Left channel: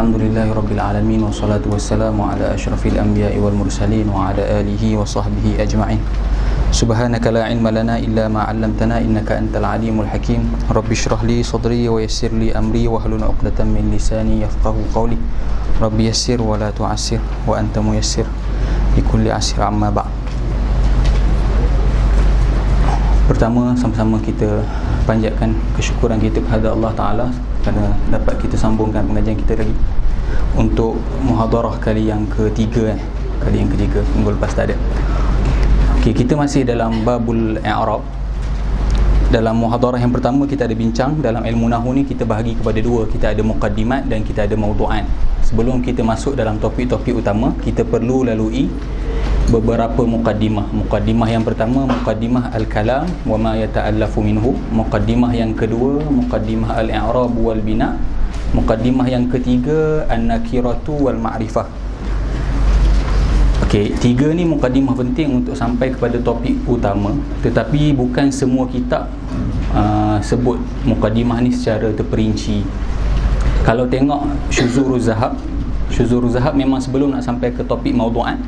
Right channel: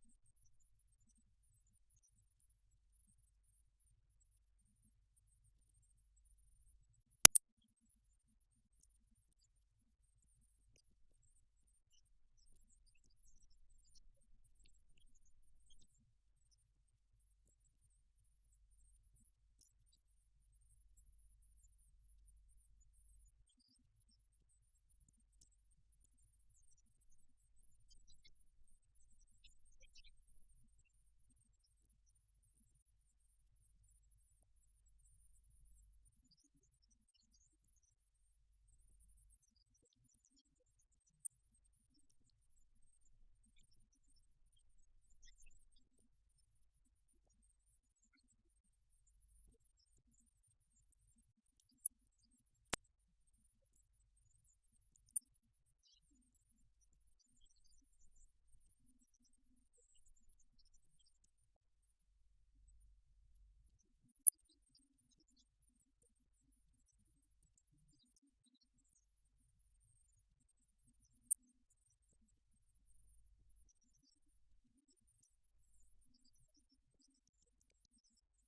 Alhamdulillahirabbil alamin wassalatu wassalamu ala asyrafil anbiya'i wal mursalin wa ala alihi wa sahbihi ajma'in. Subhanaka la ilma lana illa ma 'allamtana innaka antal alimul hakim. Rabbi shrah li sadri wa yassir li amri wa hlul 'uqdatam min lisani yafqahu qawli. Rabbi yassir wa la tu'assir wa anta muyassir li kulli 'asr amma ba'd. Pertama, sama-sama kita panjatkan kesyukuran kita kepada Allah Ta'ala kerana dapat kita sambungkan pengajian kita lagi untuk muhadarah kali yang ketiga minggu lepas tak ada. Okey, kita masih dalam babul i'rab. Dalam muhadarah yang pertama kita ada bincang dalam ilmu nahwu ni kita bahagi kepada dua, kita ada muqaddimat dan kita ada mawdu'at. Sebelum kita masuk dalam topik-topik utama, kita perlu lalui beberapa muqaddimah. Muqaddimah yang pertama, muqaddimah al-kalam wa ma yata'allafu minhu. Muqaddimah yang kedua, muqaddimah al-i'rab wal bina. Muqaddimah yang ketiga, an-nakiratu wal ma'rifah. Okey, tiga ni muqaddimah penting untuk sampai kepada topik utama, tetapi bukan semua kitab sebut muqaddimah ni secara terperinci. Kalau tengok Syuzuruz Zahab memang sebelum nak sampai ke topik mawdu'at,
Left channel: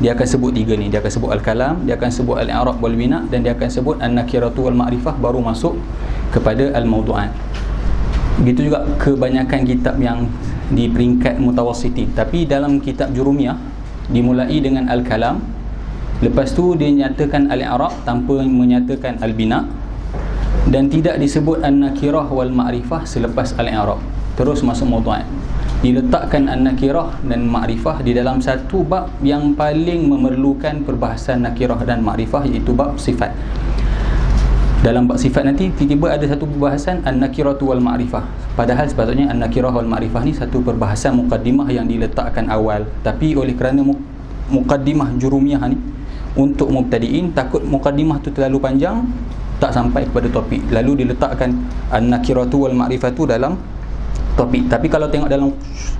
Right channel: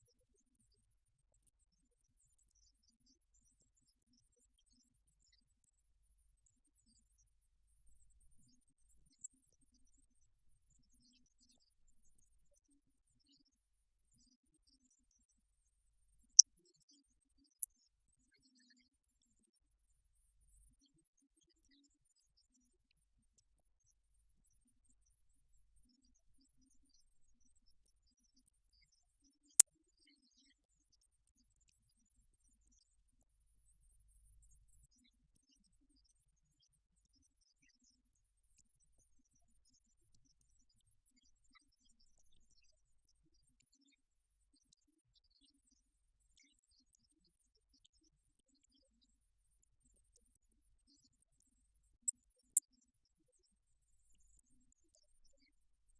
dia akan sebut tiga ni. Dia akan sebut al-kalam, dia akan sebut al-i'rab wal bina, dan dia akan sebut an-nakiratu wal ma'rifah, baru masuk kepada al-mawdu'at. Begitu juga kebanyakan kitab yang di peringkat mutawassitin. Tapi dalam kitab Jurumiyah dimulai dengan al-kalam, lepas tu dia nyatakan al-i'rab tanpa menyatakan al-bina, dan tidak disebut an-nakirah wal ma'rifah selepas al-i'rab, terus masuk mawdu'at. Diletakkan an-nakirah dan ma'rifah di dalam satu bab yang paling memerlukan perbahasan nakirah dan ma'rifah, iaitu bab sifat. Dalam bab sifat nanti tiba-tiba ada satu perbahasan an-nakiratu wal ma'rifah, padahal sepatutnya an-nakirah wal ma'rifah ni satu perbahasan muqaddimah yang diletakkan awal. Tapi oleh kerana muqaddimah Jurumiyah ni untuk mubtadi'in, takut muqaddimah tu terlalu panjang, tak sampai kepada topik, lalu diletakkan an-nakiratu wal ma'rifatu dalam topik. Tapi kalau tengok dalam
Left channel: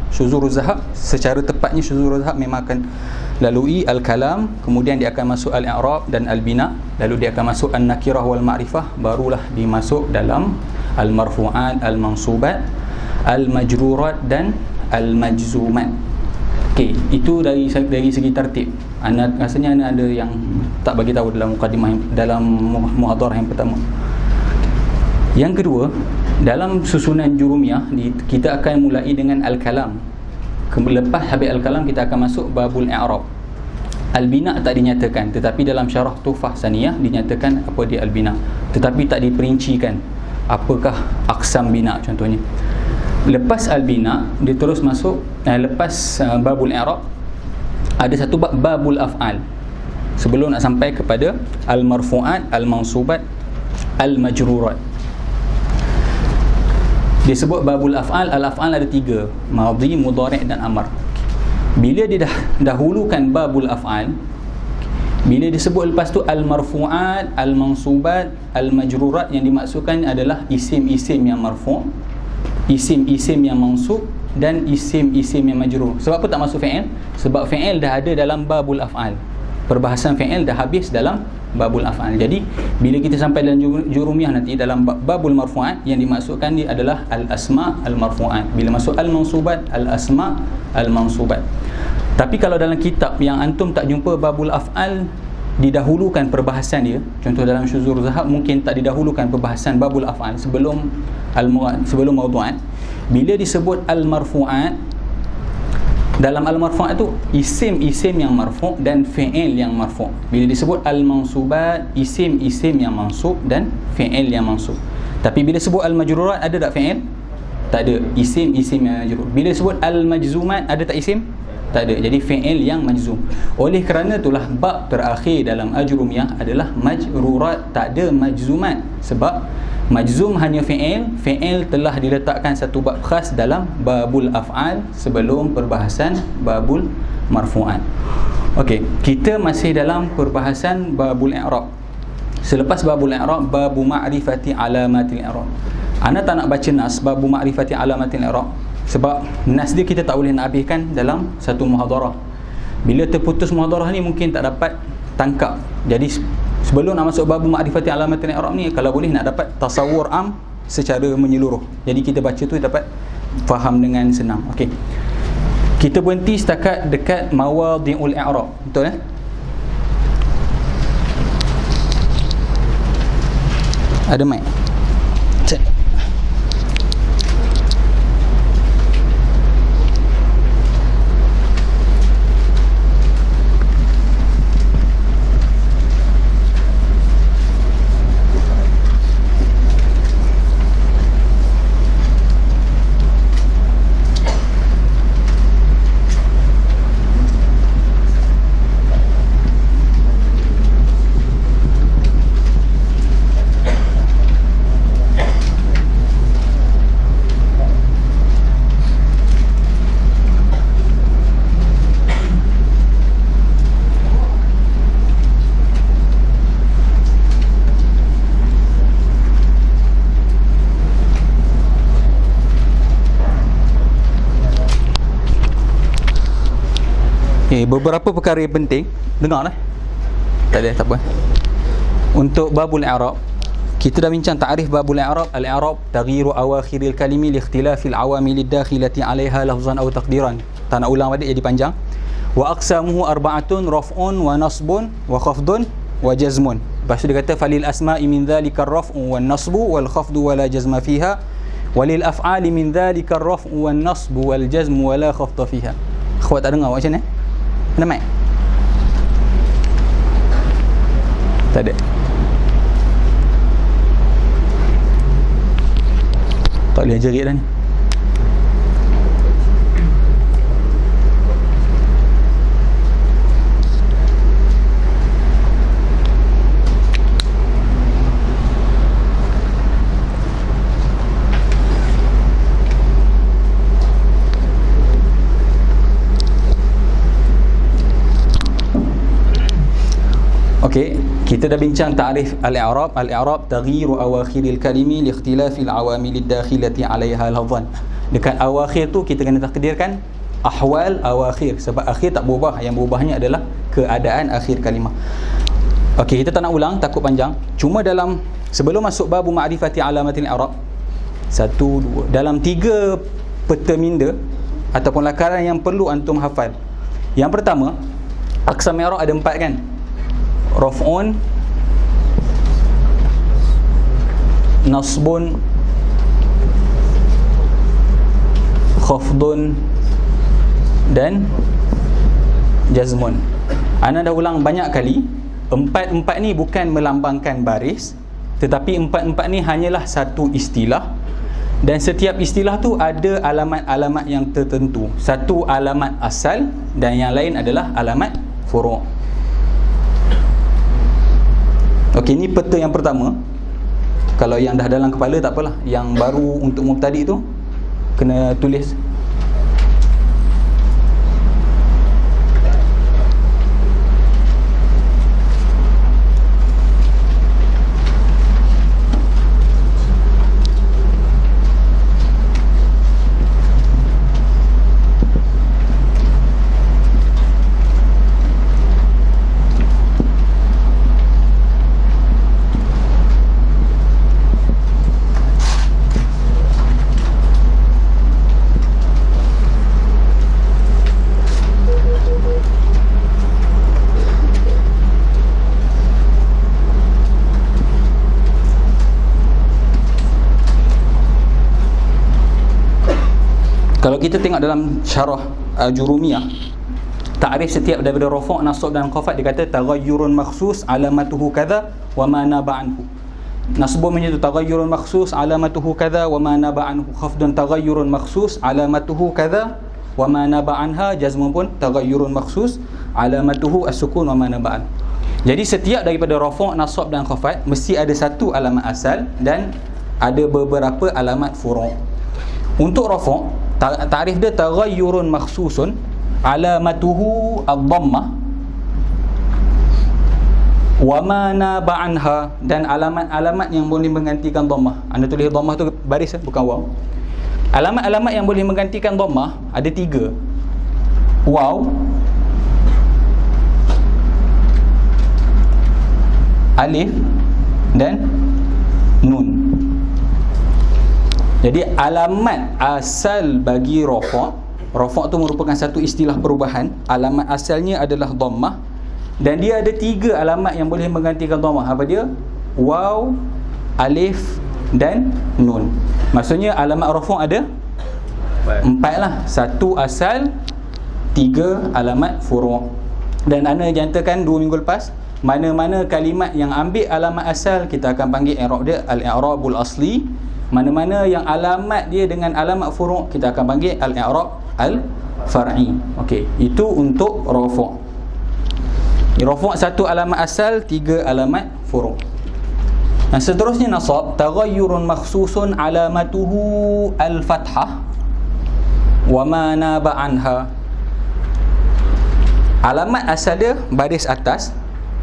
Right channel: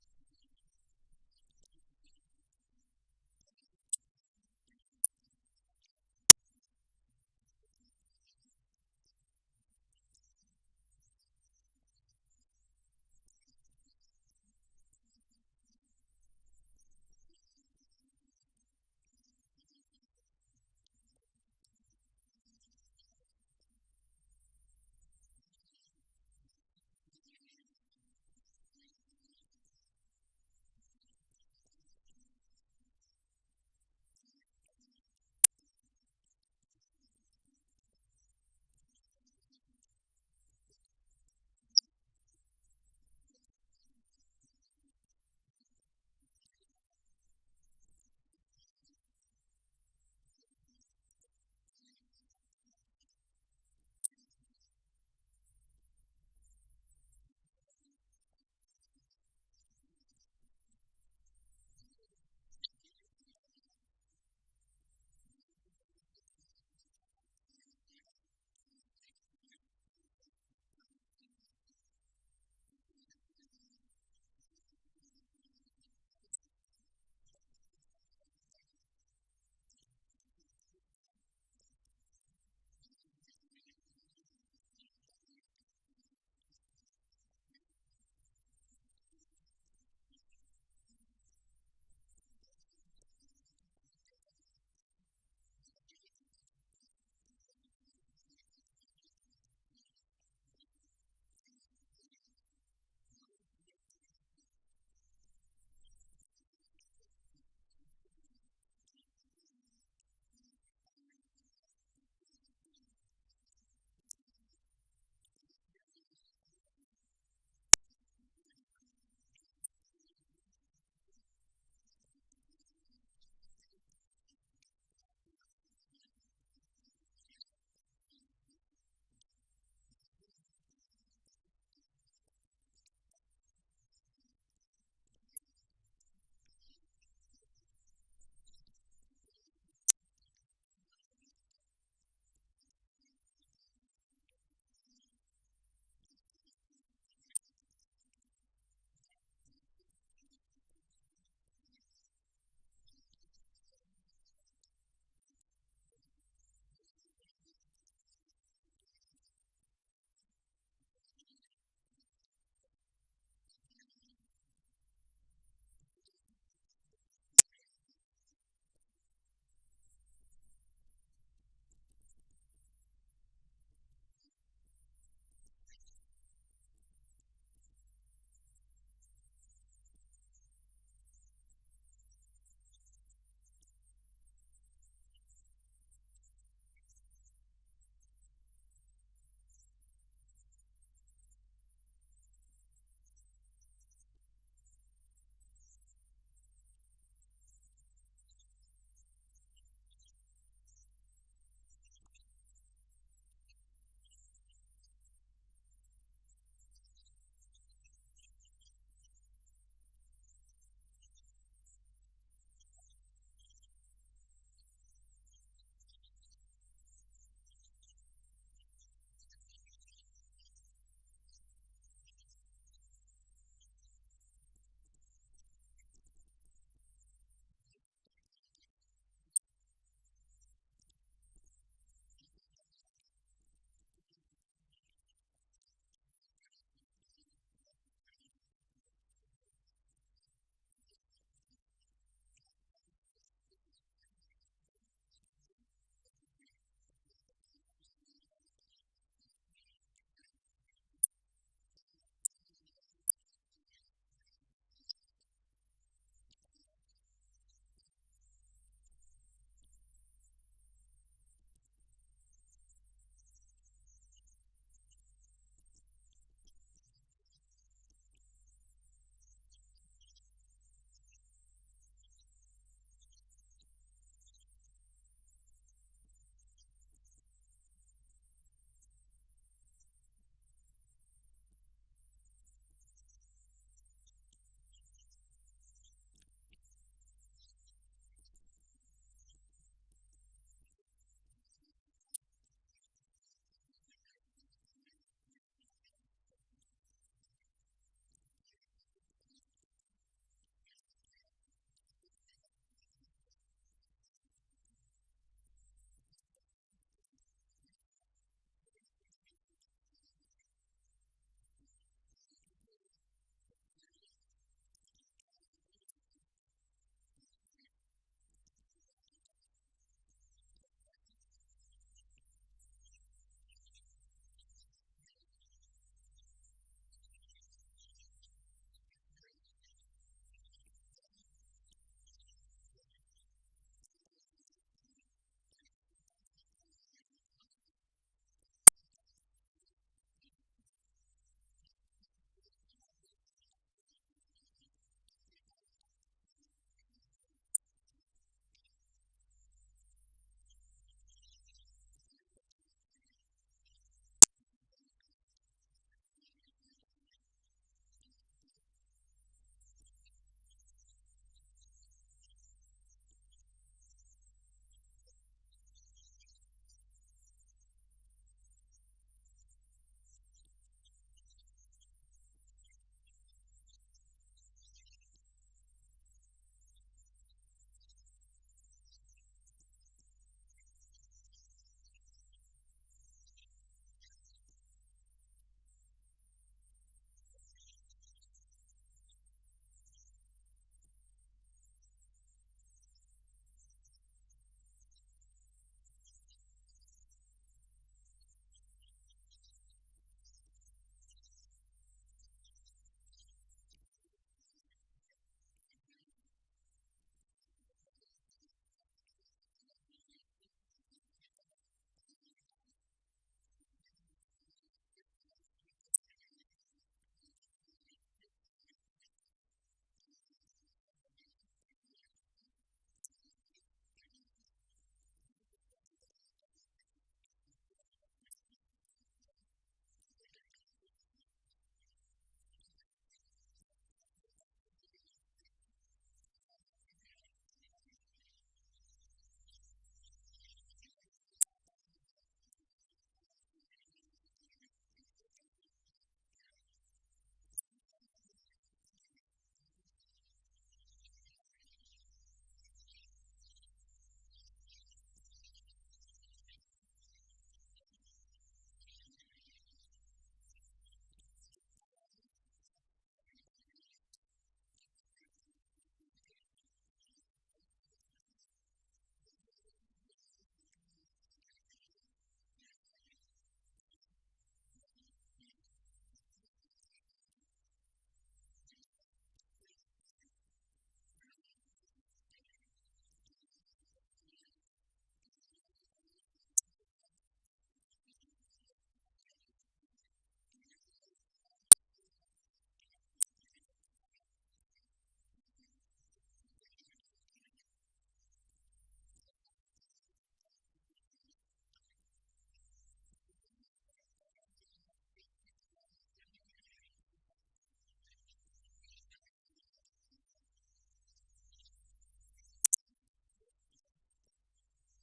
Syuzuruz Zahab, secara tepatnya Syuzuruz Zahab memang akan lalui al-kalam, kemudian dia akan masuk al-i'rab dan al-bina, lalu dia akan masuk an-nakirah wal ma'rifah, barulah dimasuk dalam al-marfu'at, al-mansubat, al-majrurat dan al-majzumat. Okey, itu dari segi tertib. Rasanya ada yang tak bagi tahu dalam mukadimah, dalam muhadarah yang pertama. Yang kedua, dalam susunan Jurumiyah kita akan mulai dengan al-kalam. Lepas habis al-kalam kita akan masuk babul i'rab. Al-bina tak dinyatakan, tetapi dalam syarah Tuhfah Saniyah dinyatakan apa dia al-bina, tetapi tak diperincikan apakah aqsam bina contohnya. Lepas al-bina dia terus masuk lepas babul i'rab ada satu bab babul af'al, sebelum nak sampai kepada al-marfu'at, al-mansubat, al-majrurat. Dia sebut babul af'al. Al-af'al ada tiga, madhi, mudhari' dan amar. Bila dia dah dahulukan babul af'al, bila disebut lepas tu al-marfu'at, al-mansubat, al-majrurat, yang dimaksudkan adalah isim-isim yang marfu', isim-isim yang mansub, dan isim-isim yang majrur. Sebab apa tak masuk fi'il? Sebab fi'il dah ada dalam babul af'al. Perbahasan fi'il dah habis dalam babul af'al. Jadi bila kita sampai dalam Jurumiyah nanti, dalam babul marfu'at, yang dimaksudkan ni adalah al-asma' al-marfu'at. Bila masuk al-mansubat, al-asma' al-mansubat. Tapi kalau dalam kitab yang antum tak jumpa babul af'al didahulukan perbahasan dia, contoh dalam Syuzuruz Zahab mungkin tak didahulukan perbahasan babul af'al sebelum mawdu'at. Bila disebut al-marfu'at, dalam al-marfu' tu isim-isim yang marfu' dan fi'il yang marfu'. Bila disebut al-mansubat, isim-isim yang mansub dan fi'il yang mansub. Tapi bila sebut al-majrurat, ada tak fi'il? Tak ada. Isim-isim yang majrur. Bila disebut al-majzumat, ada tak isim? Tak ada. Jadi fi'il yang majzum. Oleh kerana itulah bab terakhir dalam Ajrumiyah adalah majrurat, tak ada majzumat. Sebab majzum hanya fi'il telah diletakkan satu bab khas dalam babul af'al sebelum perbahasan babul marfu'at. Okey, kita masih dalam perbahasan babul i'rab. Selepas babul i'rab, babu ma'rifati alamatil i'rab. Ana tak nak baca nas babu ma'rifati alamatil i'rab sebab nas dia kita tak boleh nak habiskan dalam satu muhadarah. Bila terputus muhadarah ni mungkin tak dapat tangkap. Jadi sebelum nak masuk babu ma'rifati alamatil i'rab ni, kalau boleh nak dapat tasawur am secara menyeluruh. Jadi kita baca tu dapat faham dengan senang. Okey. Kita berhenti setakat dekat mawadhi'ul i'rab. Betul Ada mic? Cek. Beberapa perkara yang penting. Dengar tak ada, tak apa. Untuk babul i'rab, kita dah bincang ta'rif babul i'rab. Al-i'rab taghyiru awakhiril kalimi li ikhtilafil awamil dakhilati 'alaiha lafzan aw taqdiran. Tak nak ulang balik jadi panjang. Wa aqsamuhu arba'atun raf'un wa nasbun wa khafdun wa jazmun. Lepas tu dia kata falil asma'i min dhalika ar-raf'u wan nasbu wal khafdu wa la jazma fiha walil af'ali min dhalika ar-raf'u wan nasbu wal jazmu wa la khafda fiha. Akhwat tak dengar macam ni? Ada mic? Tak ada. Tak boleh jerit dah ni. Okey, kita dah bincang ta'rif al-i'rab. Al-i'rab taghyiru awakhiril kalimi li ikhtilafil awamil dakhilati 'alaiha lafzan. Dekat awakhir tu kita kena takdirkan ahwal awakhir, sebab akhir tak berubah, yang berubahnya adalah keadaan akhir kalimah. Okey, kita tak nak ulang, takut panjang. Cuma dalam sebelum masuk bab ma'rifati alamatil i'rab, dalam 3 peta minda ataupun lakaran yang perlu antum hafal. Yang pertama, aqsam i'rab ada 4 kan? Raf'un, nasbun, khafdun dan jazmun. Ana dah ulang banyak kali, empat ni bukan melambangkan baris, tetapi empat ni hanyalah satu istilah, dan setiap istilah tu ada alamat-alamat yang tertentu. Satu alamat asal dan yang lain adalah alamat furu'. Okey, ni peta yang pertama. Kalau yang dah dalam kepala tak apalah. Yang baru untuk mubtadi tu kena tulis. Kalau kita tengok dalam syarah Jurumiyah, ta'rif setiap daripada rafa', nasab dan khafat, dia kata taghayyurun makhsus alamatuhu kadza wa ma naba anhu. Nasbun menjadi taghayyurun makhsus alamatuhu kadza wa ma naba anhu. Khafdun taghayyurun makhsus alamatuhu kadza wa ma naba anha. Jazmun pun taghayyurun makhsus alamatuhu as-sukun wa ma naba an. Jadi setiap daripada rafa', nasab dan khafat mesti ada satu alamat asal dan ada beberapa alamat furu'. Untuk rafa', ta'rif dia taghayyurun makhsusun alamatuhu ad-dhammah wa ma naba anha, dan alamat-alamat yang boleh menggantikan dhammah. Anda tulis dhammah tu baris bukan waw. Alamat-alamat yang boleh menggantikan dhammah ada 3. Waw, alif dan nun. Jadi alamat asal bagi rafa', rafa' tu merupakan satu istilah perubahan. Alamat asalnya adalah dhammah, dan dia ada 3 alamat yang boleh menggantikan dhammah. Apa dia? Waw, alif dan nun. Maksudnya alamat rafa' ada 4 lah. 1 asal, 3 alamat furu'. Dan ana jantakan 2 minggu lepas, mana-mana kalimat yang ambil alamat asal kita akan panggil i'rab dia al-i'rabul asli. Mana-mana yang alamat dia dengan alamat furu' kita akan panggil al-i'rab al-far'i. Okey, itu untuk rafa'. Rafa' 1 alamat asal, 3 alamat furu'. Dan seterusnya nasab, taghayyurun makhsusun alamatuhu al-fathah wa ma naba anha. Alamat asal dia baris atas,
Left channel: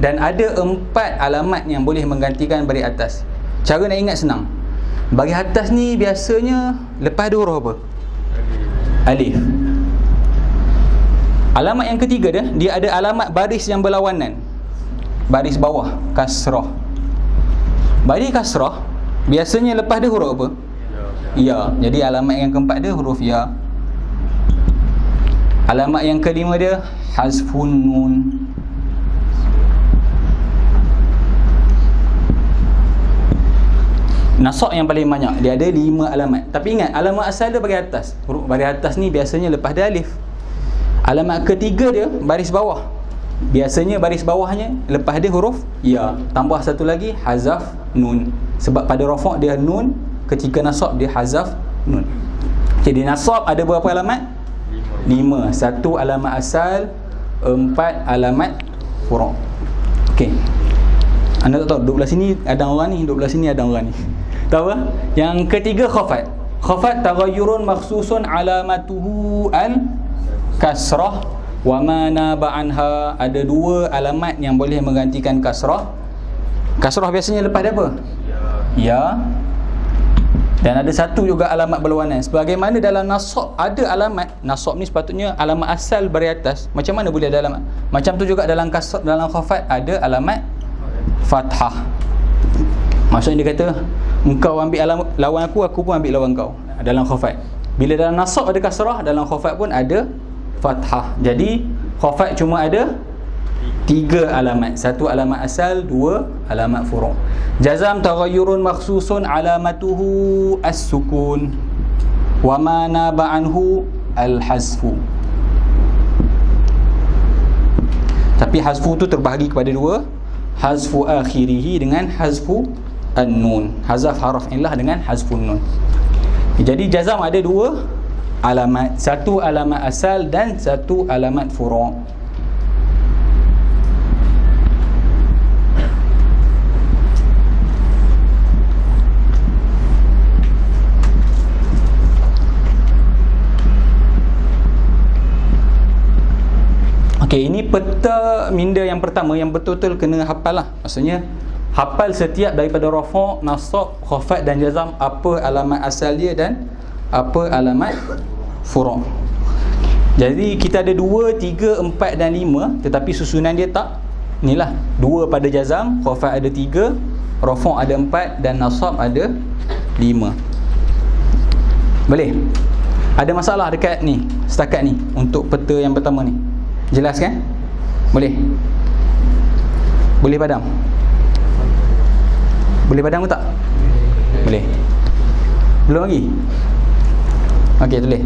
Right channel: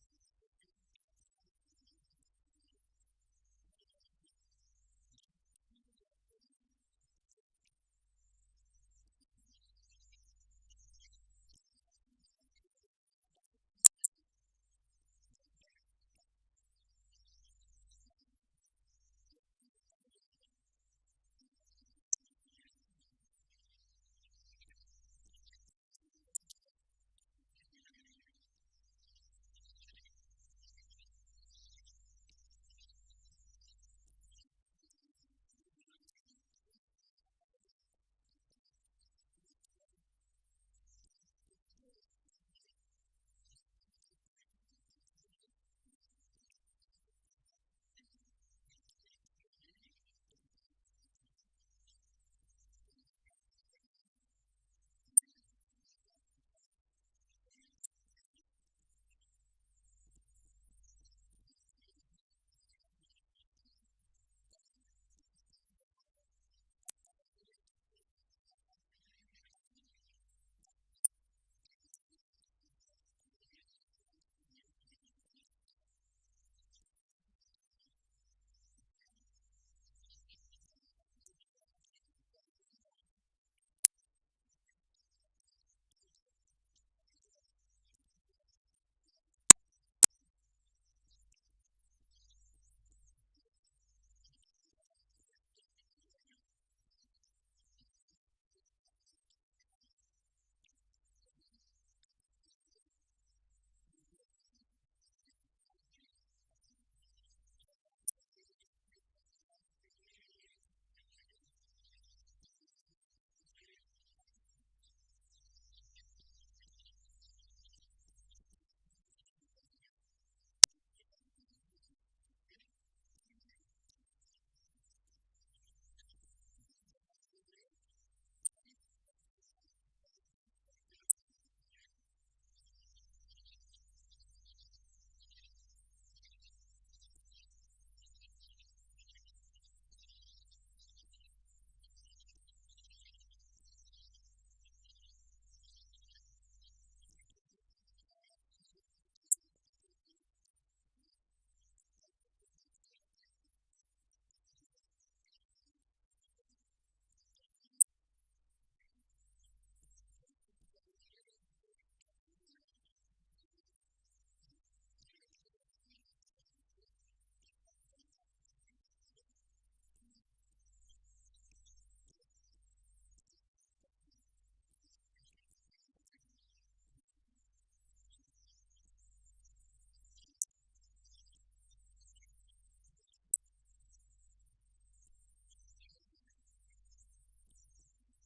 dan ada 4 alamat yang boleh menggantikan baris atas. Cara nak ingat senang. Baris atas ni biasanya lepas dia huruf apa? Alif. Alamat yang ketiga dia ada alamat baris yang berlawanan. Baris bawah, kasrah. Baris kasrah biasanya lepas dia huruf apa? Ya. Jadi alamat yang keempat dia huruf ya. Alamat yang kelima dia hazfun nun. Nasab yang paling banyak, dia ada 5 alamat. Tapi ingat, alamat asal dia baris atas. Huruf baris atas ni biasanya lepas dia alif. Alamat ketiga dia baris bawah. Biasanya baris bawahnya lepas dia huruf ya. Tambah satu lagi hazaf nun. Sebab pada rafa' dia nun, ketika nasab dia hazaf nun. Jadi nasab ada berapa alamat? 5. 1 alamat asal, 4 alamat furu'. Okey. Anda tak tahu, duduk belah sini ada orang ni, duduk belah sini ada orang ni. Tahu tak? Yang ketiga khafat. Khafat taghayyurun makhsusun alamatuhu al-kasrah wa ma naba anha. Ada 2 alamat yang boleh menggantikan kasrah. Kasrah biasanya lepas dia apa? Ya. Dan ada 1 juga alamat berlawanan. Sebagaimana dalam nasab ada alamat, nasab ni sepatutnya alamat asal baris atas. Macam mana boleh ada alamat? Macam tu juga dalam kasrah, dalam khafat ada alamat fathah. Maksudnya dia kata, engkau ambil lawan aku pun ambil lawan kau. Dalam khafat. Bila dalam nasab ada kasrah, dalam khafat pun ada fathah. Jadi khafat cuma ada 3 alamat. 1 alamat asal, 2 alamat furu'. Jazam taghayyurun makhsusun alamatuhu as-sukun wa ma naba anhu al-hazfu. Tapi hazfu tu terbahagi kepada 2. Hazfu akhirihi dengan hazfu an-nun. Hazaf haraf illah dengan hazfun nun. Jadi jazam ada 2 alamat. 1 alamat asal dan 1 alamat furu'. Okey, ini peta minda yang pertama yang betul-betul kena hafal lah. Maksudnya hafal setiap daripada rafa', nasab, khafat dan jazam, apa alamat asal dia dan apa alamat furu'. Jadi kita ada 2, 3, 4 dan 5, tetapi susunan dia tak inilah. 2 pada jazam, khafat ada 3, rafa' ada 4 dan nasab ada 5. Boleh? Ada masalah dekat ni, setakat ni untuk peta yang pertama ni? Jelas kan? Boleh? Boleh padam? Boleh padam ke tak? Boleh. Belum lagi? Okey, tulis.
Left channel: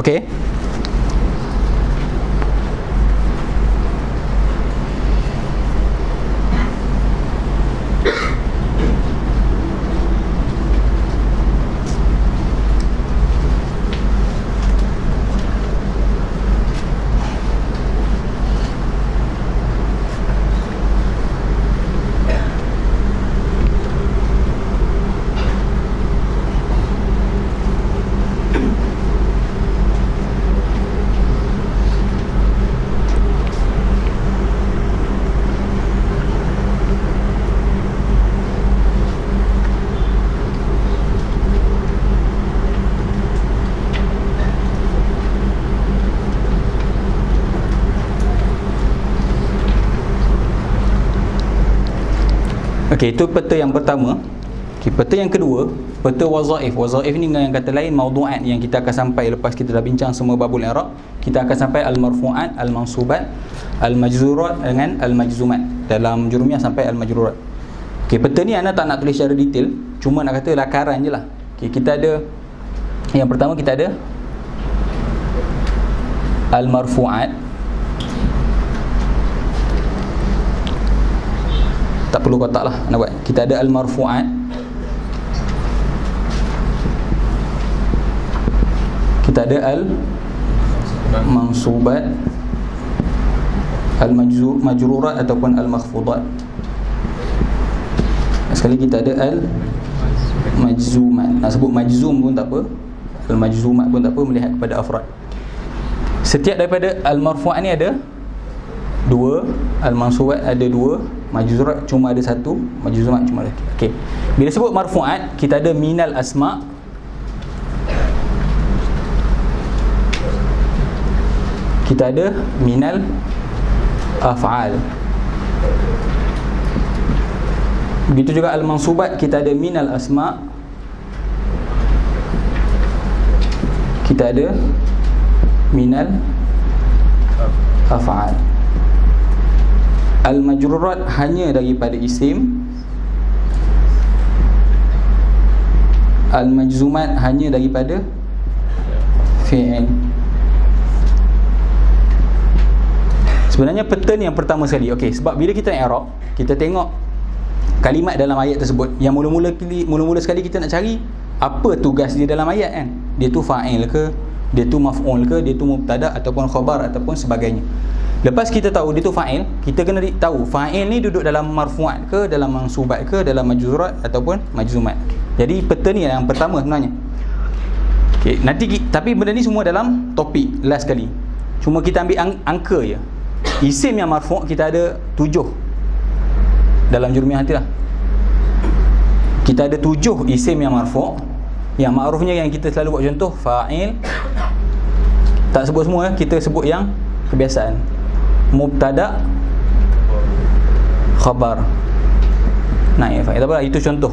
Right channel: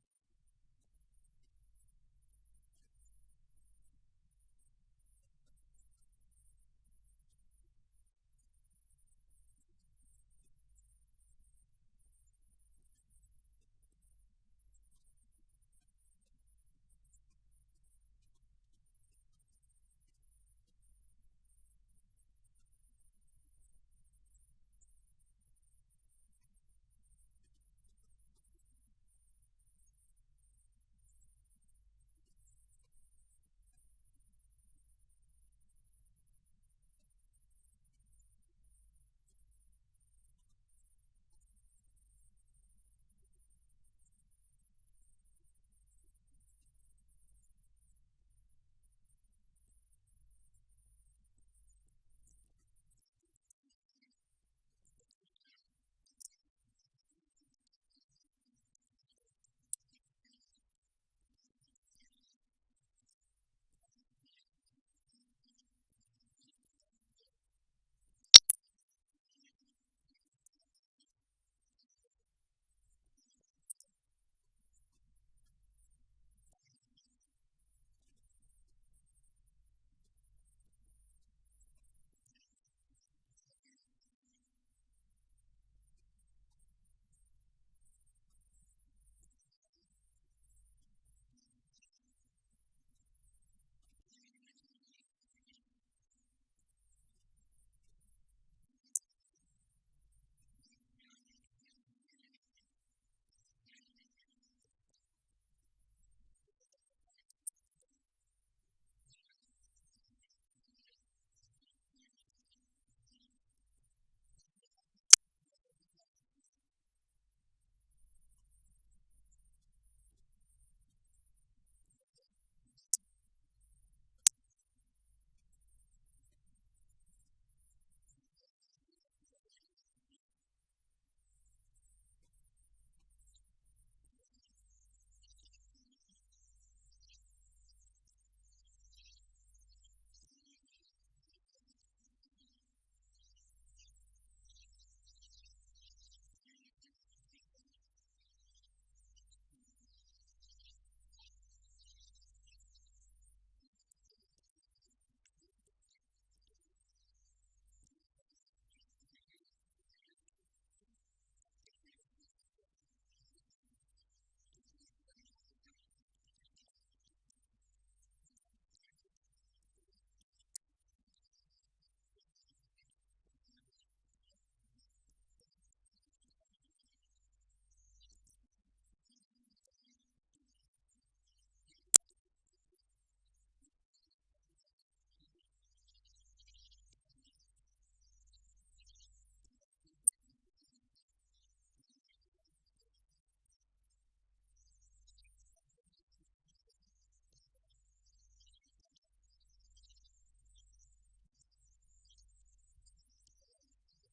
Okey. Okey, itu peta yang pertama. Okey, peta yang kedua, peta wazaif. Wazaif ni dengan yang kata lain maudu'at, yang kita akan sampai lepas kita dah bincang semua babul i'rab. Kita akan sampai al-marfu'at, al-mansubat, al-majzurat dengan al-majzumat. Dalam jurumiyah sampai al-majrurat. Okey, peta ni anda tak nak tulis secara detail, cuma nak kata lakaran je lah. Okey, kita ada yang pertama, kita ada al-marfu'at. Tak perlu kotak lah nak buat. Kita ada al-marfu'at. Kita ada al-mansubat, al-majrurat ataupun al-makhfudat. Sekali kita ada al-majzumat. Nak sebut majzum pun tak apa, al-majzumat pun tak apa, melihat kepada afrad. Setiap daripada al-marfu'at ni ada dua, al-mansubat ada dua, majzurat cuma ada satu, majzumat cuma ada. Okey. Bila sebut marfu'at, kita ada minal asma', kita ada minal af'al. Begitu juga al-mansubat, kita ada minal asma', kita ada minal af'al. Al-majrurat hanya daripada isim, al-majzumat hanya daripada fi'il. Sebenarnya peta ni yang pertama sekali. Okey, sebab bila kita i'rab, kita tengok kalimat dalam ayat tersebut. Yang mula-mula sekali kita nak cari apa tugas dia dalam ayat kan. Dia tu fa'il ke, dia tu maf'ul ke, dia tu mubtada ataupun khabar ataupun sebagainya. Lepas kita tahu dia tu fa'il, kita kena tahu fa'il ni duduk dalam marfu'at ke, dalam mansubat ke, dalam majzurat ataupun majzumat. Jadi peta ni yang pertama sebenarnya. Okey, nanti tapi benda ni semua dalam topik last kali. Cuma kita ambil angka je. Isim yang marfu' kita ada 7 dalam jurumiyah nanti lah. Kita ada 7 isim yang marfu'. Yang ma'rufnya yang kita selalu buat contoh fa'il. Tak sebut semua, kita sebut yang kebiasaan. Mubtada, khabar, naib fa'il. Tak apa, itu contoh.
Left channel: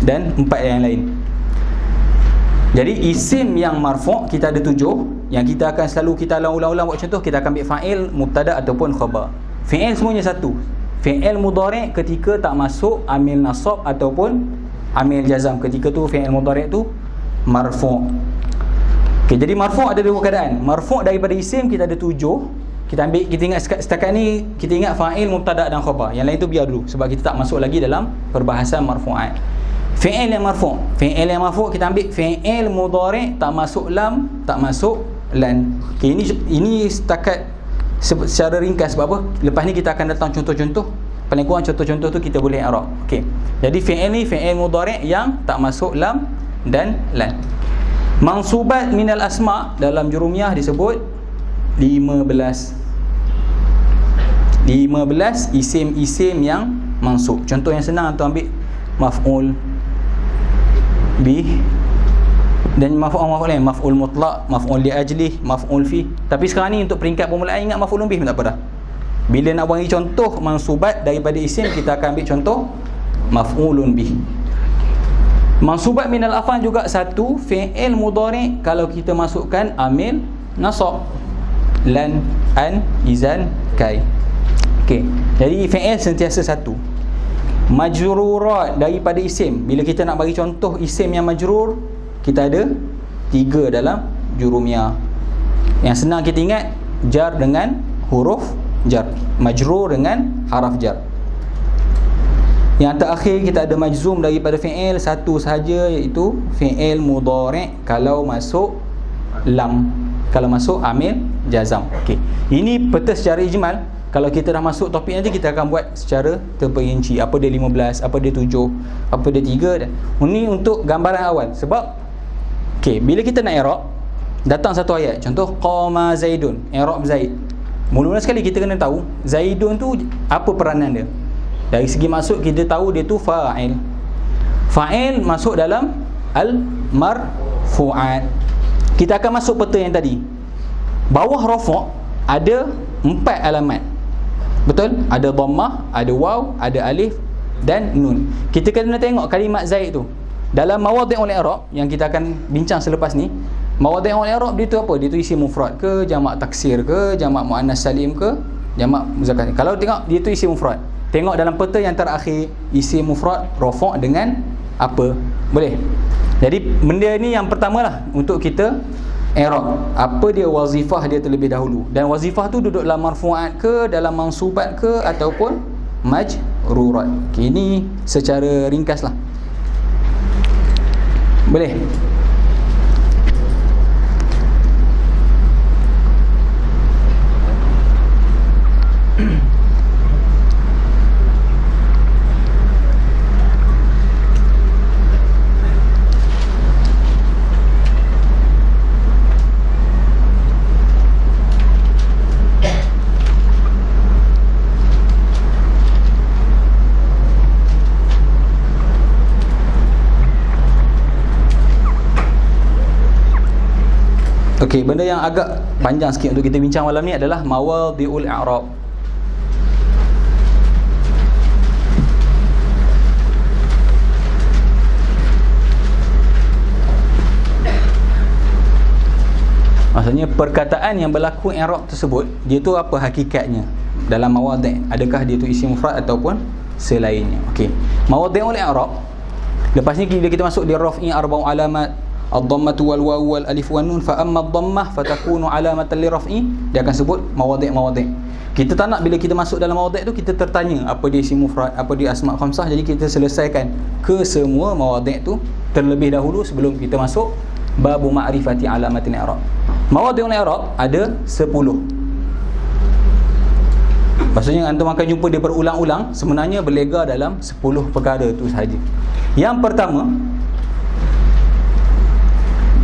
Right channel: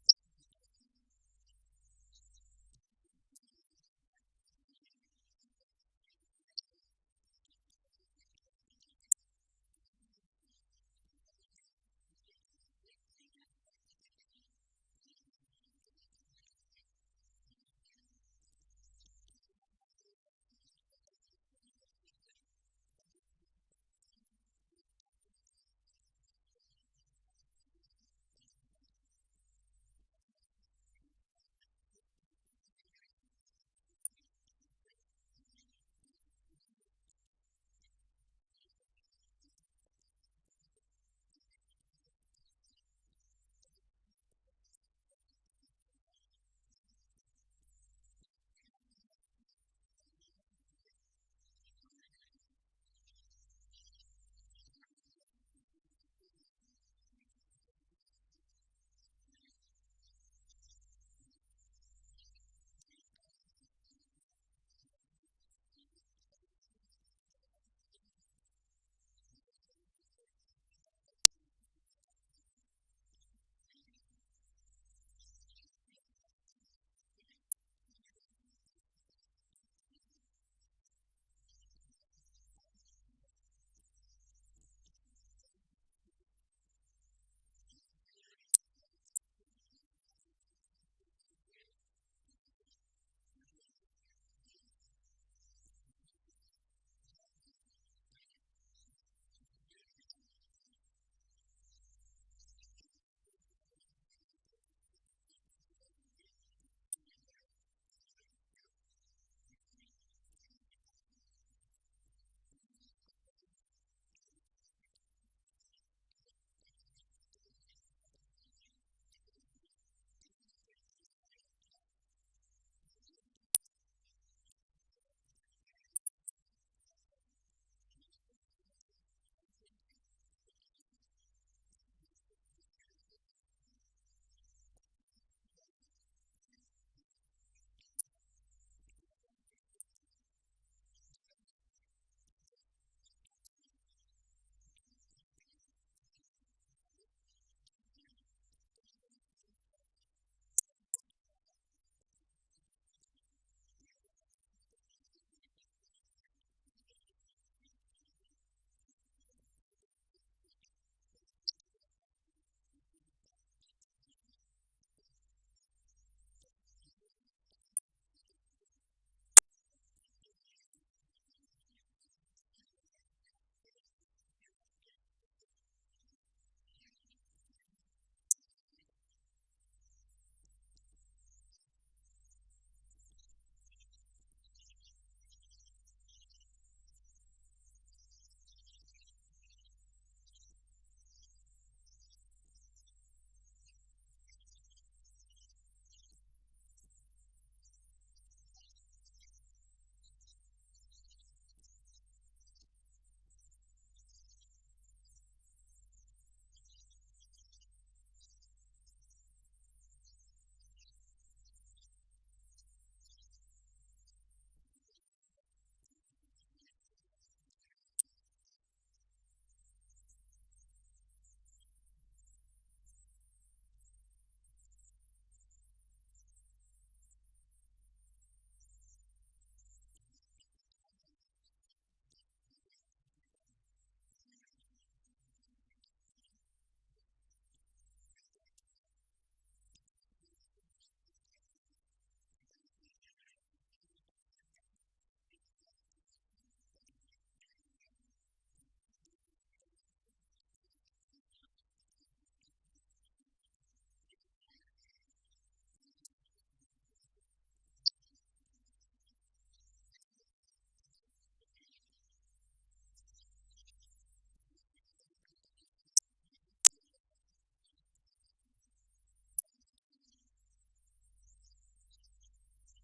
Dan 4 yang lain. Jadi isim yang marfu' kita ada 7. Yang kita akan selalu kita ulang-ulang buat contoh, kita akan ambil fa'il, mubtada ataupun khabar. Fi'il semuanya satu. Fi'il mudhari' ketika tak masuk amil nasab ataupun amil jazam. Ketika tu fi'il mudhari' tu marfu'. Okey, jadi marfu' ada dua keadaan. Marfu' daripada isim kita ada 7. Kita ambil, kita ingat setakat ni kita ingat fa'il, mubtada dan khabar. Yang lain tu biar dulu sebab kita tak masuk lagi dalam perbahasan marfu'at. Fi'il yang marfu'. Fi'il yang marfu' kita ambil fi'il mudhari' tak masuk lam, tak masuk lan. Okey, ini setakat secara ringkas. Sebab apa? Lepas ni kita akan datang contoh-contoh. Paling kurang contoh-contoh tu kita boleh i'rab. Okey. Jadi fi'il ni fi'il mudhari' yang tak masuk lam dan lan. Mansubat minal asma' dalam jurumiyah disebut 15 isim-isim yang mansub. Contoh yang senang tu ambil maf'ul bih dan maf'ul lain, maf'ul mutlaq, maf'ul li ajlih, maf'ul fi. Tapi sekarang ni untuk peringkat permulaan ingat maf'ul bih tak apa dah. Bila nak bagi contoh mansubat daripada isim, kita akan ambil contoh maf'ulun bih. Mansubat minal af'al juga satu, fi'il mudhari' kalau kita masukkan amil nasab, lan, an, izan, kai. Okey. Jadi fi'il sentiasa satu. Majrurat daripada isim. Bila kita nak bagi contoh isim yang majrur, kita ada 3 dalam jurumiyah. Yang senang kita ingat, jar dengan huruf jar, majrur dengan haraf jar. Yang terakhir kita ada majzum daripada fi'il satu sahaja, iaitu fi'il mudhari' kalau masuk lam, kalau masuk amil jazam. Okey. Ini peta secara ijmal. Kalau kita dah masuk topik nanti, kita akan buat secara terperinci. Apa dia 15, apa dia 7, apa dia 3 dan ini untuk gambaran awal. Sebab okey, bila kita nak i'rab, datang satu ayat, contoh qama zaidun, i'rab zaid. Mula-mula sekali kita kena tahu zaidun tu apa peranan dia. Dari segi maksud kita tahu dia tu fa'il. Fa'il masuk dalam al-marfu'at. Kita akan masuk peta yang tadi. Bawah rafa' ada 4 alamat. Betul? Ada dhammah, ada waw, ada alif, dan nun. Kita kena tengok kalimat Zaid tu dalam mawadhi'ul i'rab yang kita akan bincang selepas ni. Mawadhi'ul i'rab dia tu apa? Dia tu isim mufrad ke, jamak taksir ke, jamak muannas salim ke, jamak muzakkar. Kalau tengok dia tu isim mufrad, tengok dalam peta yang terakhir isim mufrad rafa' dengan apa? Boleh. Jadi benda ni yang pertamalah untuk kita i'rab. Apa dia wazifah dia terlebih dahulu. Dan wazifah tu duduk dalam marfu'at ke, dalam mansubat ke, ataupun majrurat. Okay, ini secara ringkaslah. Boleh. Okey, benda yang agak panjang sikit untuk kita bincang malam ni adalah mawadhi'ul i'rab. Maksudnya perkataan yang berlaku i'rab tersebut, dia tu apa hakikatnya dalam mawadhi'? Adakah dia tu isim mufrad ataupun selainnya? Okey. Mawadhi'ul i'rab. Lepas ni bila kita masuk di raf'i arba'u alamat, ad-dhammatu wal wawu wal alif wan nun, fa amma ad-dhammah fatakunu alamatan li raf'i, dia akan sebut mawadhi'. Kita tak nak bila kita masuk dalam mawadhi' tu kita tertanya apa dia isim mufrad, apa dia asma' khamsah. Jadi kita selesaikan ke semua mawadhi' tu terlebih dahulu sebelum kita masuk babu ma'rifati alamatil i'rab. Mawadhi'ul i'rab ada 10. Maksudnya antum akan jumpa dia berulang-ulang, sebenarnya berlega dalam 10 perkara tu sahaja. Yang pertama,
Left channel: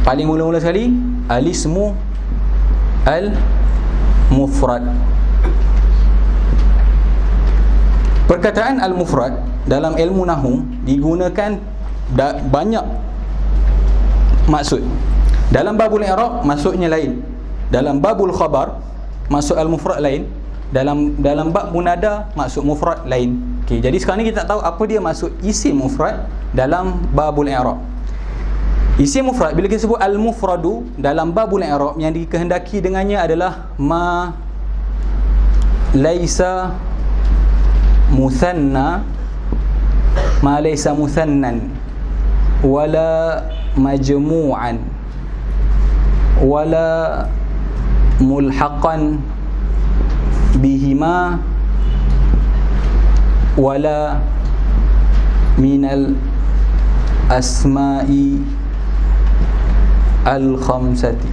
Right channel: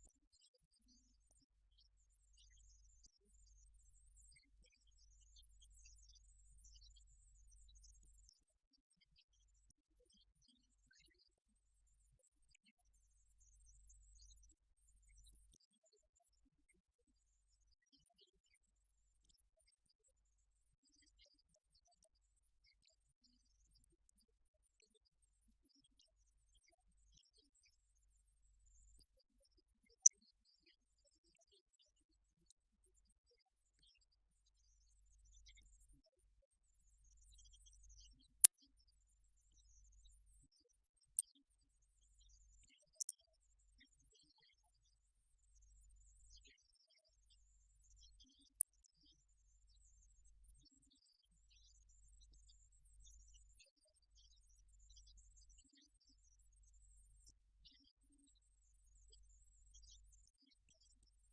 paling mula-mula sekali, al-ismu al-mufrad. Perkataan al-mufrad dalam ilmu nahwu digunakan banyak maksud. Dalam babul i'rab maksudnya lain. Dalam babul khabar maksud al-mufrad lain. Dalam bab munada maksud mufrad lain. Okey, jadi sekarang ni kita tak tahu apa dia maksud isim mufrad dalam babul i'rab. Isim mufrad, bila kita sebut al-mufradu dalam babul i'rab, yang dikehendaki dengannya adalah ma laisa muthanna, ma laisa muthannan, wala majmu'an, wala mulhaqan bihima, wala minal asma'i al-khamsati.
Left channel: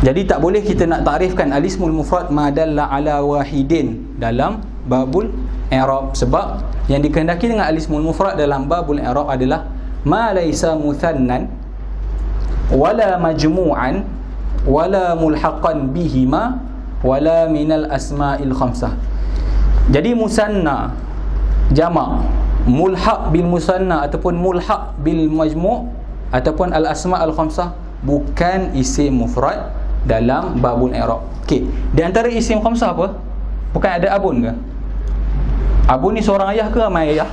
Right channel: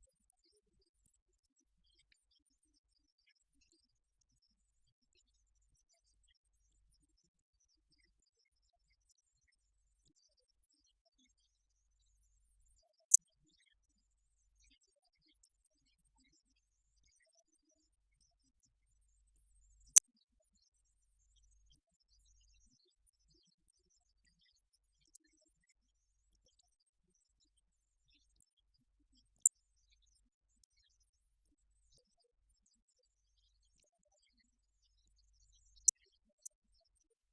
Jadi tak boleh kita nak takrifkan al-ismul mufrad ma dalla ala wahidin dalam babul i'rab, sebab yang dikehendaki dengan al-ismul mufrad dalam babul i'rab adalah ma laisa muthannan wala majmu'an wala mulhaqan bihima wala minal asma'il khamsah. Jadi musanna, jamak, mulhaq bil musanna ataupun mulhaq bil majmu' ataupun al-asma' al-khamsah bukan isim mufrad dalam babul i'rab. Okey, di antara isim khamsah apa? Bukan ada abun ke? Abun ni seorang ayah ke ramai ayah?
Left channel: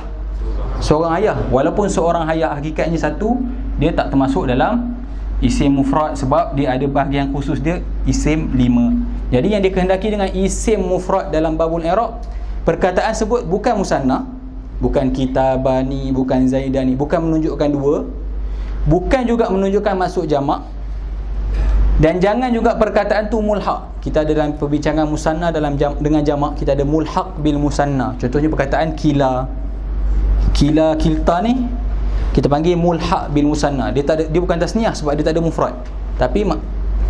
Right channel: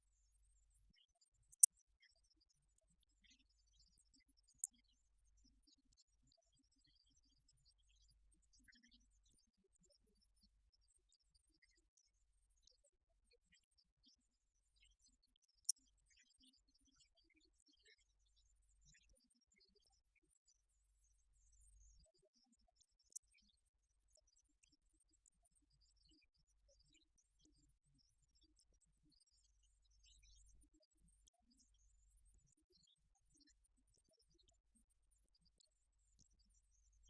Seorang ayah. Walaupun seorang ayah hakikatnya satu, dia tak termasuk dalam isim mufrad sebab dia ada bahagian khusus dia isim 5. Jadi yang dikehendaki dengan isim mufrad dalam babul i'rab, perkataan sebut bukan musanna, bukan kitabani, bukan zaidani, bukan menunjukkan dua, bukan juga menunjukkan maksud jamak, dan jangan juga perkataan tu mulhaq. Kita ada dalam perbincangan musanna dengan jamak, kita ada mulhaq bil musanna. Contohnya perkataan kila, kilta ni kita panggil mulhaq bil musanna. Dia bukan tasniah sebab dia tak ada mufrad, tapi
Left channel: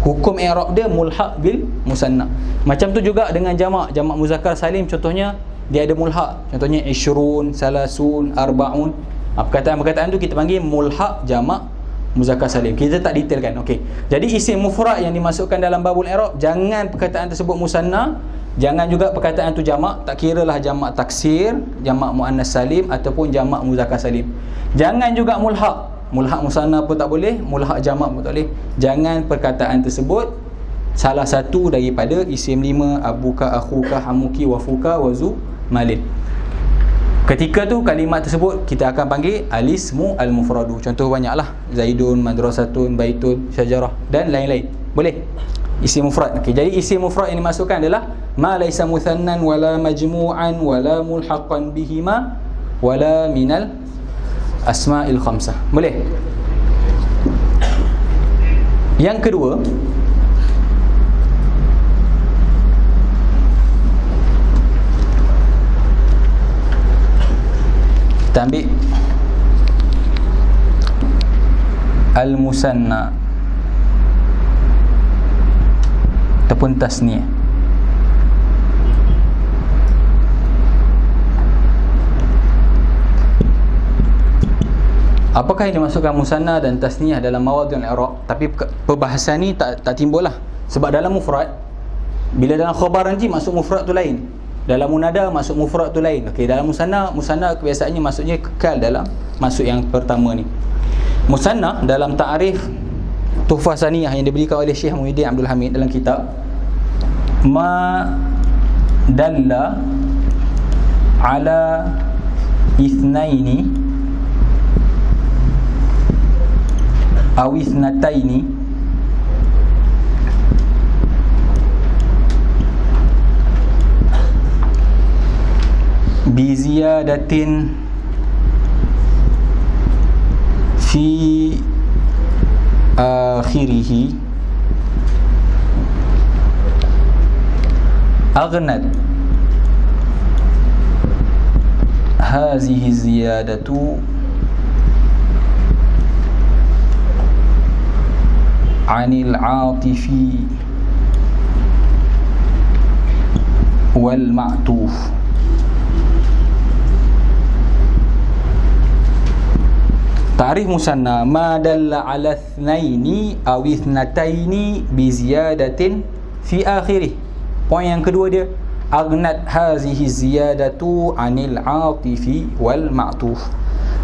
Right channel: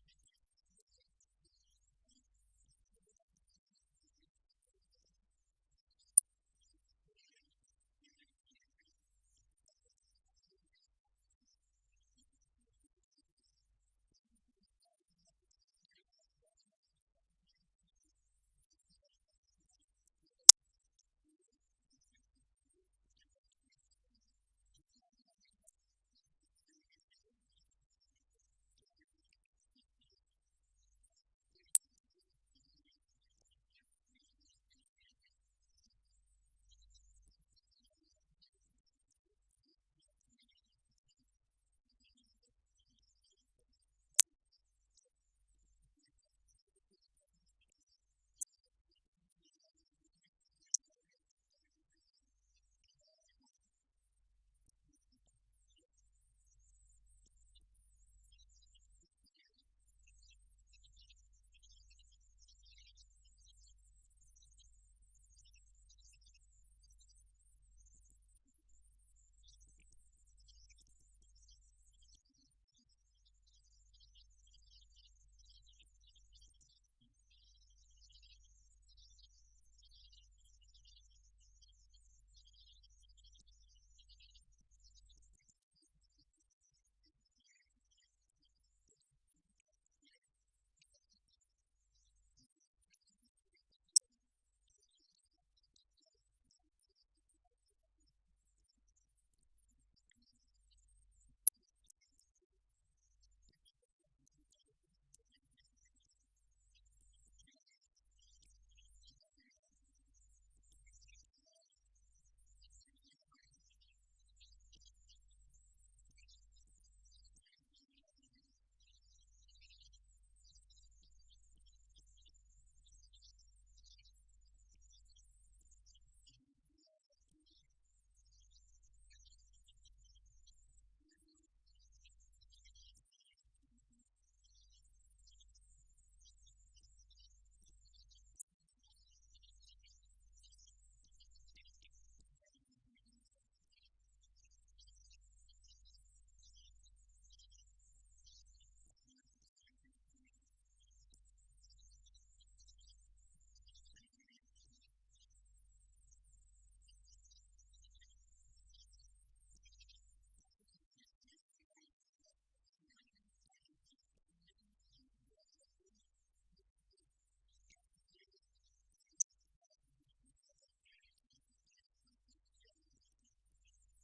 hukum i'rab dia mulhaq bil musanna. Macam tu juga dengan jamak muzakkar salim, contohnya dia ada mulhaq, contohnya ishrun, salasun, arbaun. Perkataan-perkataan tu kita panggil mulhaq jamak muzakkar salim. Kita tak detailkan. Okey. Jadi isim mufrad yang dimasukkan dalam babul i'rab, jangan perkataan tersebut musanna, jangan juga perkataan tu jamak, tak kiralah jamak taksir, jamak muannas salim ataupun jamak muzakkar salim. Jangan juga mulhaq. Mulhaq musanna pun tak boleh, mulhaq jamak pun tak boleh. Jangan perkataan tersebut salah satu daripada isim 5, abuka, akhuka, hamuki, wafuka, wazu, malin. Ketika tu kalimat tersebut kita akan panggil al-ismu al-mufradu. Contoh banyaklah, zaidun, madrasatun, baitun, syajarah dan lain-lain. Boleh? Isim mufrad. Okey, jadi isim mufrad yang dimasukkan adalah ma laisa muthannan wala majmu'an wala mulhaqan bihima wala minal asma'il khamsah. Boleh? Yang kedua, kita ambil al-musanna ataupun tasniyah. Apakah yang dimasukkan musanna dan tasniyah dalam mawadhi'ul i'rab? Tapi perbahasan ni tak timbul lah. Sebab dalam mufrad, bila dalam khabar nanti masuk mufrad tu lain, dalam munada masuk mufrad tu lain. Okey, dalam musanna kebiasaannya masuknya kekal dalam masuk yang pertama ni. Musanna dalam ta'rif Tuhfah Saniyah yang diberikan oleh Syekh Muhyiddin Abdul Hamid dalam kitab, ma dalla ala ithnaini aw ithnataini bi ziyadatin fi akhirih aghnat hazihi ziyadatu anil atifi wal ma'tuf. Ta'rif musanna ma dalla ala ithnaini aw ithnataini bi ziyadatin fi akhirih. Poin yang kedua dia, aghnat hazihi ziyadatu anil atifi wal ma'tuf.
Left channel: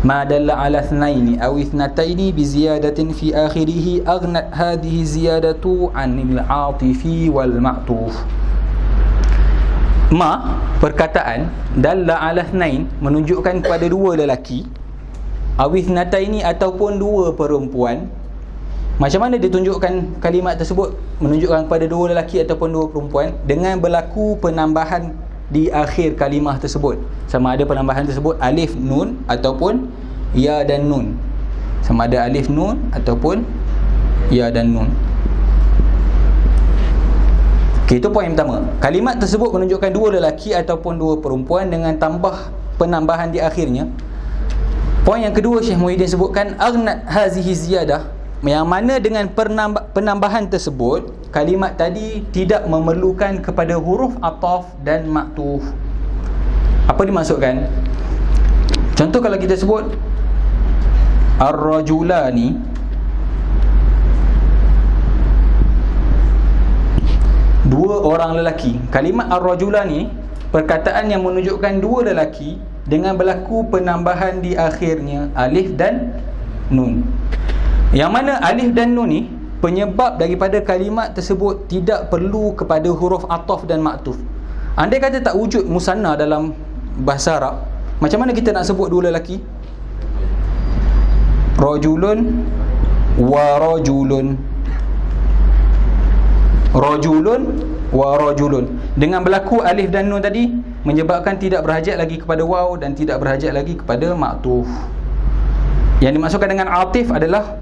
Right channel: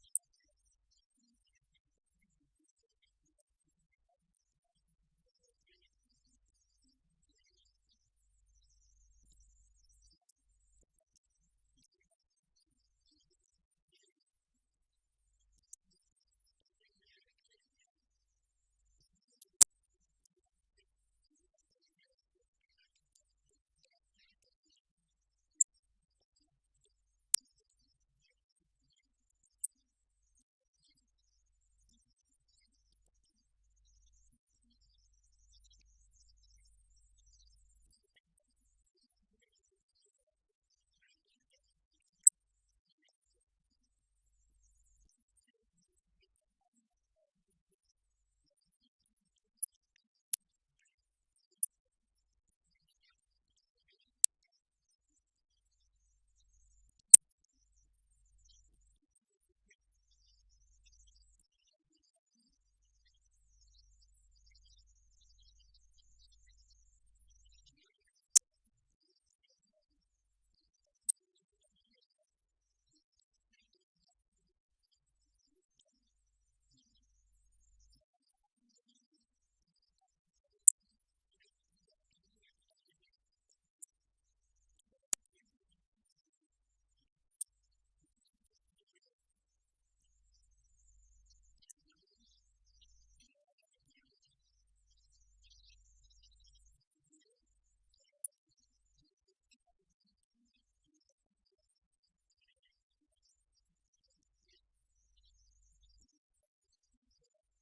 Ma dalla ala ithnaini aw ithnataini bi ziyadatin fi akhirih aghnat hadhihi ziyadatu anil atifi wal ma'tuf. Ma, perkataan dalla ala ithnain, menunjukkan kepada dua lelaki, awith nataini ataupun dua perempuan. Macam mana ditunjukkan kalimat tersebut menunjukkan kepada dua lelaki ataupun dua perempuan? Dengan berlaku penambahan di akhir kalimah tersebut. Sama ada penambahan tersebut alif nun ataupun ya dan nun. Sama ada alif nun ataupun ya dan nun. Okey, itu poin pertama. Kalimat tersebut menunjukkan dua lelaki ataupun dua perempuan dengan tambah penambahan di akhirnya. Poin yang kedua, Syekh Muhyiddin sebutkan aghnat hazihi ziyadah, yang mana dengan penambahan tersebut kalimat tadi tidak memerlukan kepada huruf ataf dan ma'tuf. Apa dimaksudkan? Contoh kalau kita sebut ar-rajulani, dua orang lelaki. Kalimat ar-rajulani, perkataan yang menunjukkan dua lelaki dengan berlaku penambahan di akhirnya alif dan nun. Yang mana alif dan nun ni penyebab daripada kalimat tersebut tidak perlu kepada huruf ataf dan ma'tuf. Andai kata tak wujud musanna dalam bahasa Arab, macam mana kita nak sebut dua lelaki? Rajulun wa rajulun. Rajulun wa rajulun. Dengan berlaku alif dan nun tadi menyebabkan tidak berhajat lagi kepada waw dan tidak berhajat lagi kepada ma'tuf. Yang dimasukkan dengan atif adalah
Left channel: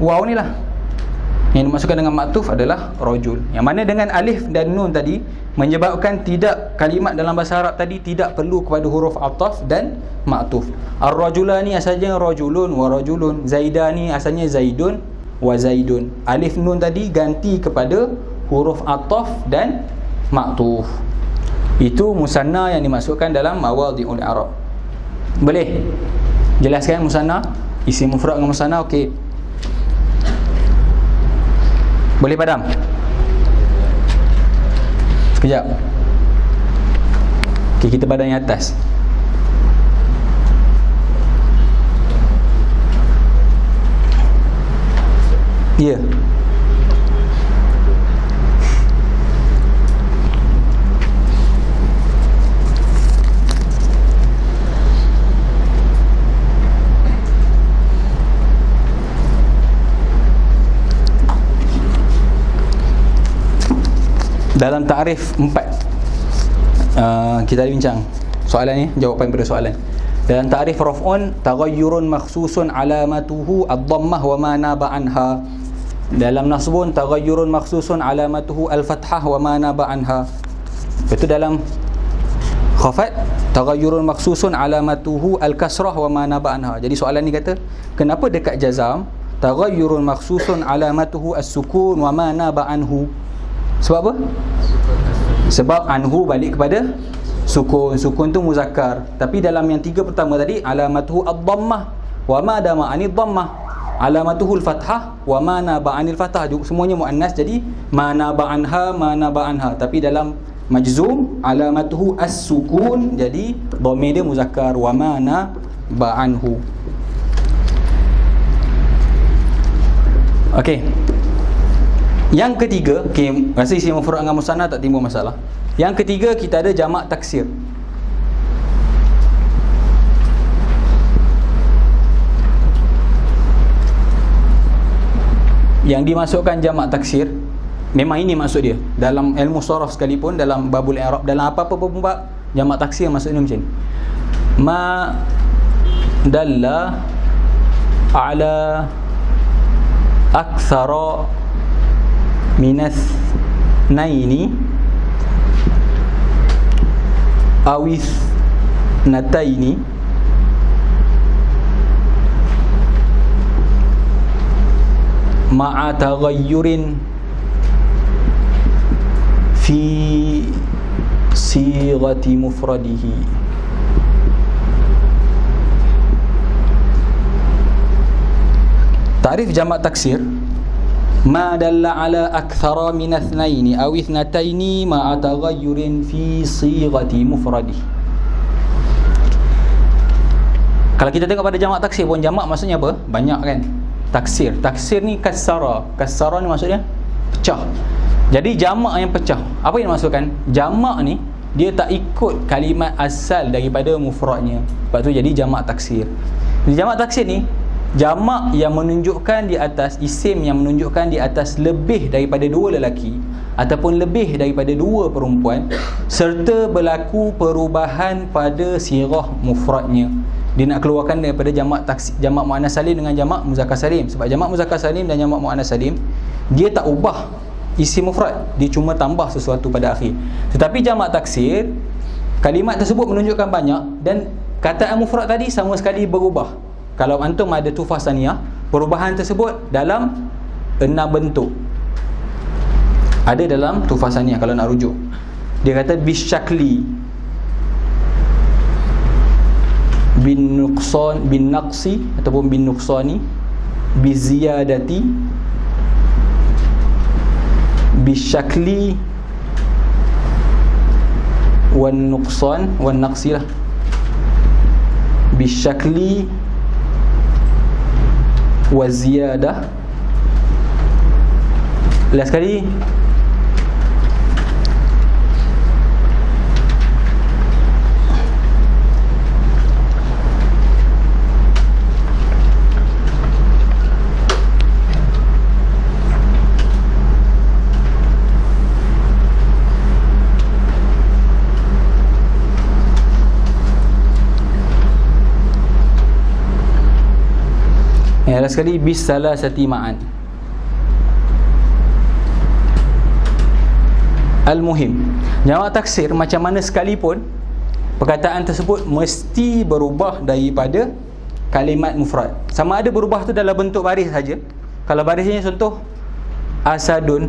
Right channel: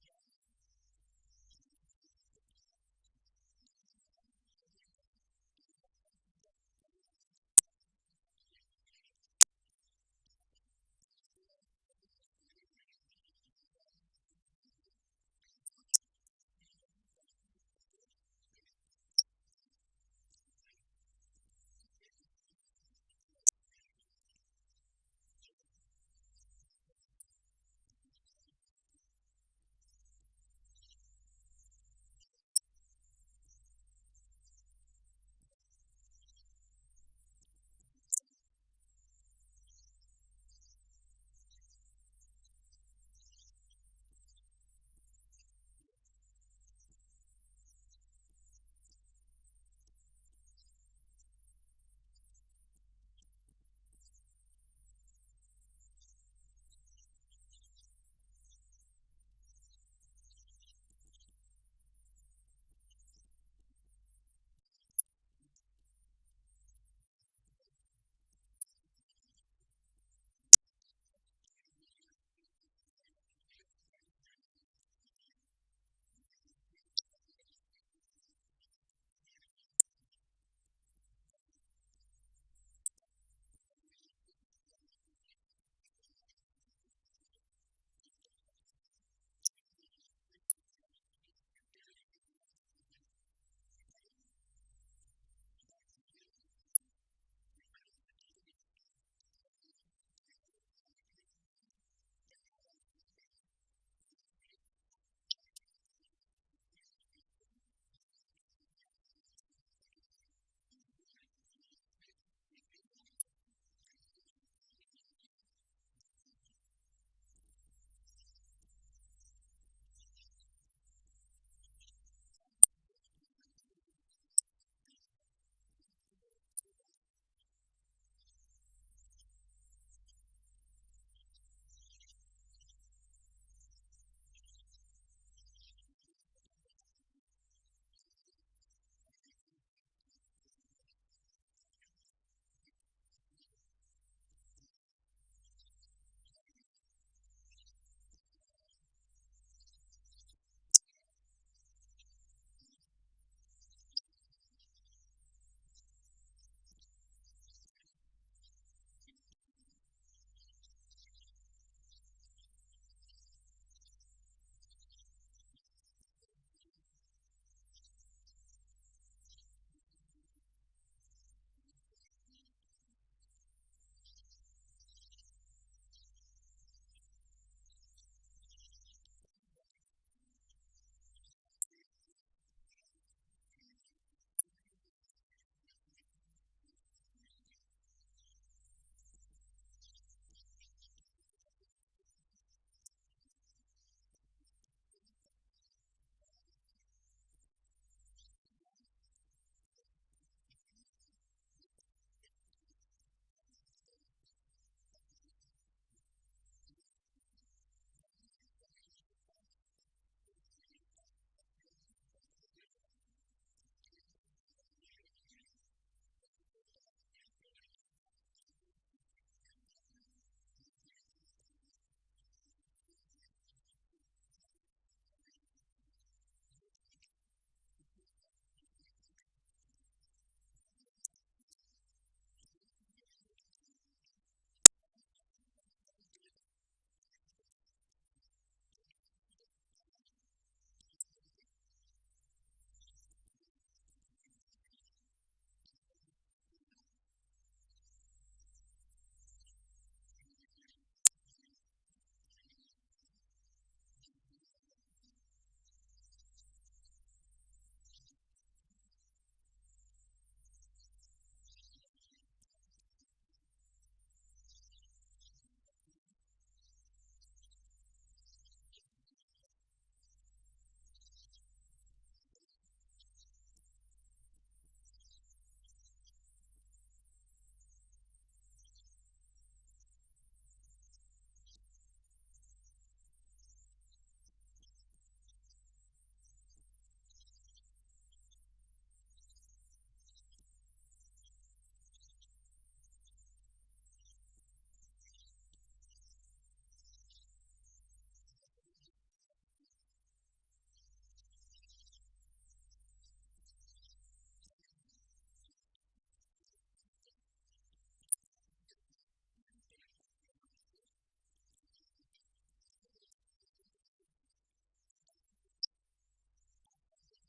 waw ni lah. Yang dimasukkan dengan ma'tuf adalah rajul. Yang mana dengan alif dan nun tadi menyebabkan tidak, kalimat dalam bahasa Arab tadi tidak perlu kepada huruf ataf dan ma'tuf. Ar-rajulani asalnya rajulun wa rajulun. Zaidani asalnya zaidun wa zaidun. Alif nun tadi ganti kepada huruf ataf dan ma'tuf. Itu musanna yang dimasukkan dalam mawadhi'ul i'rab. Boleh jelaskan musanna, isim mufrad dengan musanna? Okey, boleh padam? Sekejap. Okey, kita padam yang atas. Ya. Dalam takrif 4 kita bincang soalan ni, jawapan pada soalan. Dalam takrif raf'un, taghayyurun makhsusun alamatuhu ad-dhammah wa ma naba anha. Dalam nasbun, taghayyurun makhsusun alamatuhu al-fathah wa ma naba anha. Itu dalam khafat, taghayyurun makhsusun alamatuhu al-kasrah wa ma naba anha. Jadi soalan ni kata, kenapa dekat jazam taghayyurun makhsusun alamatuhu as-sukun wa ma naba anhu? Sebab apa? Sebab anhu balik kepada sukun. Sukun tu muzakkar. Tapi dalam yang 3 pertama tadi, alamatuhu ad-dhammah wa ma dama anid dhammah, alamatuhu al-fathah wa ma naba anil fathah. Semuanya muannas, jadi ma naba anha, ma naba anha. Tapi dalam majzum, alamatuhu as-sukun, jadi dhamir dia muzakkar, wa ma naba anhu. Okey. Yang ketiga, rasa isi mufrad dengan musanna tak timbul masalah. Yang ketiga, kita ada jamak taksir. Yang dimasukkan jamak taksir, memang ini maksud dia. Dalam ilmu sharaf sekalipun, dalam babul i'rab, dalam apa-apa pun bab, jamak taksir maksudnya macam ni. Ma dalla ala aktsara minas naini awis nataini ma'a taghayyurin fi sighati mufradihi. Ta'rif jamak taksir, ma dalla ala akthara min athnaini aw ithnataini ma'a taghayyurin fi sighati mufradih. Kalau kita tengok pada jamak taksir pun, jamak maksudnya apa? Banyak kan? Taksir. Taksir ni kasara. Kasara ni maksudnya pecah. Jadi jamak yang pecah. Apa yang dimaksudkan? Jamak ni dia tak ikut kalimat asal daripada mufradnya. Sebab tu jadi jamak taksir. Jadi jamak taksir ni jamak yang menunjukkan di atas, isim yang menunjukkan di atas lebih daripada 2 lelaki ataupun lebih daripada 2 perempuan, serta berlaku perubahan pada sirah mufradnya. Dia nak keluarkan daripada jamak taksir, jamak muannas salim dengan jamak muzakkar salim. Sebab jamak muzakkar salim dan jamak muannas salim, dia tak ubah isim mufrad, dia cuma tambah sesuatu pada akhir. Tetapi jamak taksir, kalimat tersebut menunjukkan banyak dan kataan mufrad tadi sama sekali berubah. Kalau antum ada tufah saniyah, perubahan tersebut dalam 6 bentuk. Ada dalam tufah saniyah kalau nak rujuk. Dia kata bisyakli, bin nuqsan, bin naqsi ataupun bin nuqsani, bi ziyadati, bisyakli wan nuqsan wan naqsi lah. Bisyakli wa ziyadah. Last sekali, last sekali, bis salasati ma'an. Al-muhim, jamak taksir macam mana sekalipun, perkataan tersebut mesti berubah daripada kalimat mufrad. Sama ada berubah tu dalam bentuk baris saja. Kalau barisnya contoh asadun,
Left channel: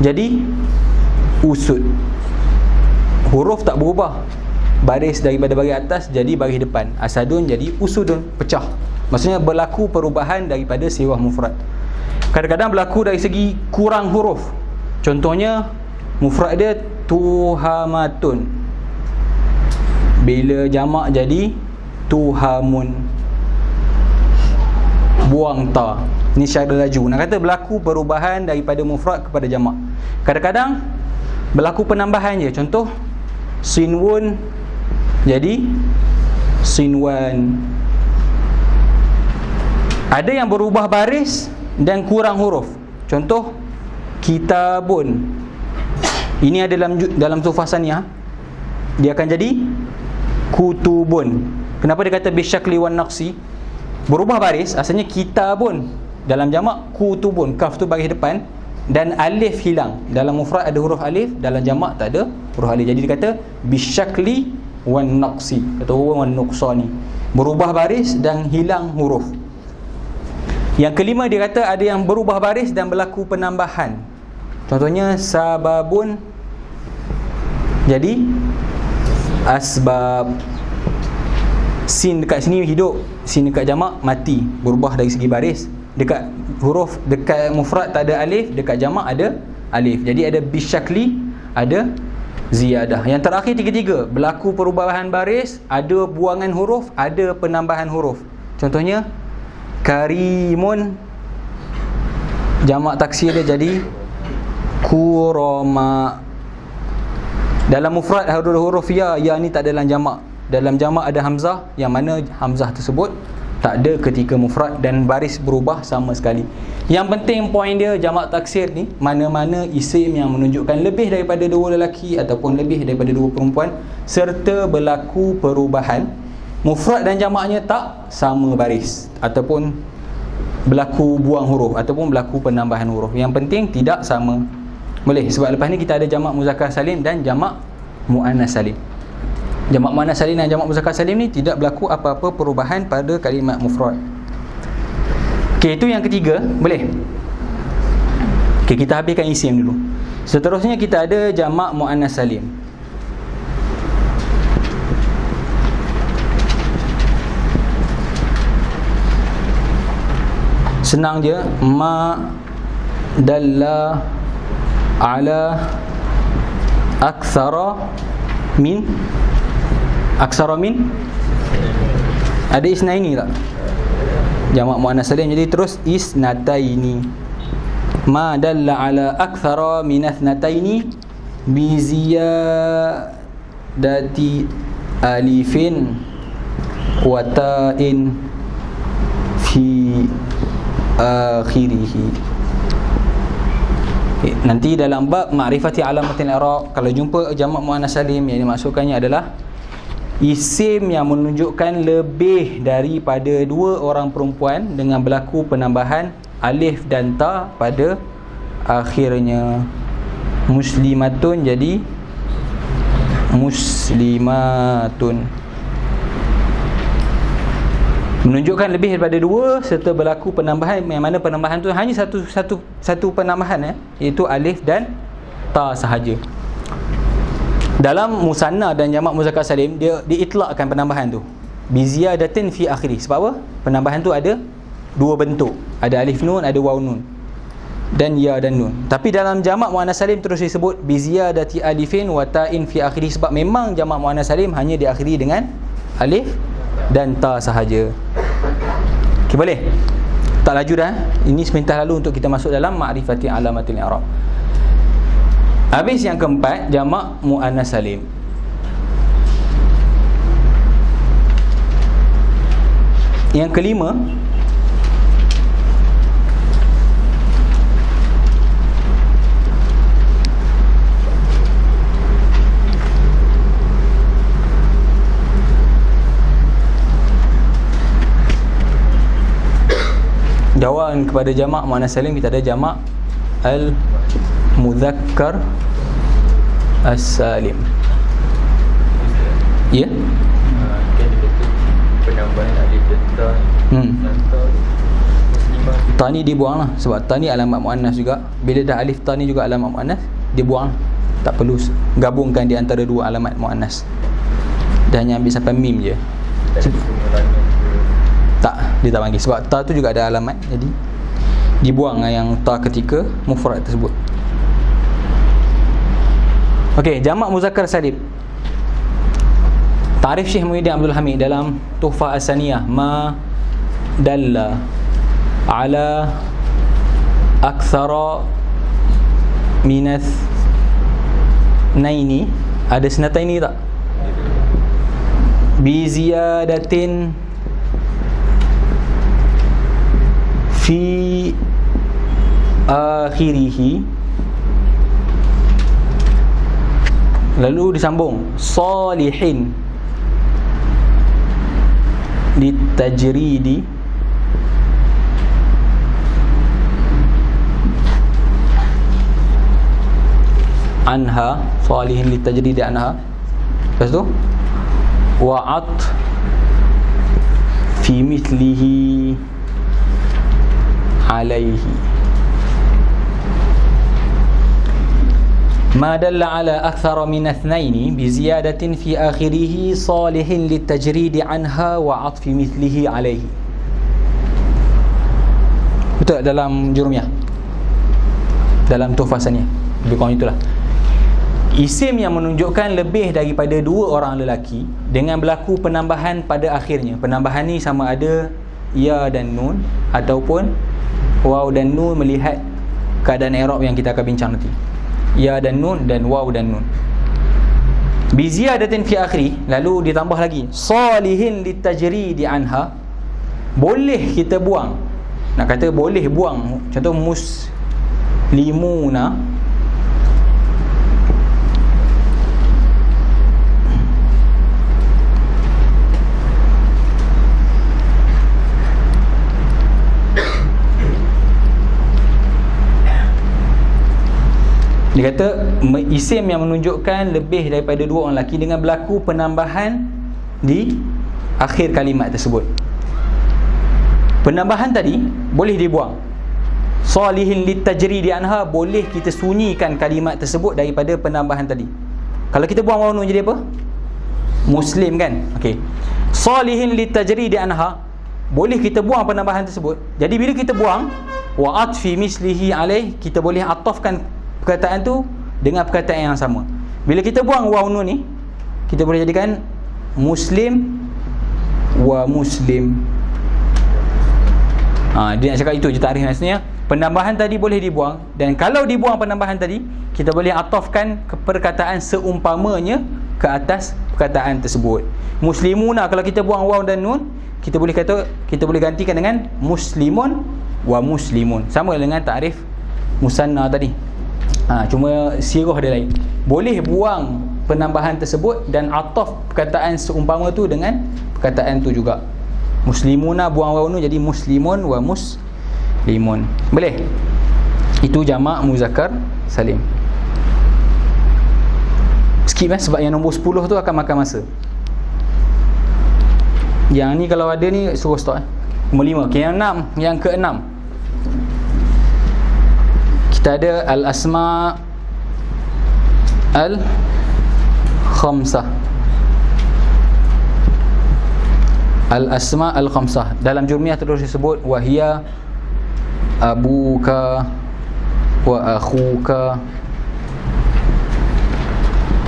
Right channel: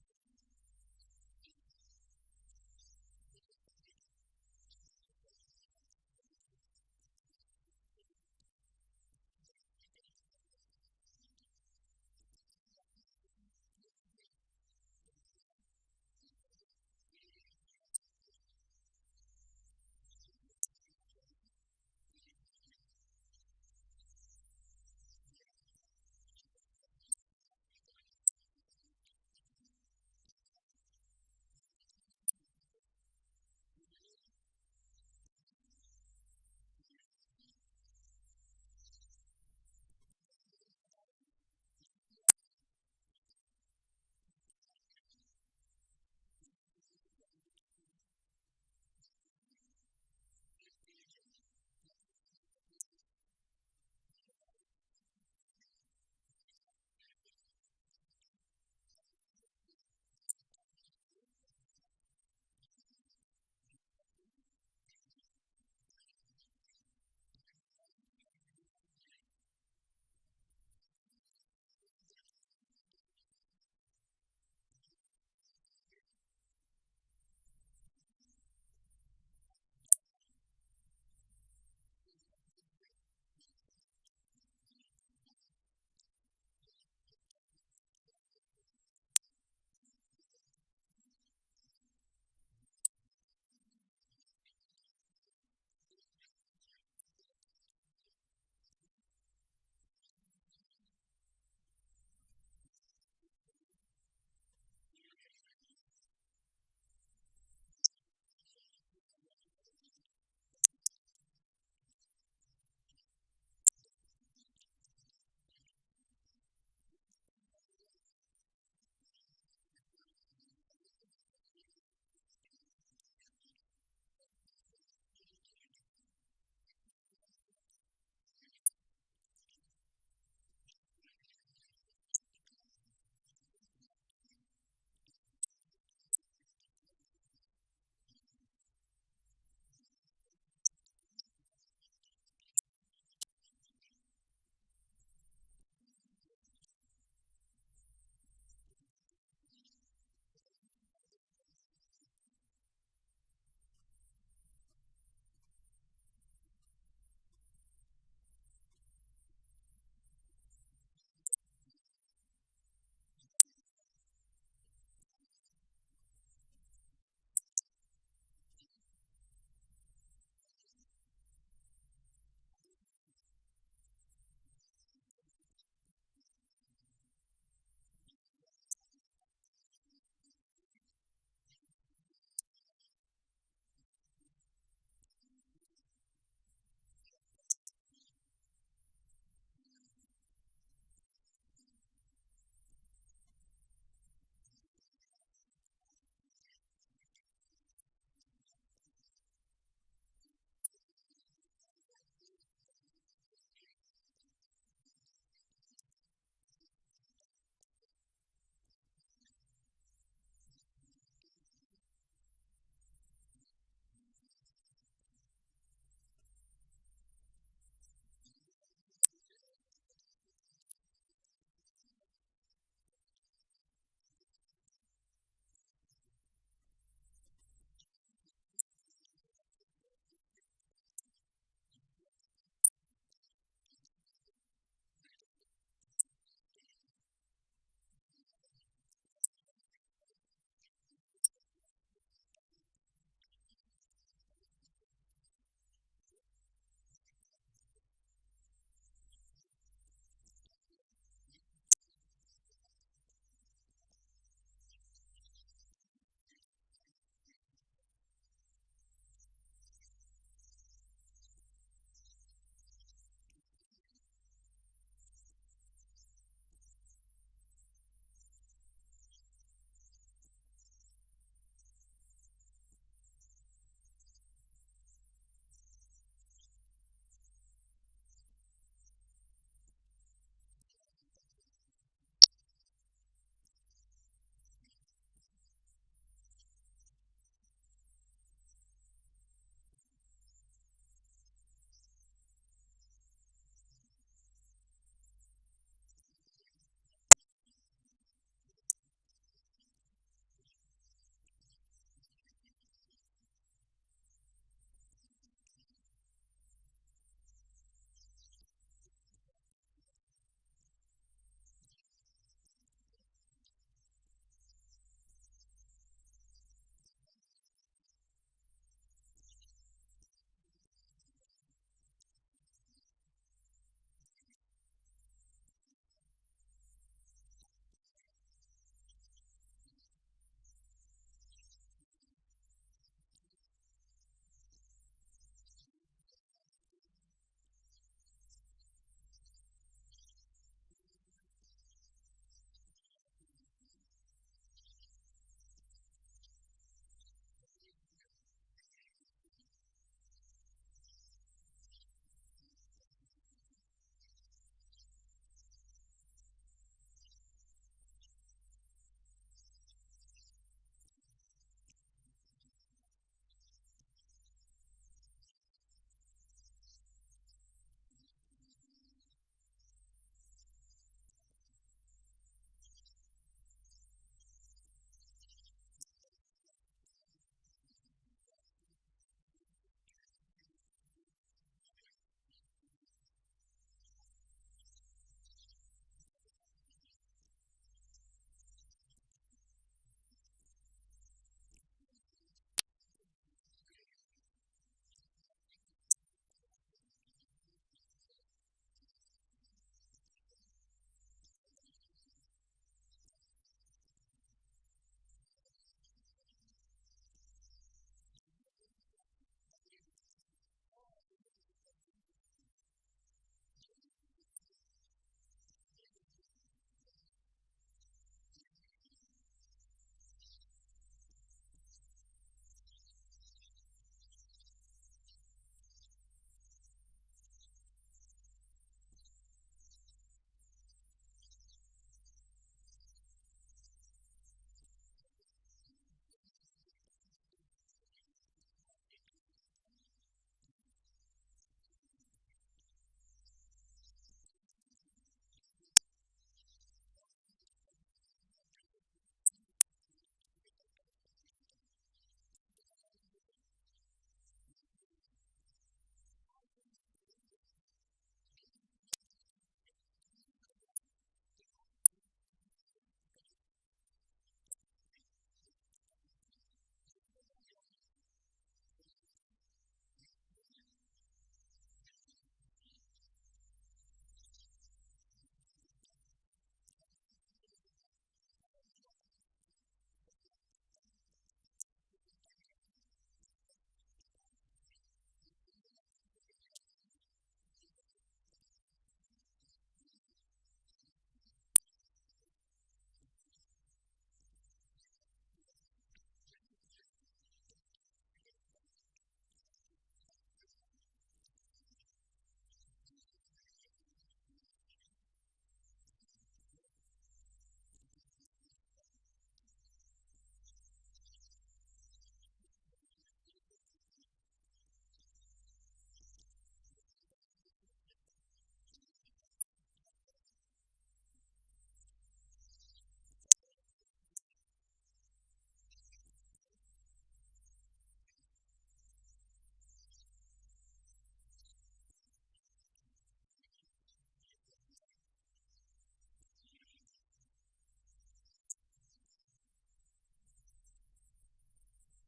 jadi usud. Huruf tak berubah. Baris daripada baris atas jadi baris depan. Asadun jadi usudun, pecah. Maksudnya berlaku perubahan daripada sirah mufrad. Kadang-kadang berlaku dari segi kurang huruf. Contohnya mufrad dia tuhamatun, bila jamak jadi tuhamun, buang ta. Ni syarat laju. Nak kata berlaku perubahan daripada mufrad kepada jamak. Kadang-kadang berlaku penambahan je. Contoh sinwun jadi sinwan. Ada yang berubah baris dan kurang huruf. Contoh kitabun Ini ada dalam tuhfah saniyah, dia akan jadi kutubun. Kenapa dia kata bisyakli wan naqsi? Berubah baris, asalnya kitabun. Dalam jamak kutubun, kaf tu baris depan dan alif hilang. Dalam mufrad ada huruf alif, dalam jamak tak ada huruf alif. Jadi dia kata bisyakli wan naqsi, kata wan nuqsani, berubah baris dan hilang huruf. Yang kelima dia kata ada yang berubah baris dan berlaku penambahan. Contohnya sababun jadi asbab. Sin dekat sini hidup, sin dekat jamak mati, berubah dari segi baris. Dekat huruf, dekat mufrad tak ada alif, dekat jamak ada alif. Jadi ada bisyakli, ada ziyadah. Yang terakhir tiga-tiga, berlaku perubahan baris, ada buangan huruf, ada penambahan huruf. Contohnya karimun, jamak taksir dia jadi kurama. Dalam mufrad ada huruf ya ni tak ada dalam jamak. Dalam jamak ada hamzah, yang mana hamzah tersebut tak ada ketika mufrad dan baris berubah sama sekali. Yang penting poin dia jamak taksir ni, mana-mana isim yang menunjukkan lebih daripada dua lelaki ataupun lebih daripada dua perempuan serta berlaku perubahan, mufrad dan jamaknya tak sama baris ataupun berlaku buang huruf ataupun berlaku penambahan huruf. Yang penting tidak sama. Boleh, sebab lepas ni kita ada jamak muzakkar salim dan jamak muannas salim. Jamak muannas salim dan jamak muzakkar salim ni tidak berlaku apa-apa perubahan pada kalimat mufrad. Okey, itu yang ketiga. Boleh? Okey, kita habiskan isim dulu. Seterusnya kita ada jamak muannas salim. Senang je, ma dalla ala aktsara min. Aksara min ada isnaini tak? Jamak muannas salim, jadi terus isnataini. Ma dalla ala aktsara min ithnataini bi ziyadati alifin wa ta'in fi akhirih. Nanti dalam bab ma'rifati alamatil i'rab, kalau jumpa jamak muannas salim, yang dimaksudkannya adalah isim yang menunjukkan lebih daripada dua orang perempuan dengan berlaku penambahan alif dan ta pada akhirnya. Muslimatun jadi muslimatun. Menunjukkan lebih daripada dua serta berlaku penambahan, yang mana penambahan tu hanya satu penambahan, iaitu alif dan ta sahaja. Dalam musanna dan jamak muzakkar salim, dia diitlakkan penambahan tu bi ziyadatin fi akhiri. Sebab apa? Penambahan tu ada dua bentuk, ada alif nun, ada waw nun, dan ya dan nun. Tapi dalam jamak muannas salim terus disebut bi ziyadati alifin wa ta'in fi akhiri, sebab memang jamak muannas salim hanya diakhiri dengan alif dan ta sahaja. Okey, boleh? Tak laju dah. Ini sebentar lalu untuk kita masuk dalam ma'rifati alamatil i'rab. Habis yang keempat, jamak muannas salim. Yang kelima, jawapan kepada jamak muannas salim, kita ada jamak al-mudzakkar as-salim. Ya? Kan dia kata penambahan alif dan ta. Ta ni dibuang lah, sebab ta ni alamat muannas juga. Bila dah alif ta ni juga alamat muannas, dia buang. Tak perlu gabungkan di antara dua alamat muannas. Dah hanya ambil sampai mim je. Tak, dia tak panggil. Sebab ta tu juga ada alamat, jadi dibuang yang ta ketika mufrad tersebut. Okey, jamak muzakkar salim. Ta'rif Syekh Muhyiddin Abdul Hamid dalam Tuhfah As-Saniyah, ma dalla ala aktsara minath naini. Ada senataini tak? Bi ziyadatin fi akhirih Lalu disambung salihin litajridi anha, salihin litajridi anha. Lepas tu wa'at fi mithlihi alaihi ma dalla ala akthara min athnaini bi ziyadatin fi akhirih salihin litajridi anha wa 'athfi mithlihi alaihi. Betul dalam Jurumiyah, dalam Tuhfah Saniyah, lebih kurang itulah. Isim yang menunjukkan lebih daripada dua orang lelaki dengan berlaku penambahan pada akhirnya. Penambahan ni sama ada ya dan nun ataupun waw dan nun melihat keadaan i'rab yang kita akan bincang nanti. Ya dan nun dan waw dan nun. Bi ziyadatin fi akhiri, lalu ditambah lagi salihin litajridi anha. Boleh kita buang. Nak kata boleh buang. Contoh muslimuna, dia kata isim yang menunjukkan lebih daripada dua orang lelaki dengan berlaku penambahan di akhir kalimat tersebut. Penambahan tadi boleh dibuang. Salihin litajridi anha, boleh kita sunyikan kalimat tersebut daripada penambahan tadi. Kalau kita buang waw nun jadi apa? Muslim kan? Okey. Salihin litajridi anha, boleh kita buang penambahan tersebut. Jadi bila kita buang wa atfi mislihi alaih, kita boleh atafkan perkataan tu dengan perkataan yang sama. Bila kita buang waw nun ni, kita boleh jadikan muslim wa muslim. Dia nak cakap itu je takrif maksudnya. Penambahan tadi boleh dibuang, dan kalau dibuang penambahan tadi, kita boleh atafkan ke perkataan seumpamanya ke atas perkataan tersebut. Muslimuna, kalau kita buang waw dan nun, kita boleh gantikan dengan muslimun wa muslimun. Sama dengan takrif musanna tadi. Cuma sirah dia lain. Boleh buang penambahan tersebut dan ataf perkataan seumpama tu dengan perkataan tu juga. Muslimuna buang waw nun jadi muslimun wa muslimun. Boleh? Itu jamak muzakkar salim. Skip sebab yang nombor 10 tu akan makan masa. Yang ni kalau ada ni suruh stop Nombor 5. Okay, yang ke-6. Kita ada al-asma al-khamsah. Al-asma al-khamsah. Dalam Jurmiyah terus disebut wahia abuka wa akhuka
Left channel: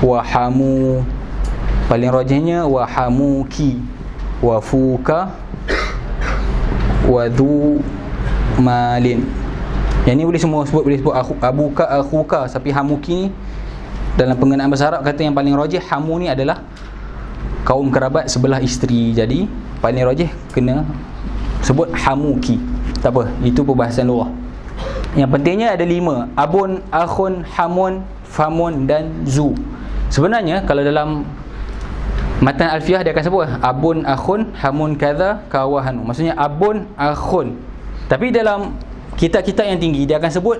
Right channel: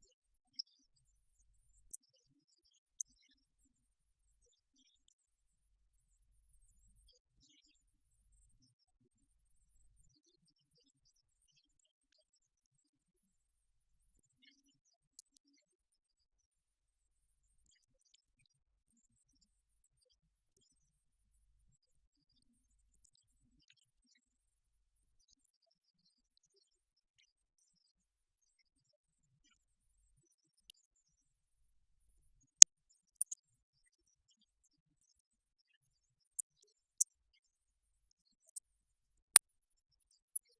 wa hamu. Paling rajihnya wa hamuki wa fuka wa dhu malin. Yang ni boleh semua sebut, boleh sebut abuka, akhuka. Tapi hamuki ni dalam penggunaan bahasa Arab kata yang paling rajih, hamu ni adalah kaum kerabat sebelah isteri. Jadi paling rajih kena sebut hamuki. Tak apa, itu perbahasan lughah. Yang pentingnya ada 5: abun, akhun, hamun, famun dan zu. Sebenarnya kalau dalam matan alfiah dia akan sebut abun, akhun, hamun kadza, kawahanu. Maksudnya abun, akhun. Tapi dalam kitab-kitab yang tinggi dia akan sebut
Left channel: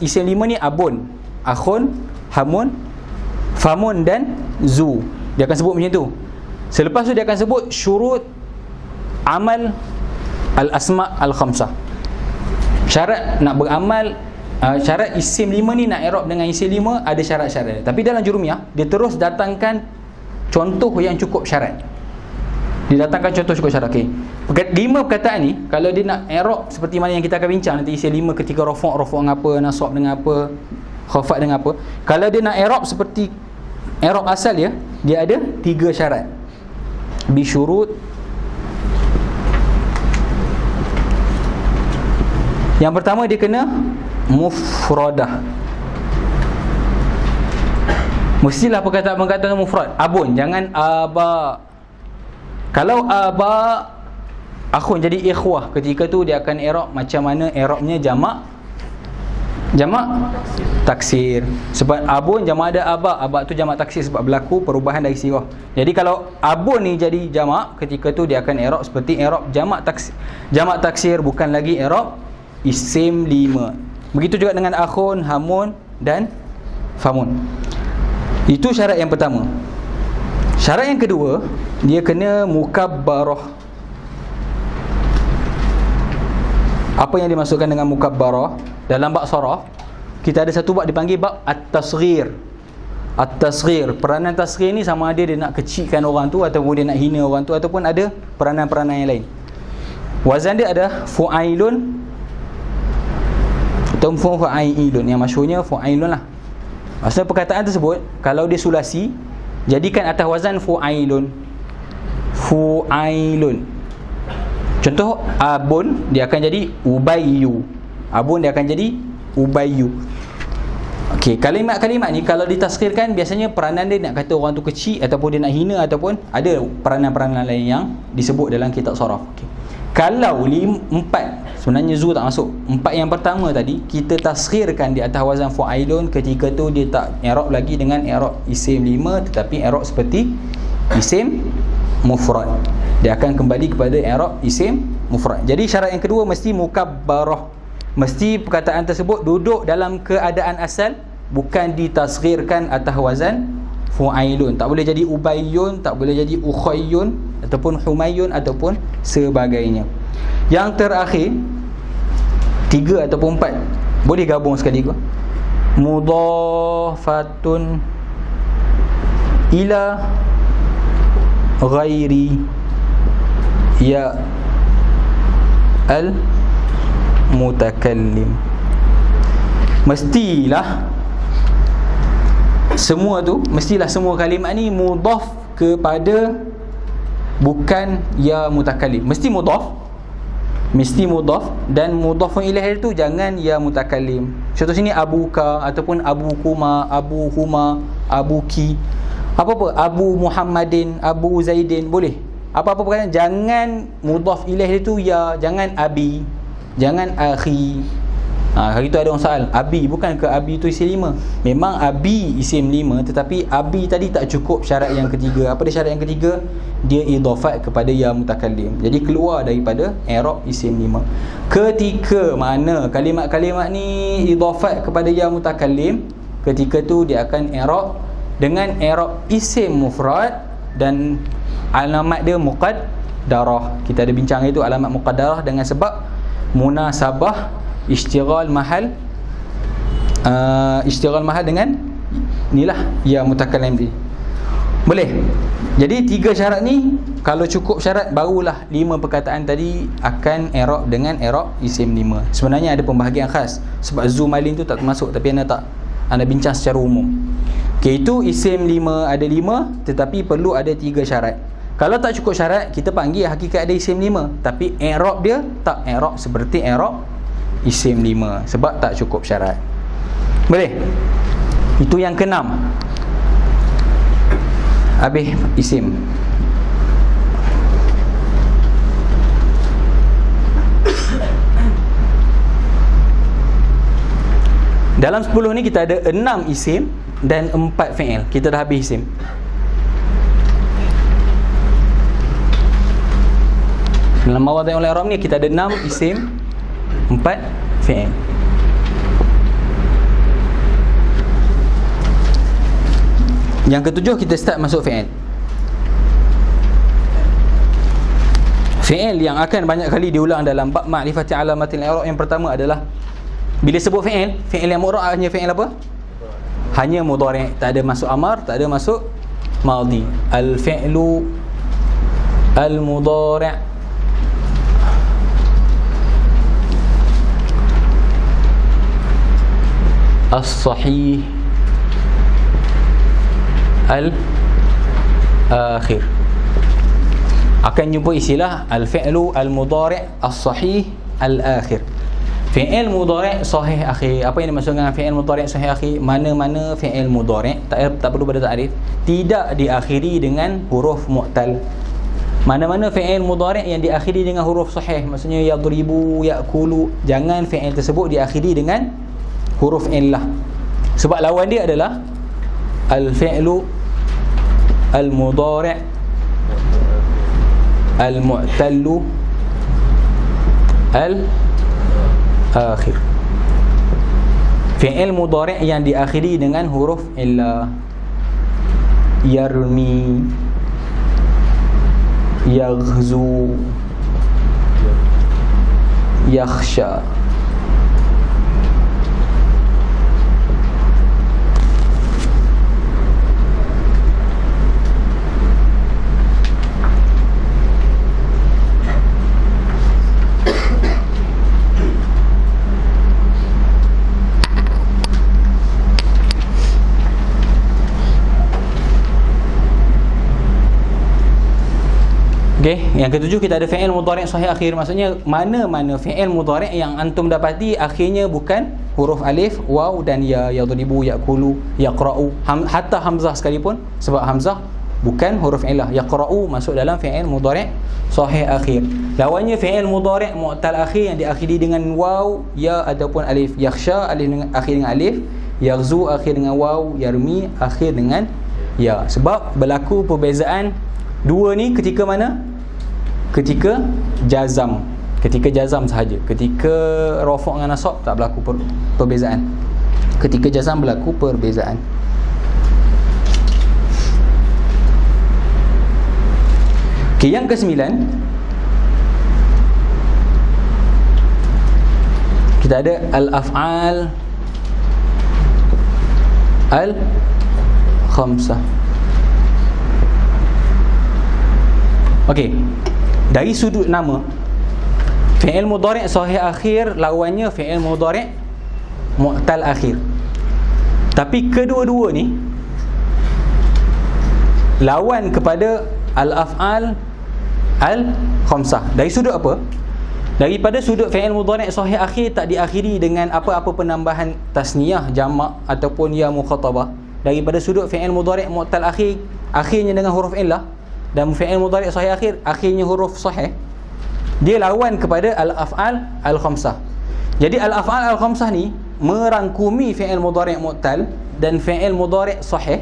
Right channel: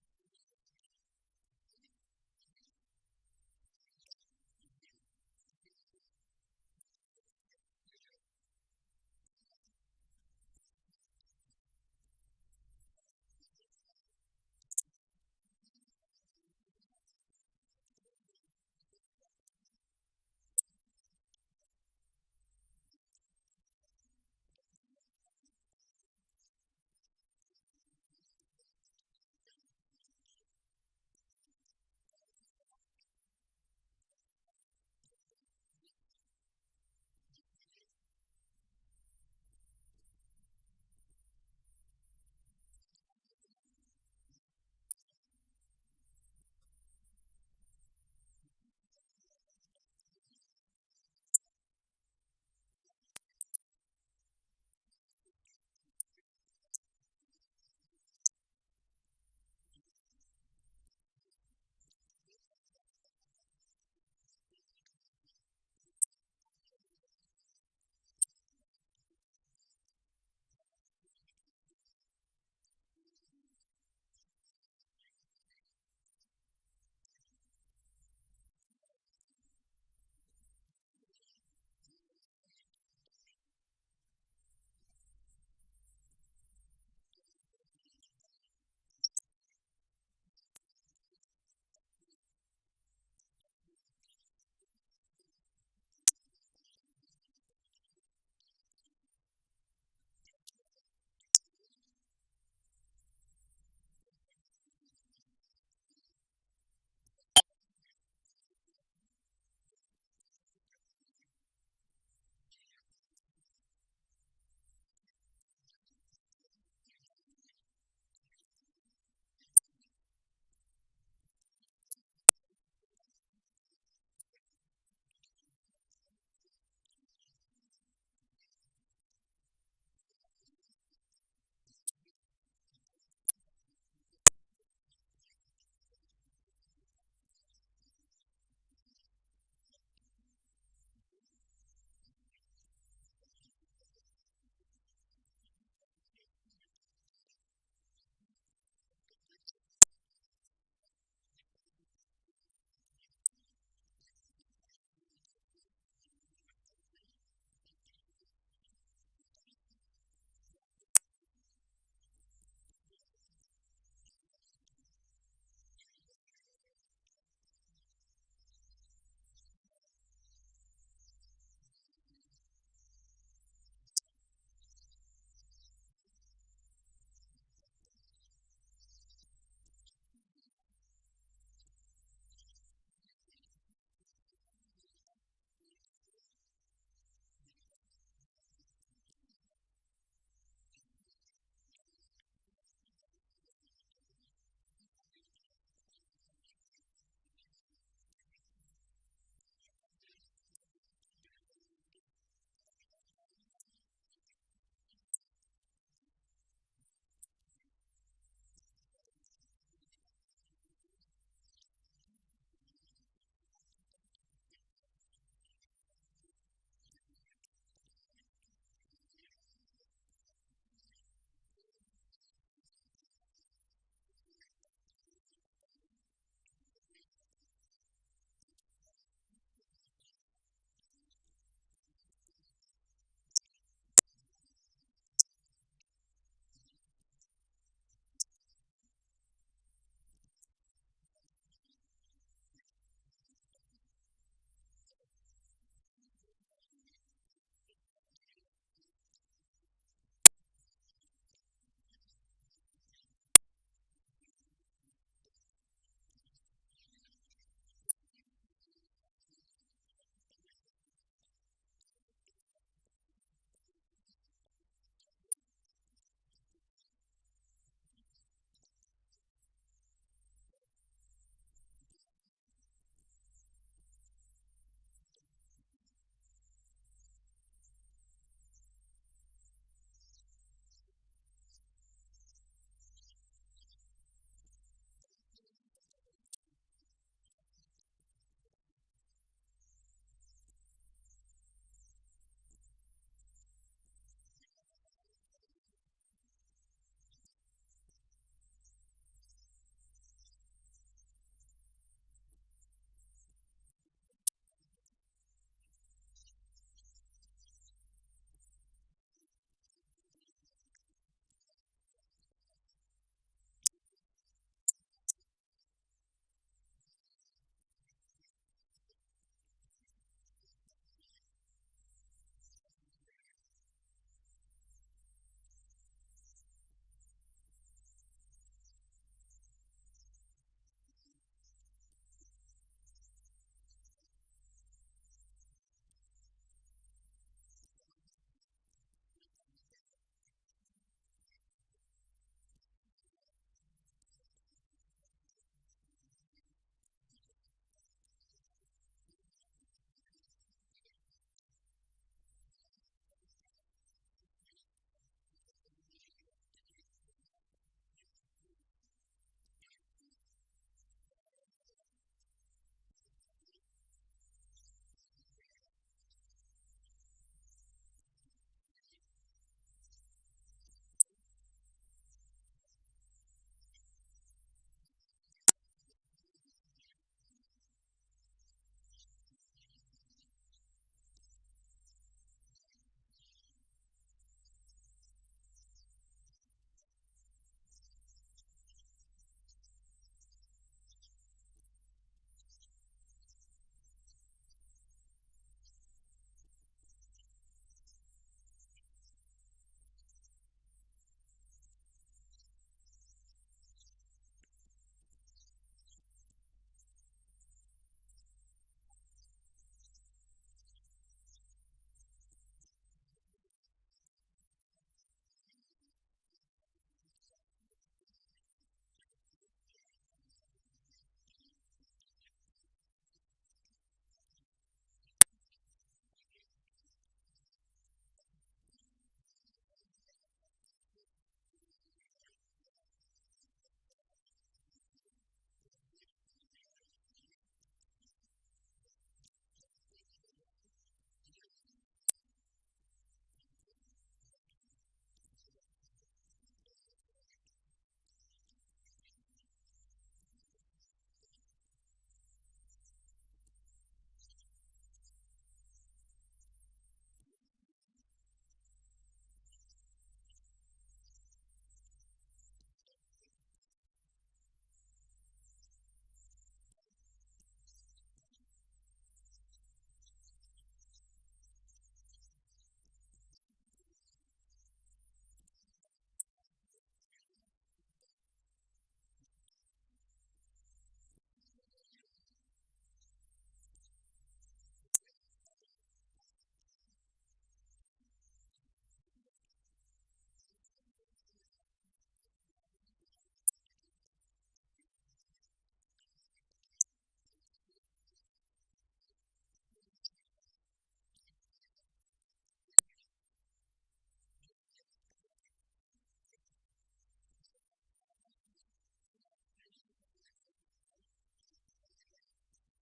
isim 5 ni abun, akhun, hamun, famun dan zu. Dia akan sebut macam tu. Selepas tu dia akan sebut syurut amal al-asma al-khamsah. Syarat nak beramal, syarat isim 5 ni nak i'rab dengan isim 5 ada syarat-syarat. Tapi dalam Jurumiyah dia terus datangkan contoh yang cukup syarat. Dia datangkan contoh cukup syarat. Okey. 5 perkataan ni kalau dia nak i'rab seperti mana yang kita akan bincang nanti, isim 5 ketika rafa' dengan apa, nasab dengan apa, khafat dengan apa. Kalau dia nak i'rab seperti i'rab asal dia ada 3 syarat. Bi syurut. Yang pertama dia kena mufradah. Mestilah perkataan-perkataan mufrad. Abun, jangan aba. Kalau aba, akhun jadi ikhwah, ketika tu dia akan i'rab macam mana i'rabnya jamak Jamak taksir. Sebab abun jamak ada abak. Abak tu jamak taksir sebab berlaku perubahan dari sirah. Jadi kalau abun ni jadi jamak, ketika tu dia akan i'rab seperti i'rab jamak taksir. Jamak taksir bukan lagi i'rab isim 5. Begitu juga dengan akhun, hamun dan famun. Itu syarat yang pertama. Syarat yang kedua, dia kena mukabbarah. Apa yang dimaksudkan dengan mukabbarah? Dalam bab saraf, kita ada satu bab dipanggil bab at-tasghir. At-tasghir, peranan tasghir ni sama ada dia nak kecilkan orang tu ataupun dia nak hina orang tu, ataupun ada peranan-peranan yang lain. Wazan dia ada fu'ailun atau fu'ailun. Yang masyhurnya fu'ailun lah. Maksudnya perkataan tersebut kalau dia sulasi, jadikan atas wazan fu'ailun. Fu'ailun. Contoh abun, dia akan jadi ubayyu. Abun dia akan jadi ubayyu. Okey, kalimat-kalimat ni kalau ditasghirkan, biasanya peranan dia nak kata orang tu kecil, ataupun dia nak hina, ataupun ada peranan-peranan lain yang disebut dalam kitab saraf. Okey. Kalau 4, sebenarnya zu tak masuk. 4 yang pertama tadi kita tasghirkan di atas wazan fu'ailun, ketika tu dia tak i'rab lagi dengan i'rab isim 5, tetapi i'rab seperti isim mufrad. Dia akan kembali kepada i'rab isim mufrad. Jadi syarat yang kedua mesti mukabbarah. Mesti perkataan tersebut duduk dalam keadaan asal, bukan ditasghirkan atas wazan fu'ailun. Tak boleh jadi ubayyun, tak boleh jadi ukhayyun, ataupun humayyun, ataupun sebagainya. Yang terakhir 3 ataupun 4 boleh gabung sekali ke? Mudhafatun ila ghairi ya al mutakallim. Mestilah semua kalimat ni mudhaf kepada bukan ya mutakallim. Mesti mudhaf dan mudhafun ilaih itu jangan ya mutakallim. Contoh sini abuka ataupun abukuma, abuhuma, abuki. Apa-apa, Abu Muhammadin, Abu Zaidin, boleh. Apa-apa perkataan jangan mudhaf ilaih itu ya, jangan abi, jangan akhi. Hari tu ada orang soal, abi, bukan ke abi tu isim 5? Memang abi isim 5, tetapi abi tadi tak cukup syarat yang ketiga. Apa dia syarat yang ketiga? Dia idhafat kepada ya mutakallim. Jadi keluar daripada i'rab isim 5. Ketika mana kalimat-kalimat ni idhafat kepada ya mutakallim, ketika tu dia akan i'rab dengan i'rab isim mufrad dan alamat dia muqaddarah. Kita ada bincang itu alamat muqaddarah dengan sebab munasabah istighal mahal dengan inilah ya mutakallim ni. Boleh. Jadi 3 syarat ni kalau cukup syarat, barulah 5 perkataan tadi akan i'rab dengan i'rab isim 5. Sebenarnya ada pembahagian khas sebab zumalin tu tak termasuk, tapi anda bincang secara umum. Okey, itu isim 5 ada 5, tetapi perlu ada 3 syarat. Kalau tak cukup syarat, kita panggil hakikat ada isim 5, tapi i'rab dia tak i'rab seperti i'rab isim 5 sebab tak cukup syarat. Boleh? Itu yang ke-6. Habis isim. Dalam 10 ni kita ada 6 isim dan 4 fi'il. Kita dah habis isim. Dalam mawadhi'ul i'rab ni kita ada 6 isim, 4 fi'il. Yang ketujuh kita start masuk fi'il. Fi'il yang akan banyak kali diulang dalam bab ma'rifati alamatil i'rab, yang pertama adalah bila sebut fi'il yang mu'rab hanya fi'il apa? Hanya mudhari', tak ada masuk amar, tak ada masuk madhi. Al-fi'lu al-mudhari' as-sahih al-akhir. Akan jumpa istilah al-fi'lu al-mudhari' as-sahih al-akhir. Fi'il mudhari' sahih akhir. Apa yang dimaksud dengan fi'il mudhari' sahih akhir? Mana-mana fi'il mudhari' tak perlu pada ta'rif, tidak diakhiri dengan huruf mu'tal. Mana-mana fi'il mudhari' yang diakhiri dengan huruf sahih, maksudnya yadribu, ya'kulu, jangan fi'il tersebut diakhiri dengan huruf illah. Sebab lawan dia adalah al-fi'lu al-mudhari' al-mu'tallu al-akhir. Fi'il mudhari' yang diakhiri dengan huruf illah. Yarmi, yaghzu, yakhsha. Okey, yang ketujuh kita ada fi'il mudhari' sahih akhir. Maksudnya mana-mana fi'il mudhari' yang antum dapati akhirnya bukan huruf alif, waw dan ya, yadribu, yaqulu, yaqra'u, hatta hamzah sekalipun, sebab hamzah bukan huruf illah. Yaqra'u masuk dalam fi'il mudhari' sahih akhir. Lawannya fi'il mudhari' mu'tal akhir yang diakhiri dengan waw, ya ataupun alif. Yakhsha alif dengan akhir dengan alif, yaghzu akhir dengan waw, yarmi akhir dengan ya. Sebab berlaku perbezaan dua ni ketika mana? Ketika jazam. Ketika jazam sahaja. Ketika rafa' dengan nasab tak berlaku perbezaan. Ketika jazam berlaku perbezaan. Okay, yang ke-9 kita ada al-af'al al-khamsah. Okey, dari sudut nama, fi'il mudhari' sahih akhir lawannya fi'il mudhari' mu'tal akhir. Tapi kedua-dua ni lawan kepada al-af'al al-khamsah. Dari sudut apa? Daripada sudut fi'il mudhari' sahih akhir tak diakhiri dengan apa-apa penambahan tasniyah, jamak ataupun ya mukhatabah. Daripada sudut fi'il mudhari' mu'tal akhir, akhirnya dengan huruf illah, dan fi'il mudhari' sahih akhir akhirnya huruf sahih, dia lawan kepada al-af'al al-khamsah. Jadi al-af'al al-khamsah ni merangkumi fi'il mudhari' mu'tal dan fi'il mudhari' sahih,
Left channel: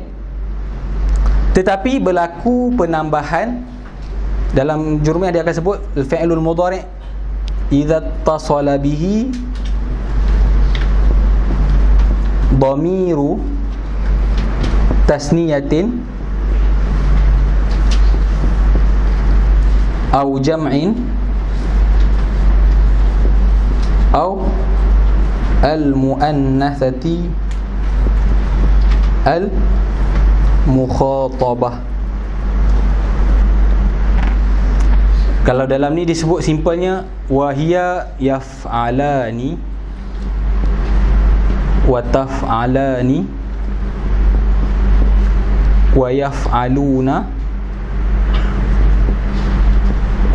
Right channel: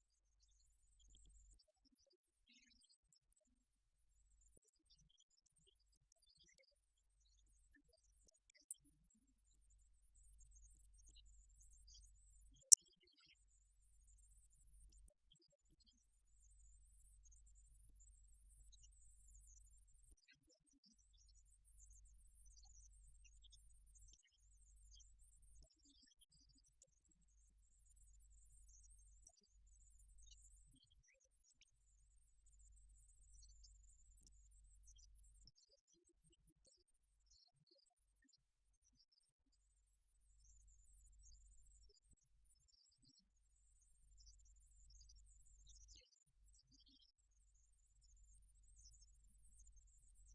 tetapi berlaku penambahan. Dalam jurumiah dia akan sebut al-fi'lul mudhari' idza tasala bihi dhamiru tasniyatin au jam'in au al-muannatsati al-mukhatabah. Kalau dalam ni disebut simpelnya wahiya yaf'alani wa taf'alani wa yaf'aluna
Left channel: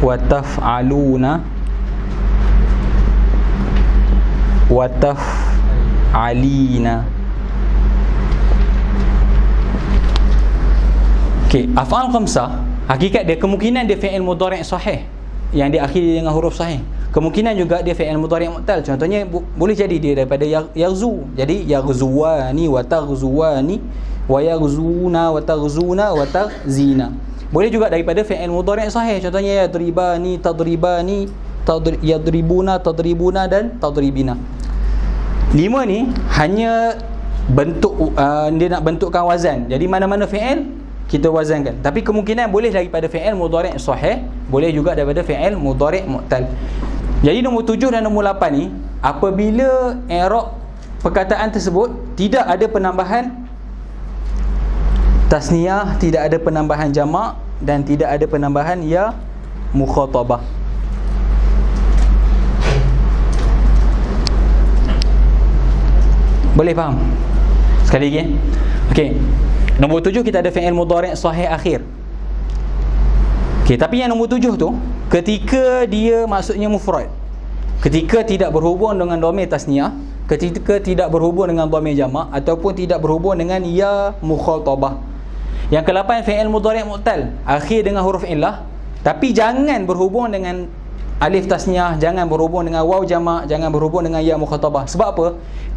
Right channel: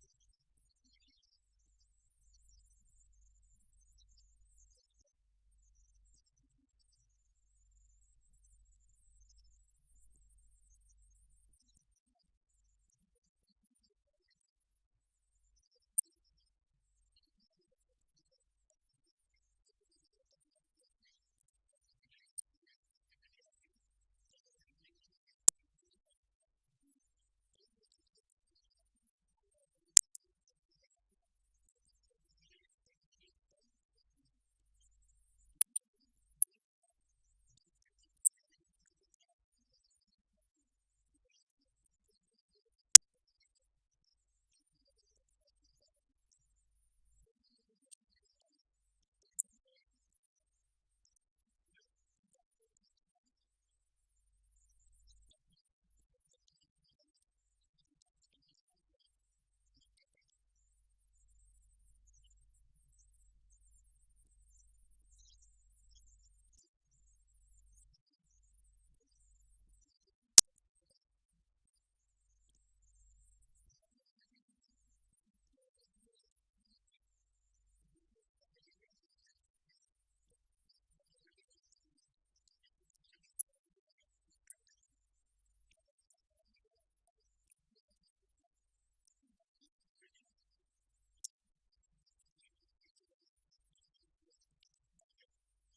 wa taf'aluna wa taf'alina. Okey, af'al khamsah hakikat dia kemungkinan dia fi'il mudhari' sahih yang diakhiri dengan huruf sahih. Kemungkinan juga dia fi'il mudhari' mu'tal. Contohnya boleh jadi dia daripada yaghzu. Jadi yaghzuwani wa taghzuwani wa yaghzuna wa taghzuna wa taghzina. Boleh juga daripada fi'il mudhari' sahih. Contohnya yadribani, tadribani, yadribuna, tadribuna dan tadribina. 5 ni hanya bentuk dia nak bentukkan wazan. Jadi mana-mana fi'il kita wazankan. Tapi kemungkinan boleh daripada fi'il mudhari' sahih, boleh juga daripada fi'il mudhari' mu'tal. Jadi nombor 7 dan nombor 8 ni, apabila i'rab perkataan tersebut tidak ada penambahan tasniyah, tidak ada penambahan jamak dan tidak ada penambahan ya mukhatabah. Boleh faham? Sekali lagi. Okey. Nombor 7 kita ada fi'il mudhari' sahih akhir. Okey, tapi yang nombor 7 tu ketika dia maksudnya mufrad, ketika tidak berhubung dengan dhamir tasniyah, ketika tidak berhubung dengan dhamir jamak ataupun tidak berhubung dengan ya mukhatabah. Yang ke-8 fi'il mudhari' mu'tal, akhir dengan huruf illah, tapi jangan berhubung dengan alif tasniah, jangan berhubung dengan waw jamak, jangan berhubung dengan ya mukhatabah. Sebab apa?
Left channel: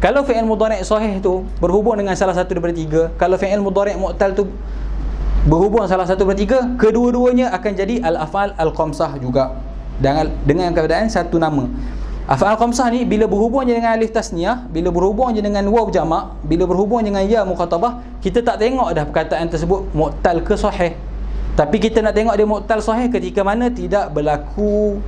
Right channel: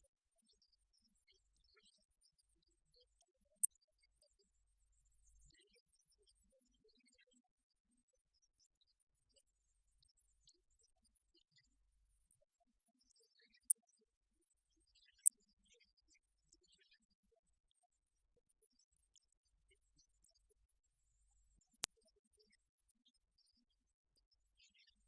Kalau fi'il mudhari' sahih tu berhubung dengan salah satu daripada tiga, kalau fi'il mudhari' mu'tal tu berhubung salah satu daripada tiga, kedua-duanya akan jadi al-af'al al-khamsah juga dengan keadaan satu nama. Af'al khamsah ni bila berhubung je dengan alif tasniah, bila berhubung je dengan waw jamak, bila berhubung dengan ya mukhatabah, kita tak tengok dah perkataan tersebut mu'tal ke sahih. Tapi kita nak tengok dia mu'tal sahih ketika mana tidak berlaku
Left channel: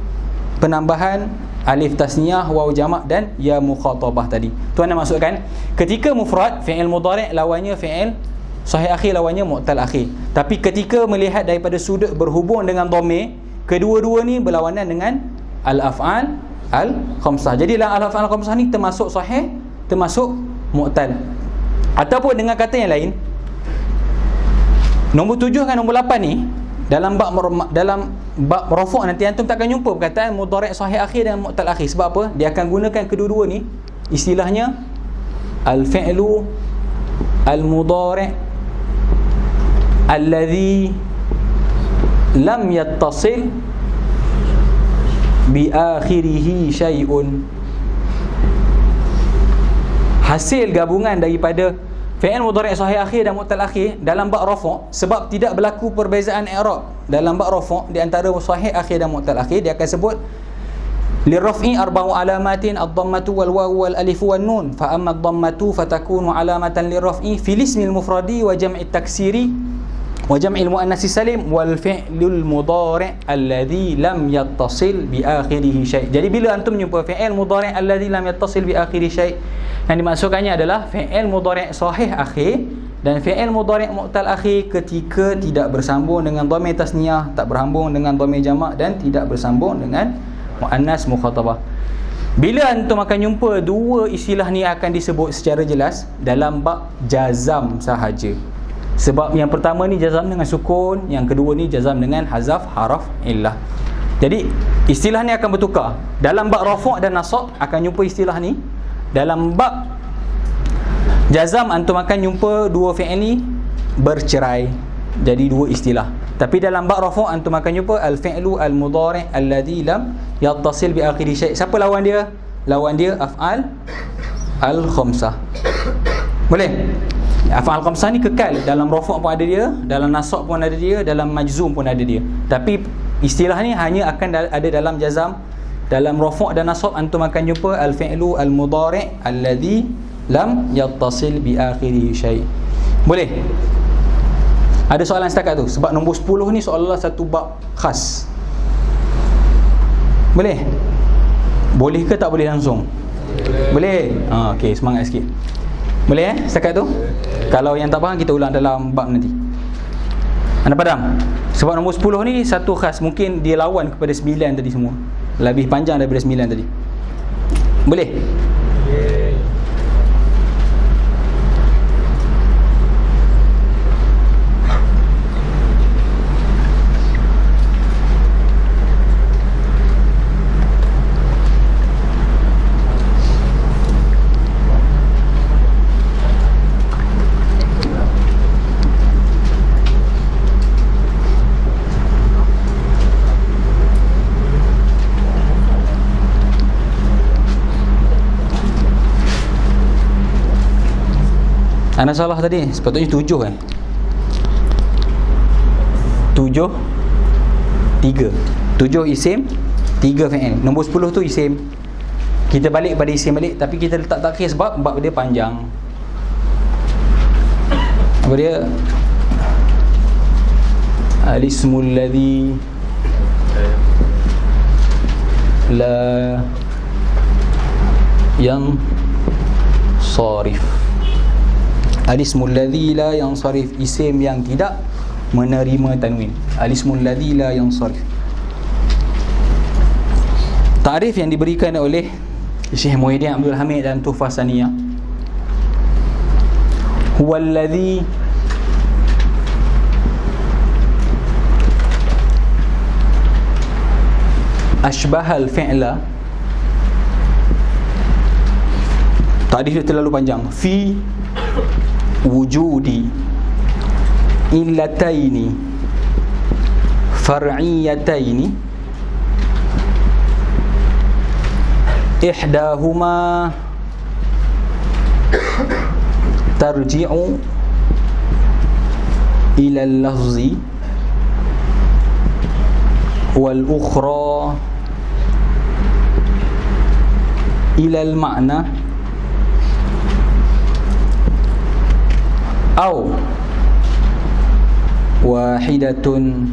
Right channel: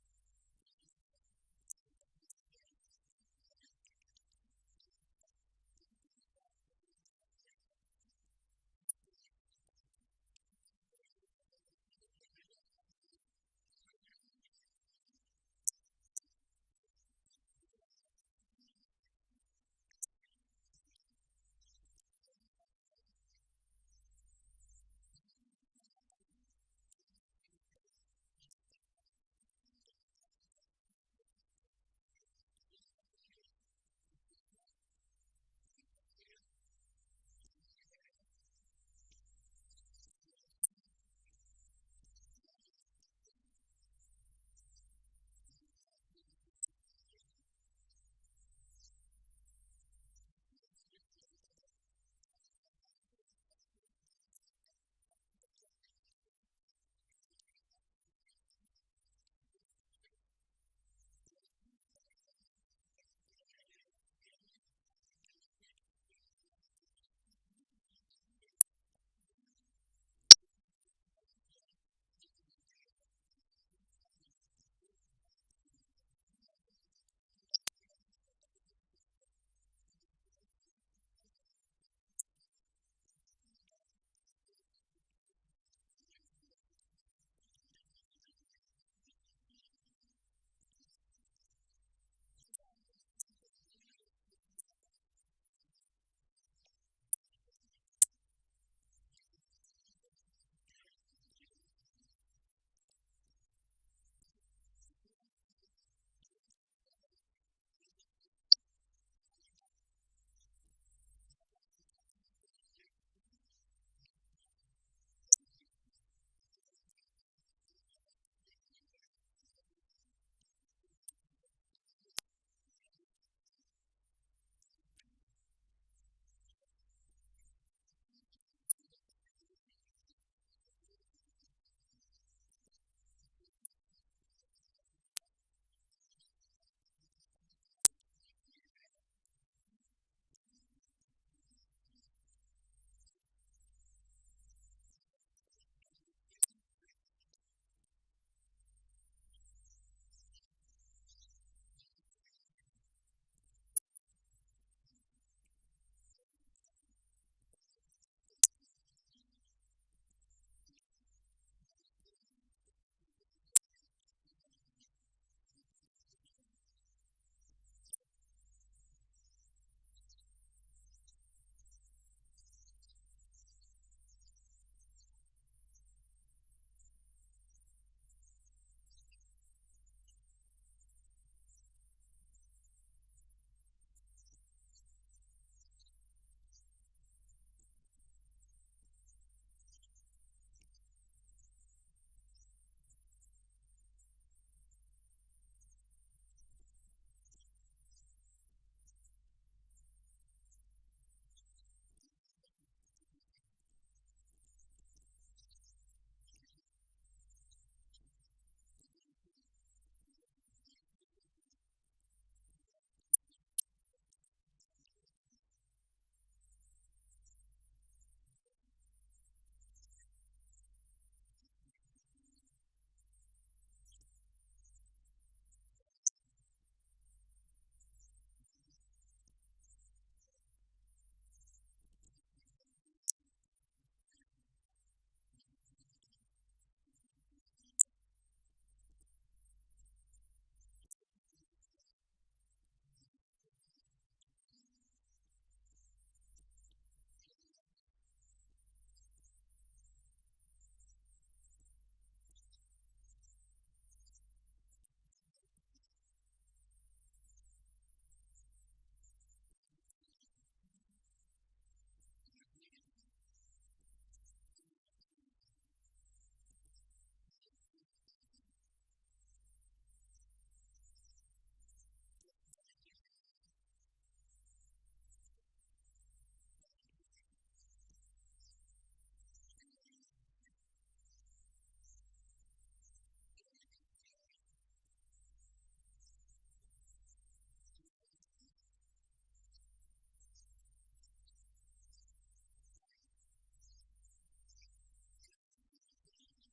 penambahan alif tasniah, waw jamak dan ya mukhatabah tadi. Tuan nak masukkan ketika mufrad fi'il mudhari' lawannya fi'il sahih akhir, lawannya mu'tal akhir. Tapi ketika melihat daripada sudut berhubung dengan dhamir, kedua-dua ni berlawanan dengan al-af'al al-khamsah. Jadi al-af'al al-khamsah ni termasuk sahih, termasuk mu'tal. Ataupun dengan kata yang lain, nombor 7 dengan nombor 8 ni dalam bab rafu' nanti antum takkan jumpa perkataan mudhari' sahih akhir dan mu'tal akhir. Sebab apa? Dia akan gunakan kedua-dua ni, istilahnya al-fi'lu al-mudhari' alladhi lam yattasil bi akhirihi syai'un. Hasil gabungan daripada fi'il mudhari' sahih akhir dan mu'tal akhir dalam bab rafu', sebab tidak berlaku perbezaan i'rab dalam bab rafu' di antara sahih akhir dan mu'tal akhir, dia akan sebut lirraf'i arba'u alamatin ad-dhammatu wal wawu wal alif wan nun, fa amma ad-dhammatu fatakunu alamatan lirraf'i fil ismil mufradi wa jam'i taksiri wa jam'il muannats salim wal fi'lul mudhari' alladhi lam yattasil bi akhirih syai'. Jadi bila antum jumpa fi'il mudhari' alladhi lam yattasil bi akhirih syai', yang dimaksudkannya adalah fi'il mudhari' sahih akhir dan fi'il mudhari' mu'tal akhir ketika tidak bersambung dengan dhamir tasniah, tak bersambung dengan dhamir jamak dan tidak bersambung dengan muannas mukhatabah. Bila antum akan jumpa dua istilah ni akan disebut secara jelas dalam bab jazam sahaja. Sebab yang pertama ni jazam dengan sukun, yang kedua ni jazam dengan hazaf haraf illah. Jadi istilah ni akan bertukar. Dalam bab rafu' dan nasab akan jumpa istilah ni. Dalam bab jazam antum akan jumpa dua fi'il ni bercerai, jadi dua istilah. Tapi dalam bab rafu' antum akan jumpa al-fi'lu al-mudhari' alladhi lam yattasil bi akhiri syai'. Siapa lawan dia? Lawan dia af'al al-khamsah. Boleh? Af'al khamsah ni kekal, dalam rafu' pun ada dia, dalam nasab pun ada dia, dalam majzum pun ada dia. Tapi istilah ni hanya akan ada dalam jazam. Dalam rafu' dan nasab antum akan jumpa al-fi'lu al-mudhari' alladhi lam yattasil bi akhirih syai'. Boleh? Ada soalan setakat tu? Sebab nombor 10 ni seolah-olah satu bab khas. Boleh? Boleh ke tak boleh langsung? Boleh. Okey, semangat sikit. Boleh setakat tu? Kalau yang tak faham kita ulang dalam bab nanti. Anda padam? Sebab nombor 10 ni satu khas, mungkin dia lawan kepada 9 tadi semua. Lebih panjang daripada 9 tadi. Boleh? Anda salah tadi, sepatutnya 7 7 3 7 isim, 3 fi'il. Nombor 10 tu isim. Kita balik pada isim balik, tapi kita letak takhir sebab bab dia panjang. Apa dia? Al-ismul ladzi la yansarif. Al-ismul ladzi la yansarif, isim yang tidak menerima tanwin. Al-ismul ladzi la yansarif. Ta'rif yang diberikan oleh Syekh Muhyiddin Abdul Hamid dan Tuhfah Saniyah. Huwal ladzi ashbahal fi'la. Ta'rif dia terlalu panjang. Fi wujudi illataini far'iyataini ihdahuma tarji'u ila al-lafzi wal ukhra ila al-ma'na aw wahidatun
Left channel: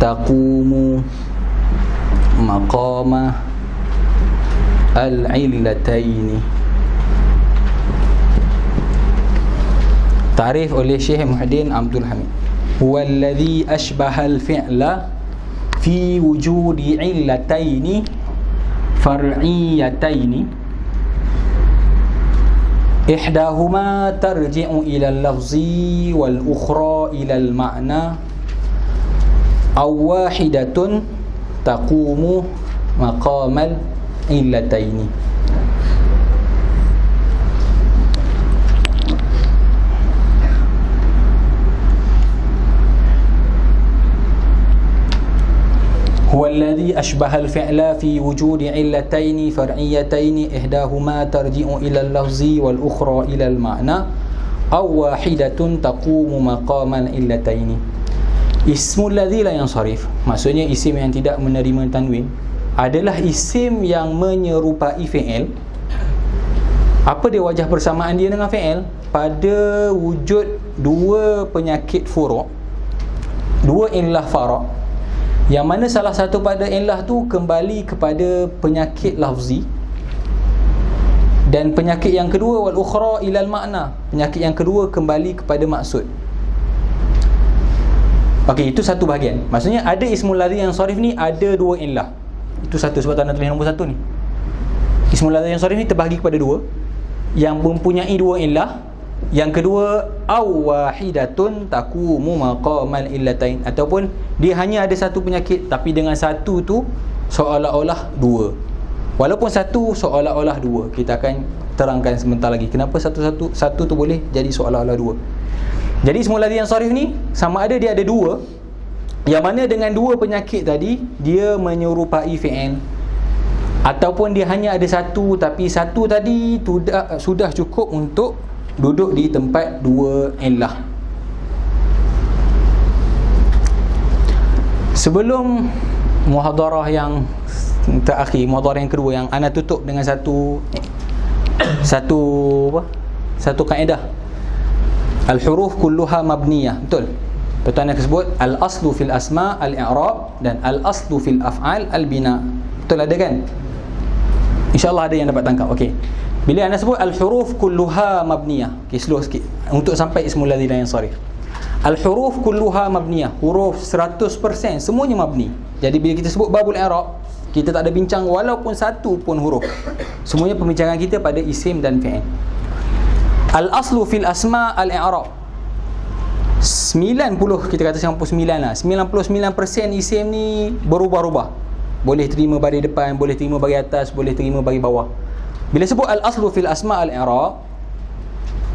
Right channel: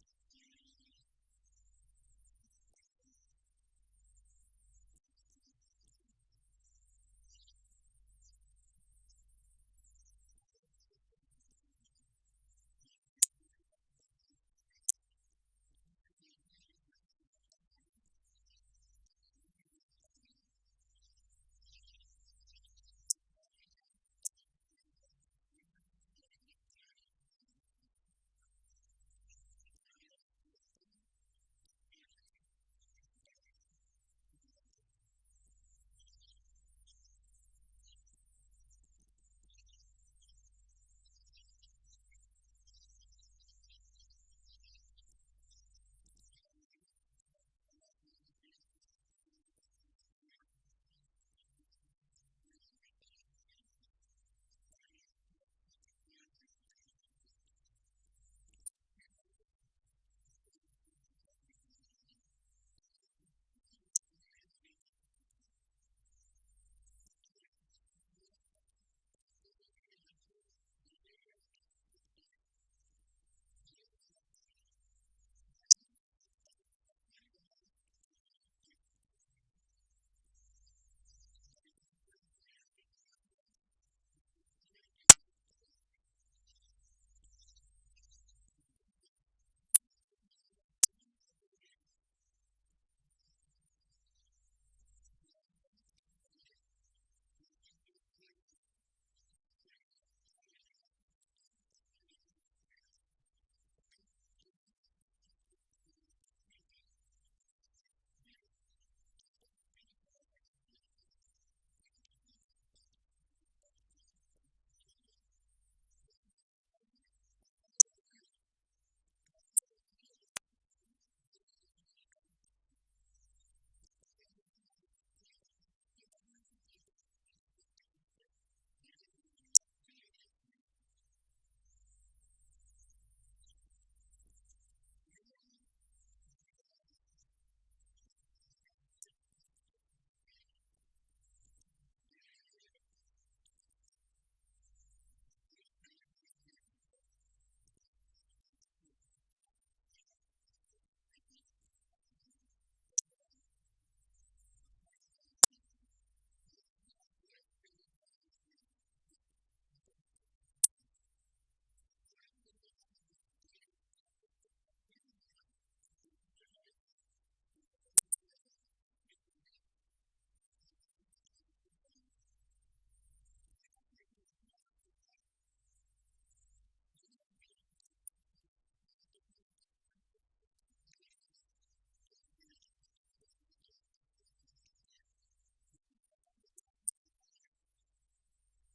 taqumu maqama al-illataini. Ta'rif oleh Syekh Muhyiddin Abdul Hamid. Huwallazi ashbahal fi'la fi wujudi illataini far'iyataini ihdahuma tarji'u ila al-lafzi wal ukhra ila al-ma'na aw wahidatun taqumu maqamal illataini. هو الذي أشبه الفعل في وجود علتين فرعيتين إحداهما ترجع إلى اللفظ والأخرى إلى المعنى أو واحدة تقوم مقام العلتين. اسم الذي لا ينصرف, maksudnya isim yang tidak menerima tanwin, adalah isim yang menyerupai fi'il. Apa dia wajah persamaan dia dengan fi'il? Pada wujud dua penyakit furu', dua illah fara', yang mana salah satu pada illah tu kembali kepada penyakit lafzi, dan penyakit yang kedua wal ukhra ilal makna, penyakit yang kedua kembali kepada maksud. Okey, itu satu bahagian. Maksudnya ada ismul ladzi yang sharif ni ada dua illah. Itu satu, sebab tanda tulis nombor satu ni. Ismul ladzi yang sharif ni terbahagi kepada dua, yang mempunyai dua illah. Yang kedua, aw wahidatun taqumu maqamal illatain, ataupun dia hanya ada satu penyakit tapi dengan satu tu seolah-olah dua. Walaupun satu seolah-olah dua. Kita akan terangkan sebentar lagi kenapa satu tu boleh jadi seolah-olah dua. Jadi ismul ladzi yang sharif ni sama ada dia ada dua, yang mana dengan dua penyakit tadi dia menyerupai fi'il, ataupun dia hanya ada satu tapi satu tadi sudah cukup untuk duduk di tempat dua illah. Sebelum muhadarah yang terakhir, muhadarah yang kedua yang ana tutup dengan satu kaedah. Al-huruf kulluha mabniyah. Betul? Betul anda sebut al-aslu fil asma al-i'rab dan al-aslu fil af'al al-bina. Betul ada kan? InsyaAllah ada yang dapat tangkap. Okey. Bila anda sebut al-huruf kulluha mabniyah, okay, slow sikit untuk sampai ismul ladzi la yansarif. Al-huruf kulluha mabniyah, huruf 100% semuanya mabni. Jadi bila kita sebut babul i'rab, kita tak ada bincang walaupun satu pun huruf. Semuanya pembincangan kita pada isim dan fi'il. Al-aslu fil asma al-i'rab. 90, kita kata 99 lah. 99% isim ni berubah-ubah. Boleh terima baris depan, boleh terima baris atas, boleh terima baris bawah. Bila sebut al-aslu fil asma al-i'rab,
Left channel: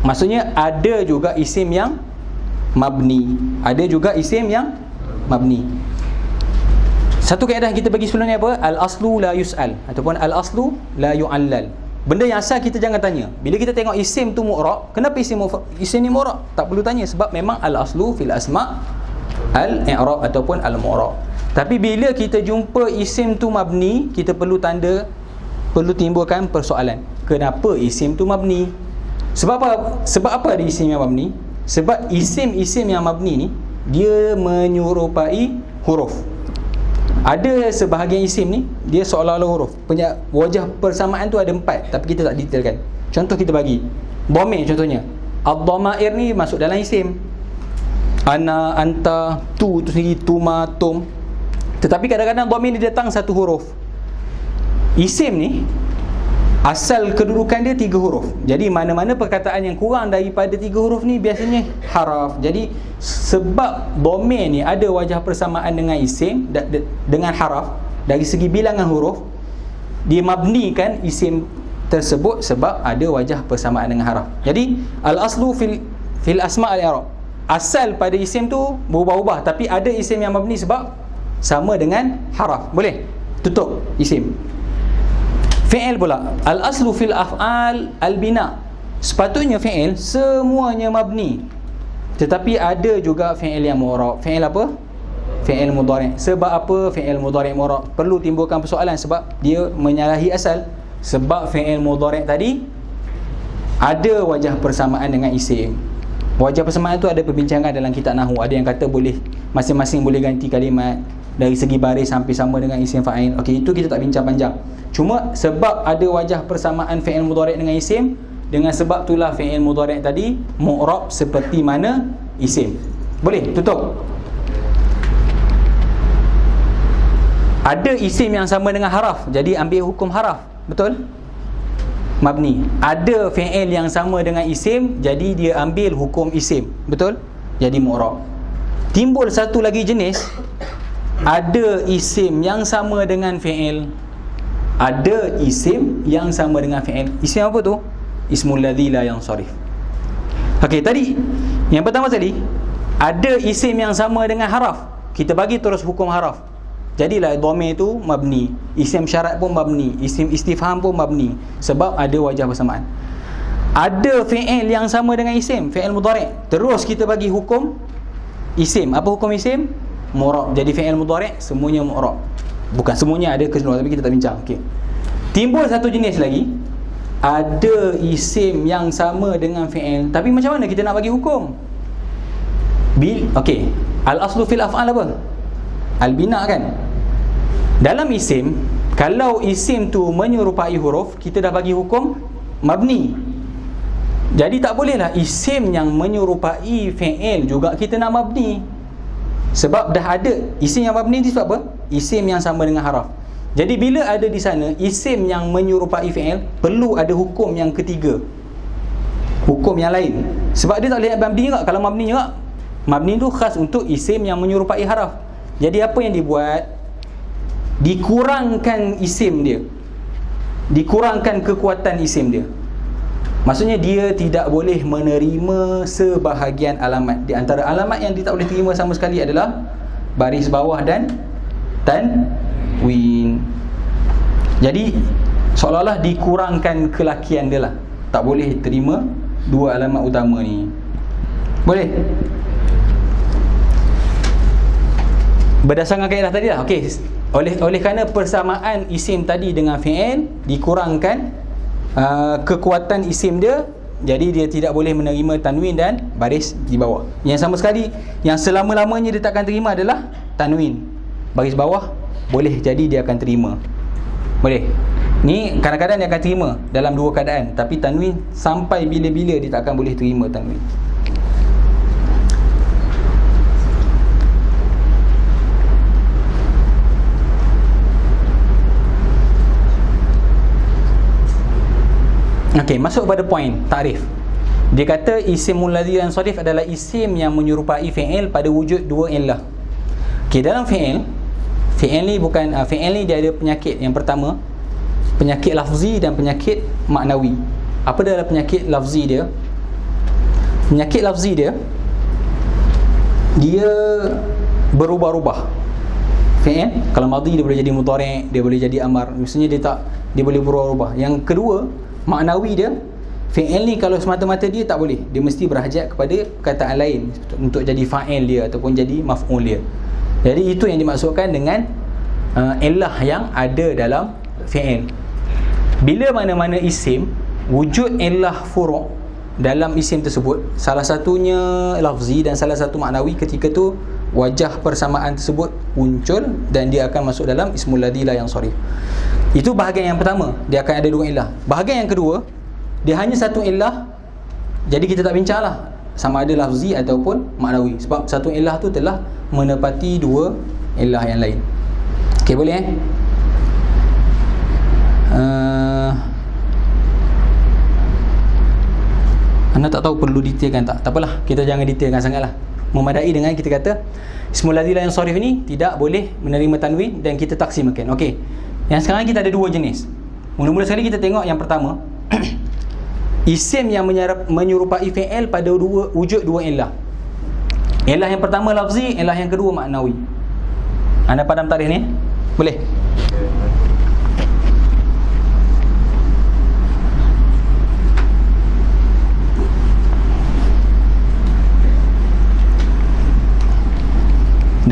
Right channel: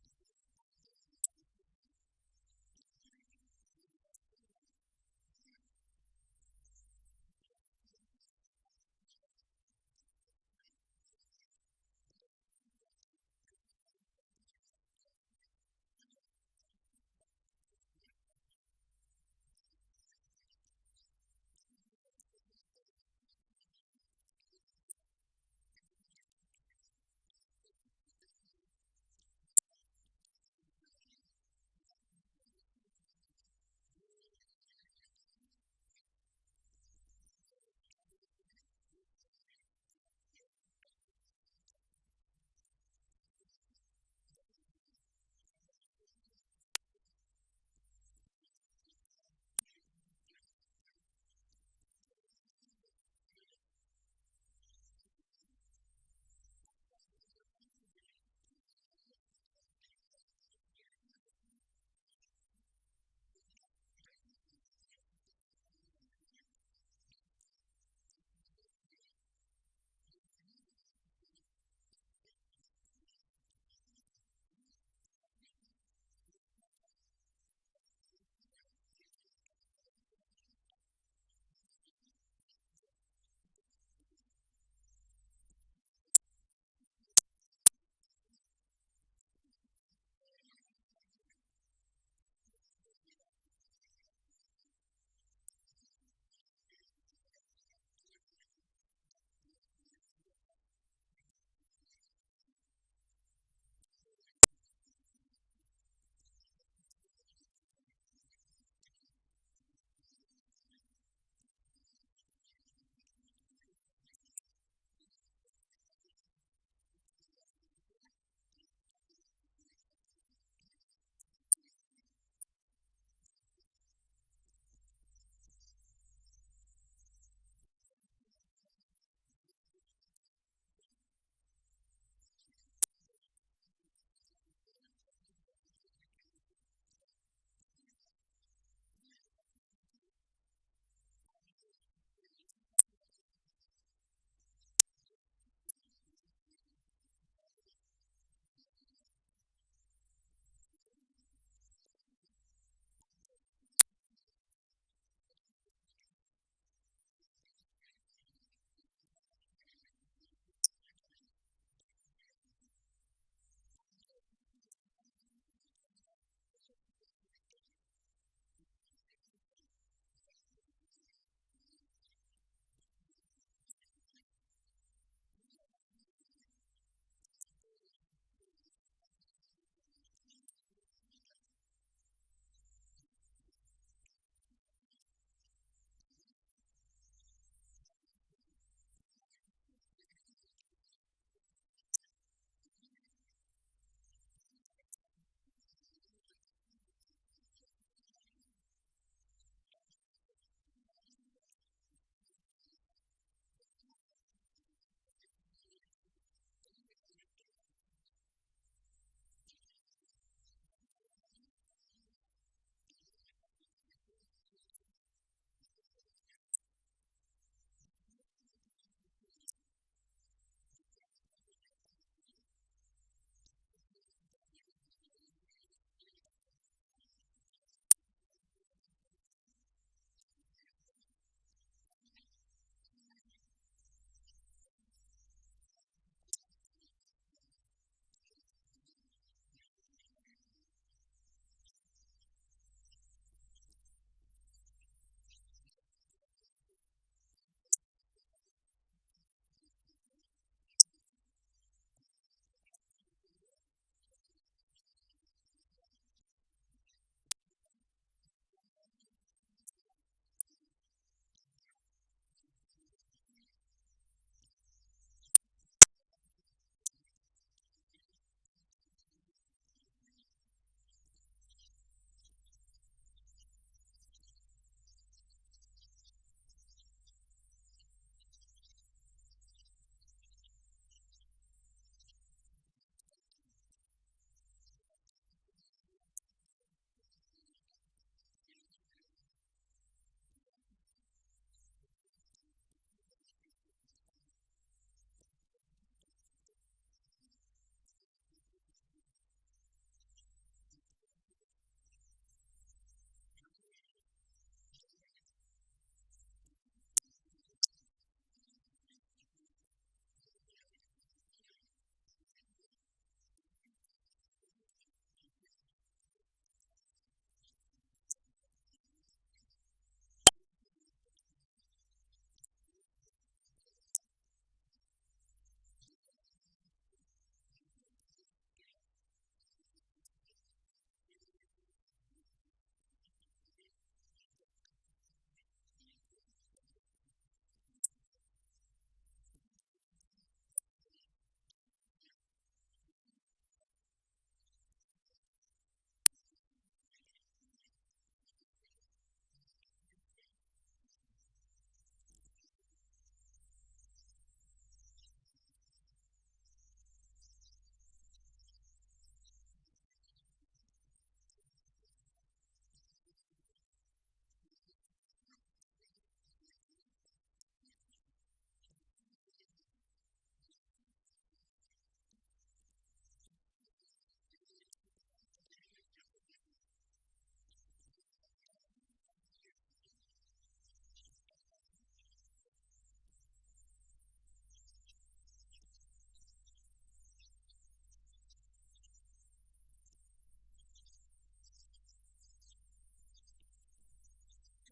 maksudnya ada juga isim yang mabni, ada juga isim yang mabni. Satu kaedah kita bagi sebelum ni apa? Al-aslu la yus'al ataupun al-aslu la yu'allal. Benda yang asal kita jangan tanya. Bila kita tengok isim tu mu'rab, kenapa isim ni mu'rab? Tak perlu tanya, sebab memang al-aslu fil asma al-i'rab ataupun al-mu'rab. Tapi bila kita jumpa isim tu mabni, kita perlu timbulkan persoalan. Kenapa isim tu mabni? Sebab apa ada isim yang mabni? Sebab isim-isim yang mabni ni dia menyerupai huruf. Ada sebahagian isim ni dia seolah-olah huruf. Wajah persamaan tu ada 4, tapi kita tak detailkan. Contoh kita bagi dhamir contohnya. Ad-dhamair ni masuk dalam isim. Ana, anta, tu sendiri, tuma, tum. Tetapi kadang-kadang dhamir ni datang satu huruf. Isim ni asal kedudukan dia 3 huruf. Jadi mana-mana perkataan yang kurang daripada 3 huruf ni biasanya haraf. Jadi sebab dhamir ni ada wajah persamaan dengan isim dengan haraf, dari segi bilangan huruf dia mabnikan isim tersebut sebab ada wajah persamaan dengan haraf. Jadi al-aslu fil asma al-i'rab, asal pada isim tu berubah-ubah, tapi ada isim yang mabni sebab sama dengan haraf. Boleh tutup isim. Fi'il pula, al-aslu fil af'al al-bina. Sepatutnya fi'il semuanya mabni. Tetapi ada juga fi'il yang mu'rab. Fi'il apa? Fi'il mudhari'. Sebab apa fi'il mudhari' mu'rab? Perlu timbulkan persoalan sebab dia menyalahi asal. Sebab fi'il mudhari' tadi ada wajah persamaan dengan isim. Wajah persamaan tu ada perbincangan dalam kitab nahwu. Ada yang kata boleh masing-masing boleh ganti kalimat dari segi baris sampai sama dengan isim fa'il. Okey, itu kita tak bincang panjang. Cuma sebab ada wajah persamaan fi'il mudhari' dengan isim, dengan sebab itulah fi'il mudhari' tadi mu'rab seperti mana isim. Boleh tutup. Ada isim yang sama dengan haraf, jadi ambil hukum haraf. Betul? Mabni. Ada fi'il yang sama dengan isim, jadi dia ambil hukum isim. Betul? Jadi mu'rab. Timbul satu lagi jenis, ada isim yang sama dengan fi'il, ada isim yang sama dengan fi'il. Isim apa tu? Ismul ladzi la yansarif. Okey, tadi yang pertama tadi ada isim yang sama dengan haraf, kita bagi terus hukum haraf. Jadilah dhamir tu mabni, isim syarat pun mabni, isim istifham pun mabni, sebab ada wajah bersamaan. Ada fi'il yang sama dengan isim, fi'il mudhari', terus kita bagi hukum isim. Apa hukum isim? Mu'rab. Jadi fi'il mudhari' semuanya mu'rab. Bukan semuanya, ada keseluruhan, tapi kita tak bincang. Okey. Timbul satu jenis lagi, ada isim yang sama dengan fi'il, tapi macam mana kita nak bagi hukum? Okey, al-aslu fil af'al apa? Al-bina kan? Dalam isim, kalau isim tu menyerupai huruf, kita dah bagi hukum mabni. Jadi tak bolehlah isim yang menyerupai fi'il juga kita nak mabni. Sebab dah ada isim yang mabni ni sebab apa? Isim yang sama dengan haraf. Jadi bila ada di sana isim yang menyerupai fi'il, perlu ada hukum yang ketiga, hukum yang lain. Sebab dia tak boleh mabni juga. Kalau mabni juga, mabni tu khas untuk isim yang menyerupai haraf. Jadi apa yang dibuat? Dikurangkan isim dia, dikurangkan kekuatan isim dia. Maksudnya dia tidak boleh menerima sebahagian alamat. Di antara alamat yang dia tak boleh terima sama sekali adalah baris bawah dan tanwin. Jadi seolah-olah dikurangkan kelakian dia lah, tak boleh terima dua alamat utama ni. Boleh? Berdasarkan kaedah tadi lah. Okey. Oleh kerana persamaan isim tadi dengan fi'il, dikurangkan kekuatan isim dia, jadi dia tidak boleh menerima tanwin dan baris di bawah. Yang sama sekali, yang selama-lamanya dia takkan terima adalah tanwin. Baris bawah boleh jadi dia akan terima. Boleh. Ni kadang-kadang dia akan terima dalam dua keadaan, tapi tanwin sampai bila-bila dia tak akan boleh terima tanwin. Okey, masuk pada poin takrif. Dia kata isimul ladzi yansarif adalah isim yang menyerupai fi'il pada wujud dua illah. Okey, dalam fi'il ni bukan fi'il ni dia ada penyakit. Yang pertama, penyakit lafzi dan penyakit maknawi. Apa adalah penyakit lafzi dia? Penyakit lafzi dia berubah-ubah. Fi'il kalau madhi dia boleh jadi mudhari', dia boleh jadi amar. Maksudnya dia boleh berubah-ubah. Yang kedua, maknawi dia, fi'il ni kalau semata-mata dia tak boleh, dia mesti berhajat kepada perkataan lain untuk jadi fa'il dia ataupun jadi maf'ul dia. Jadi itu yang dimaksudkan dengan illah yang ada dalam fi'il. Bila mana-mana isim wujud illah furu' dalam isim tersebut, salah satunya lafzi dan salah satu maknawi, ketika tu wajah persamaan tersebut muncul dan dia akan masuk dalam ismul ladzi la yansarif. Itu bahagian yang pertama, dia akan ada dua illah. Bahagian yang kedua, dia hanya satu illah, jadi kita tak bincanglah sama ada lafzi ataupun maknawi, sebab satu illah tu telah menepati dua illah yang lain. Okey, boleh anda tak tahu perlu detailkan tak? Tak apalah, kita jangan detailkan sangatlah. Memadai dengan kita kata ismul ladzi la yansarif ni tidak boleh menerima tanwin dan kita taksimakan. Okey. Yang sekarang kita ada dua jenis. Mula-mula sekali kita tengok yang pertama. Isim yang menyerupai fi'il pada wujud dua illah. Illah yang pertama lafzi, illah yang kedua maknawi. Anda faham tarikh ni? Boleh?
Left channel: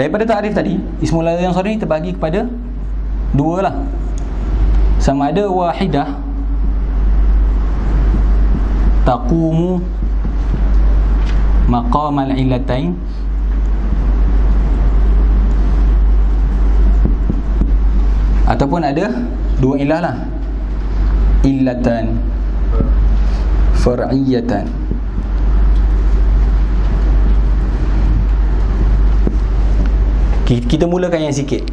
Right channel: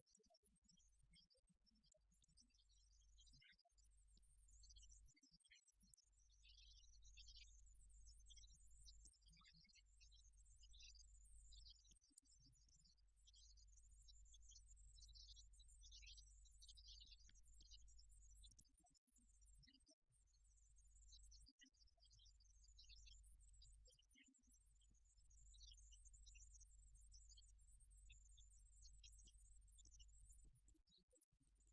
Daripada ta'rif tadi, ismul ladzi yang sharif ni terbagi kepada dua lah. Sama ada wahidah taqumu maqamal illatain, ataupun ada dua ilah lah, illatan far'iyatan. Kita mulakan yang sikit.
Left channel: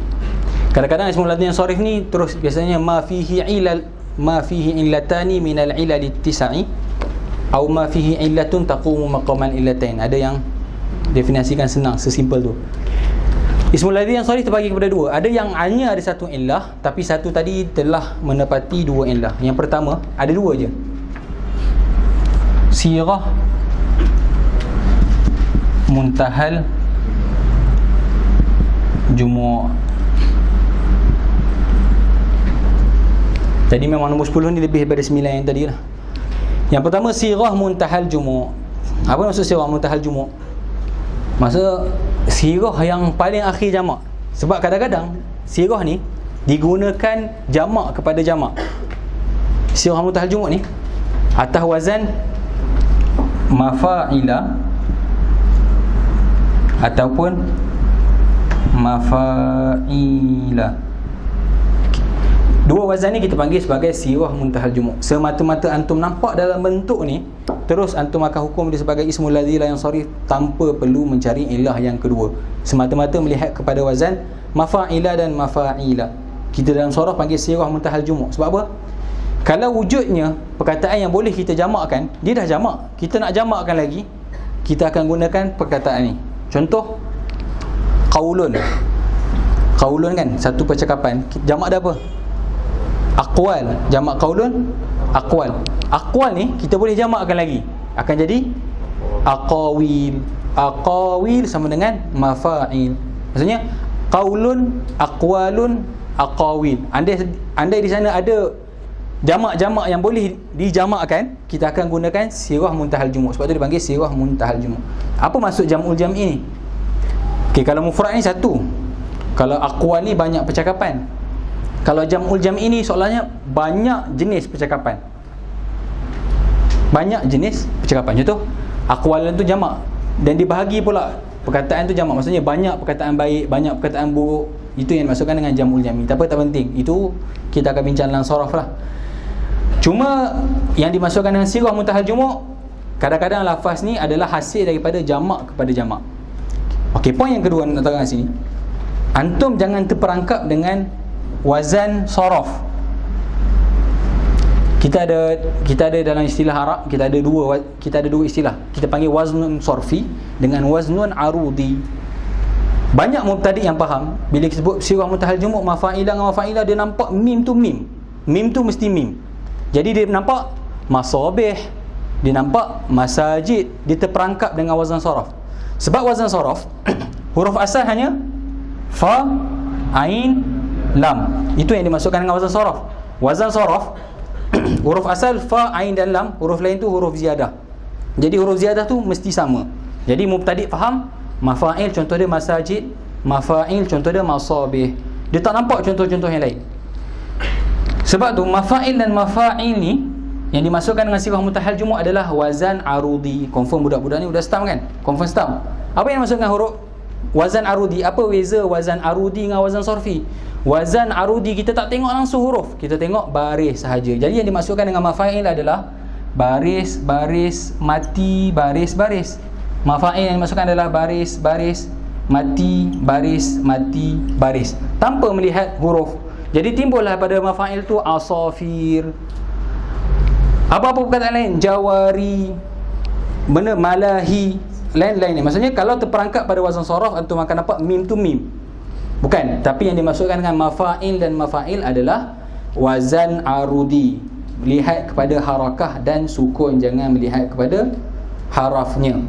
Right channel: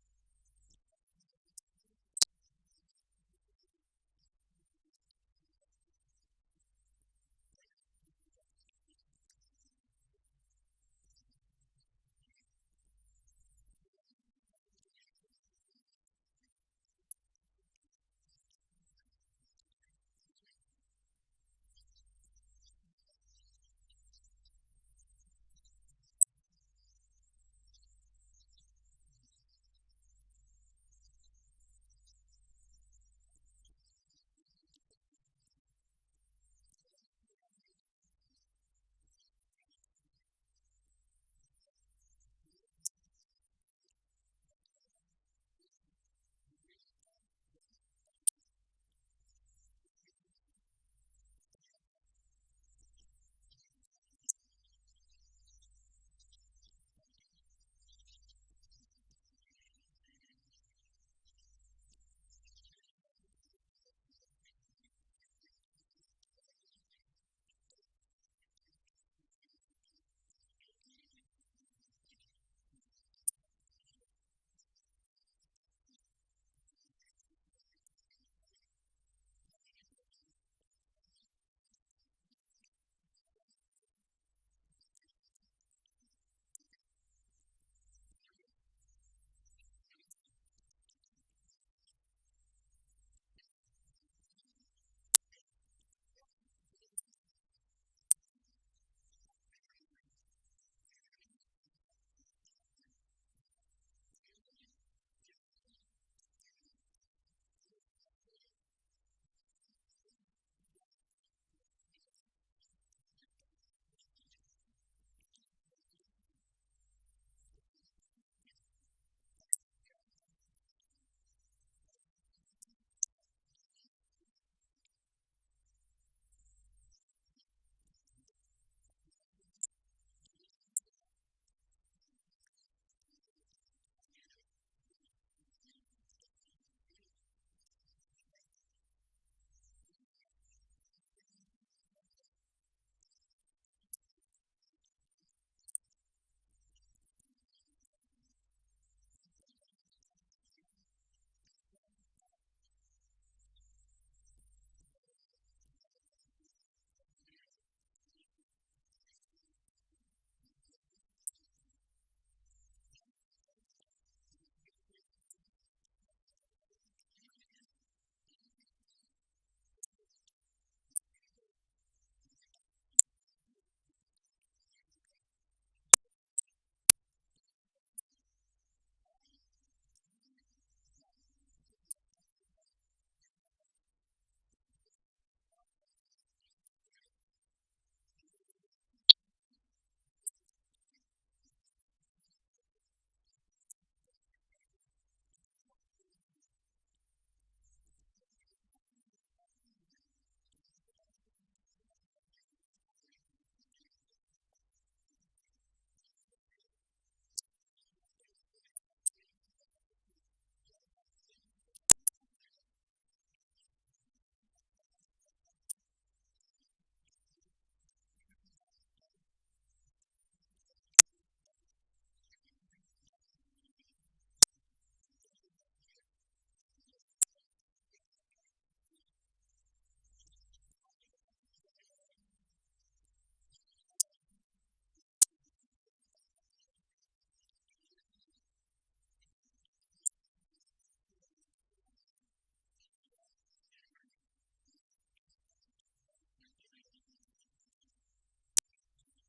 Kadang-kadang ismul ladzi yang sharif ni terus biasanya ma fihi illatani minal ilal ittisa'i atau ma fihi illatun taqumu maqaman illatain. Ada yang definisikan senang, sesimpel tu. Ismul ladzi yang sharif terbagi kepada dua. Ada yang hanya ada satu illah, tapi satu tadi telah menepati dua illah. Yang pertama, ada dua je. Sirah muntahal jumu'. Jadi memang nombor 10 ni lebih daripada 9 yang tadi lah. Yang pertama, sirah muntahal jumu'. Apa maksud sirah muntahal jumu'? Maksud sirah yang paling akhir jamak. Sebab kadang-kadang sirah ni digunakan jamak kepada jamak. Sirah muntahal jumu' ni atas wazan mafa'ila ataupun mafa'ila. Dua wazan ni kita panggil sebagai sirah muntahal jumu'. Semata-mata antum nampak dalam bentuk ni, terus antum akan hukum dia sebagai ismul ladzi la yansharif tanpa perlu mencari ilah yang kedua. Semata-mata melihat kepada wazan mafa'ila dan mafa'ila. Kita dalam surah panggil sirah muntahal jumu'. Sebab apa? Kalau wujudnya perkataan yang boleh kita jamakkan, dia dah jamak. Kita nak jamakkan lagi, kita akan gunakan perkataan ni. Contoh, qaulun. Qaulun kan, satu percakapan. Jamak dah apa? Aqwal. Jamak qaulun, aqwal. Aqwal ni kita boleh jamakkan lagi, akan jadi aqawil. Aqawil sama dengan mafa'il. Maksudnya qaulun, aqwalun, aqawil. Andai di sana ada jamak-jamak yang boleh dijamakkan, kita akan gunakan sirah muntahal jumu'. Sebab tu dipanggil sirah muntahal jumu'. Apa maksud jam'ul jam'i ni? Okey, kalau mufrad ni satu, kalau aqwal ni banyak percakapan. Kalau jam'ul jam'i ni soalannya banyak jenis percakapan. Banyak jenis percakapan. Contoh, aqwalan tu jamak dan dibahagi pula perkataan tu jamak. Maksudnya banyak perkataan baik, banyak perkataan buruk. Itu yang dimasukkan dengan jam'ul jam'i. Tak apa, tak penting. Itu kita akan bincang dalam saraf lah. Cuma yang dimasukkan dengan sirah muntahal jumu', kadang-kadang lafaz ni adalah hasil daripada jamak kepada jamak. Okey, poin yang kedua nak terangkan sini. Antum jangan terperangkap dengan wazan saraf. Kita ada dalam istilah Arab, kita ada dua istilah. Kita panggil waznun sarfi dengan waznun arudi. Banyak mubtadi yang faham bila disebut sirah muntahal jumu' mafa'ila dengan mafa'ila, dia nampak mim tu mim. Mim tu mesti mim. Jadi dia nampak masabih, dia nampak masajid, dia terperangkap dengan wazan saraf. Sebab wazan saraf huruf asal hanya fa, ain, lam. Itu yang dimasukkan dengan wazan saraf. Wazan saraf huruf asal fa, ain dan lam, huruf lain tu huruf ziyadah. Jadi huruf ziyadah tu mesti sama. Jadi mubtadi faham mafa'il contoh dia masajid, mafa'il contoh dia masabih. Dia tak nampak contoh-contoh yang lain. Sebab tu mafa'il dan mafa'il ni yang dimasukkan dengan sirah muntahal jumu' adalah wazan arudi. Confirm budak-budak ni udah stamp kan? Confirm stamp. Apa yang dimasukkan huruf wazan arudi? Apa beza wazan arudi dengan wazan sarfi? Wazan arudi kita tak tengok langsung huruf, kita tengok baris sahaja. Jadi yang dimasukkan dengan mafa'il adalah baris, baris, mati, baris, baris. Mafa'il yang dimasukkan adalah baris, baris, mati, baris, mati, baris, tanpa melihat huruf. Jadi timbullah pada mafa'il tu asafir, apa-apa perkataan lain, jawari, benda malahi, lain-lain ni. Maksudnya kalau terperangkap pada wazan saraf, antum akan dapat mim tu mim. Bukan, tapi yang dimasukkan dengan mafa'il dan mafa'il adalah wazan arudi. Lihat kepada harakah dan sukun, jangan melihat kepada harafnya.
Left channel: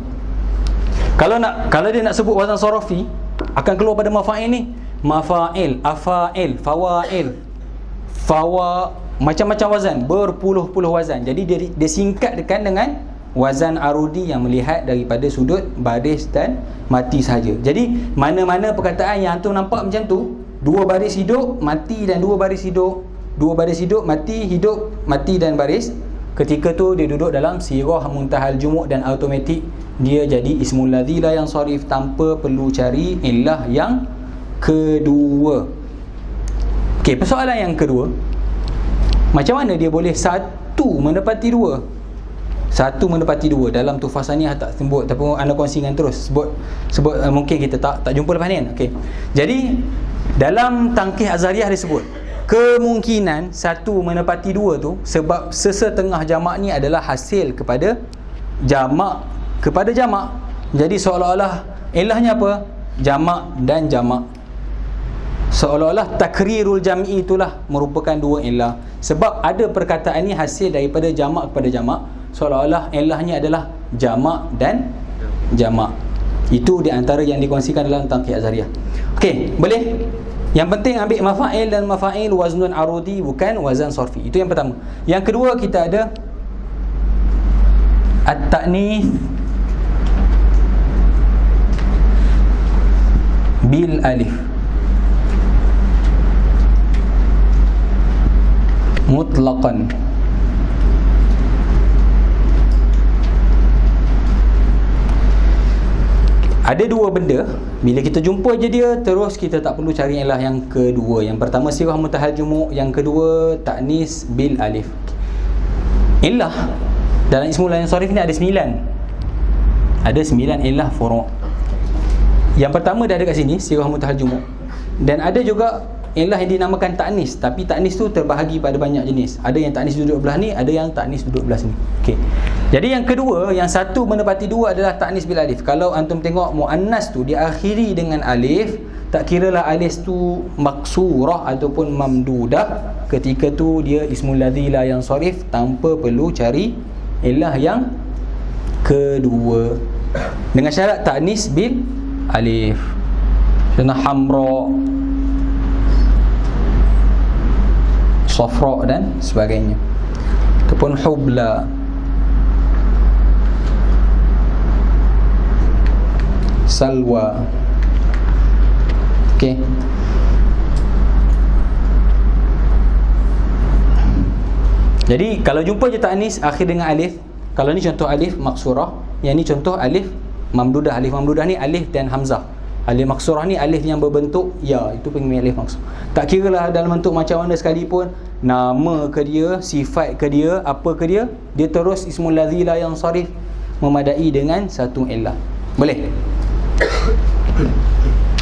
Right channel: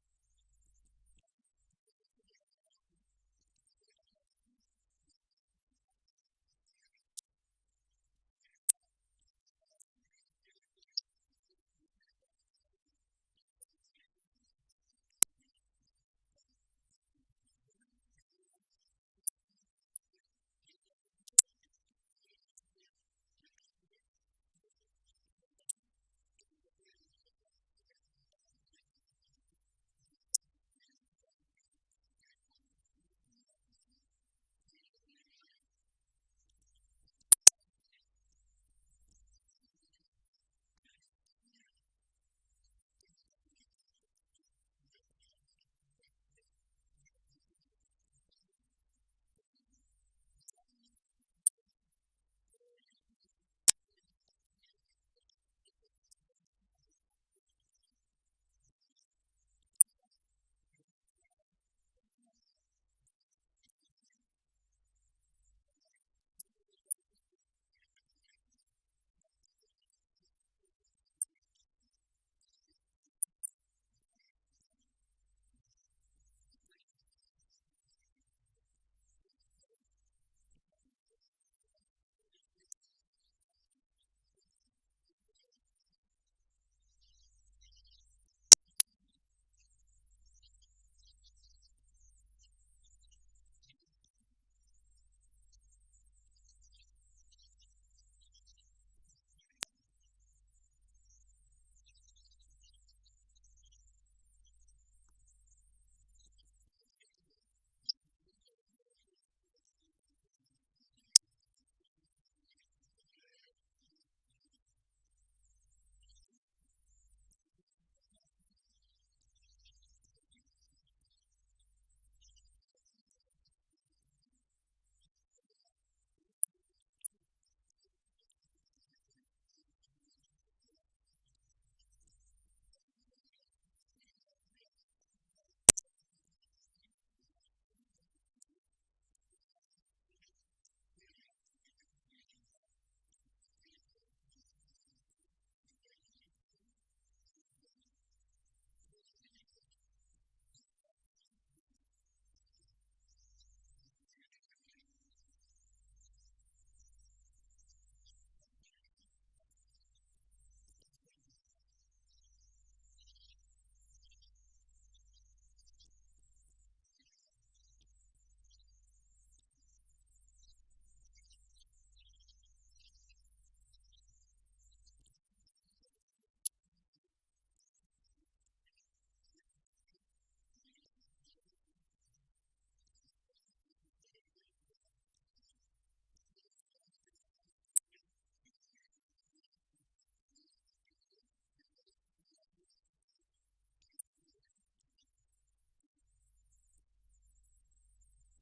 Kalau dia nak sebut wazan sarafi, akan keluar pada mafa'il ni. Mafa'il, afa'il, fawa'il, macam-macam wazan, berpuluh-puluh wazan. Jadi dia singkatkan dengan wazan arudi yang melihat daripada sudut baris dan mati sahaja. Jadi mana-mana perkataan yang antum nampak macam tu, dua baris hidup, mati dan dua baris hidup, dua baris hidup, mati dan baris, ketika tu dia duduk dalam sirah muntahal jumuk dan automatik dia jadi ismul ladzi la yansarif tanpa perlu cari illah yang kedua. Okey, persoalan yang kedua, macam mana dia boleh satu menepati dua? Satu menepati dua dalam Tuhfah Saniyah tak sebut, tapi anda kongsikan terus sebut mungkin kita tak jumpa lepas ni kan. Okey. Jadi dalam Tangkih Azhariyah disebut kemungkinan satu menepati dua tu sebab sesetengah jamak ni adalah hasil kepada jamak. Jadi seolah-olah ilahnya apa? Jamak dan jamak. Seolah-olah takrirul jam'i itulah merupakan dua ilah. Sebab ada perkataan ni hasil daripada jamak kepada jamak, seolah-olah ilahnya adalah jamak dan jamak. Itu di antara yang dikongsikan dalam Tangkih Azhariyah. Okey, boleh? Yang penting ambil mafa'il dan mafa'il waznun arudi, bukan wazan sarfi. Itu yang pertama. Yang kedua kita ada at-ta'nits bil alif mutlaqan. Ada dua benda, bila kita jumpa je dia, terus kita tak perlu cari ilah yang kedua. Yang pertama sirah muntahal jumuk, yang kedua ta'nis bil alif. Ilah dalam ismul ladzi yansarif ni ada 9. Ada 9 ilah furu'. Yang pertama dah ada kat sini, sirah muntahal jumuk. Dan ada juga ilah yang dinamakan ta'nis, tapi ta'nis tu terbahagi pada banyak jenis. Ada yang ta'nis duduk belah ni, ada yang ta'nis duduk belah sini. Okey. Jadi yang kedua, yang satu menepati dua adalah ta'nis bil alif. Kalau antum tengok muannas tu diakhiri dengan alif, tak kiralah alif tu maksurah ataupun mamdudah, ketika tu dia ismul ladzi la yansarif tanpa perlu cari ilah yang kedua. Dengan syarat ta'nis bil alif. Contoh hamra, safra dan sebagainya, ataupun hubla, salwa. Okey. Jadi kalau jumpa je ta'nis akhir dengan alif, kalau ni contoh alif maksurah, yang ni contoh alif mamdudah. Alif mamdudah ni alif dan hamzah. Alif maksurah ni alif yang berbentuk ya, itu panggil alif maksurah. Tak kiralah dalam bentuk macam mana sekalipun, nama ke dia, sifat ke dia, apa ke dia, dia terus ismul ladzi la yansarif, memadai dengan satu illah. Boleh?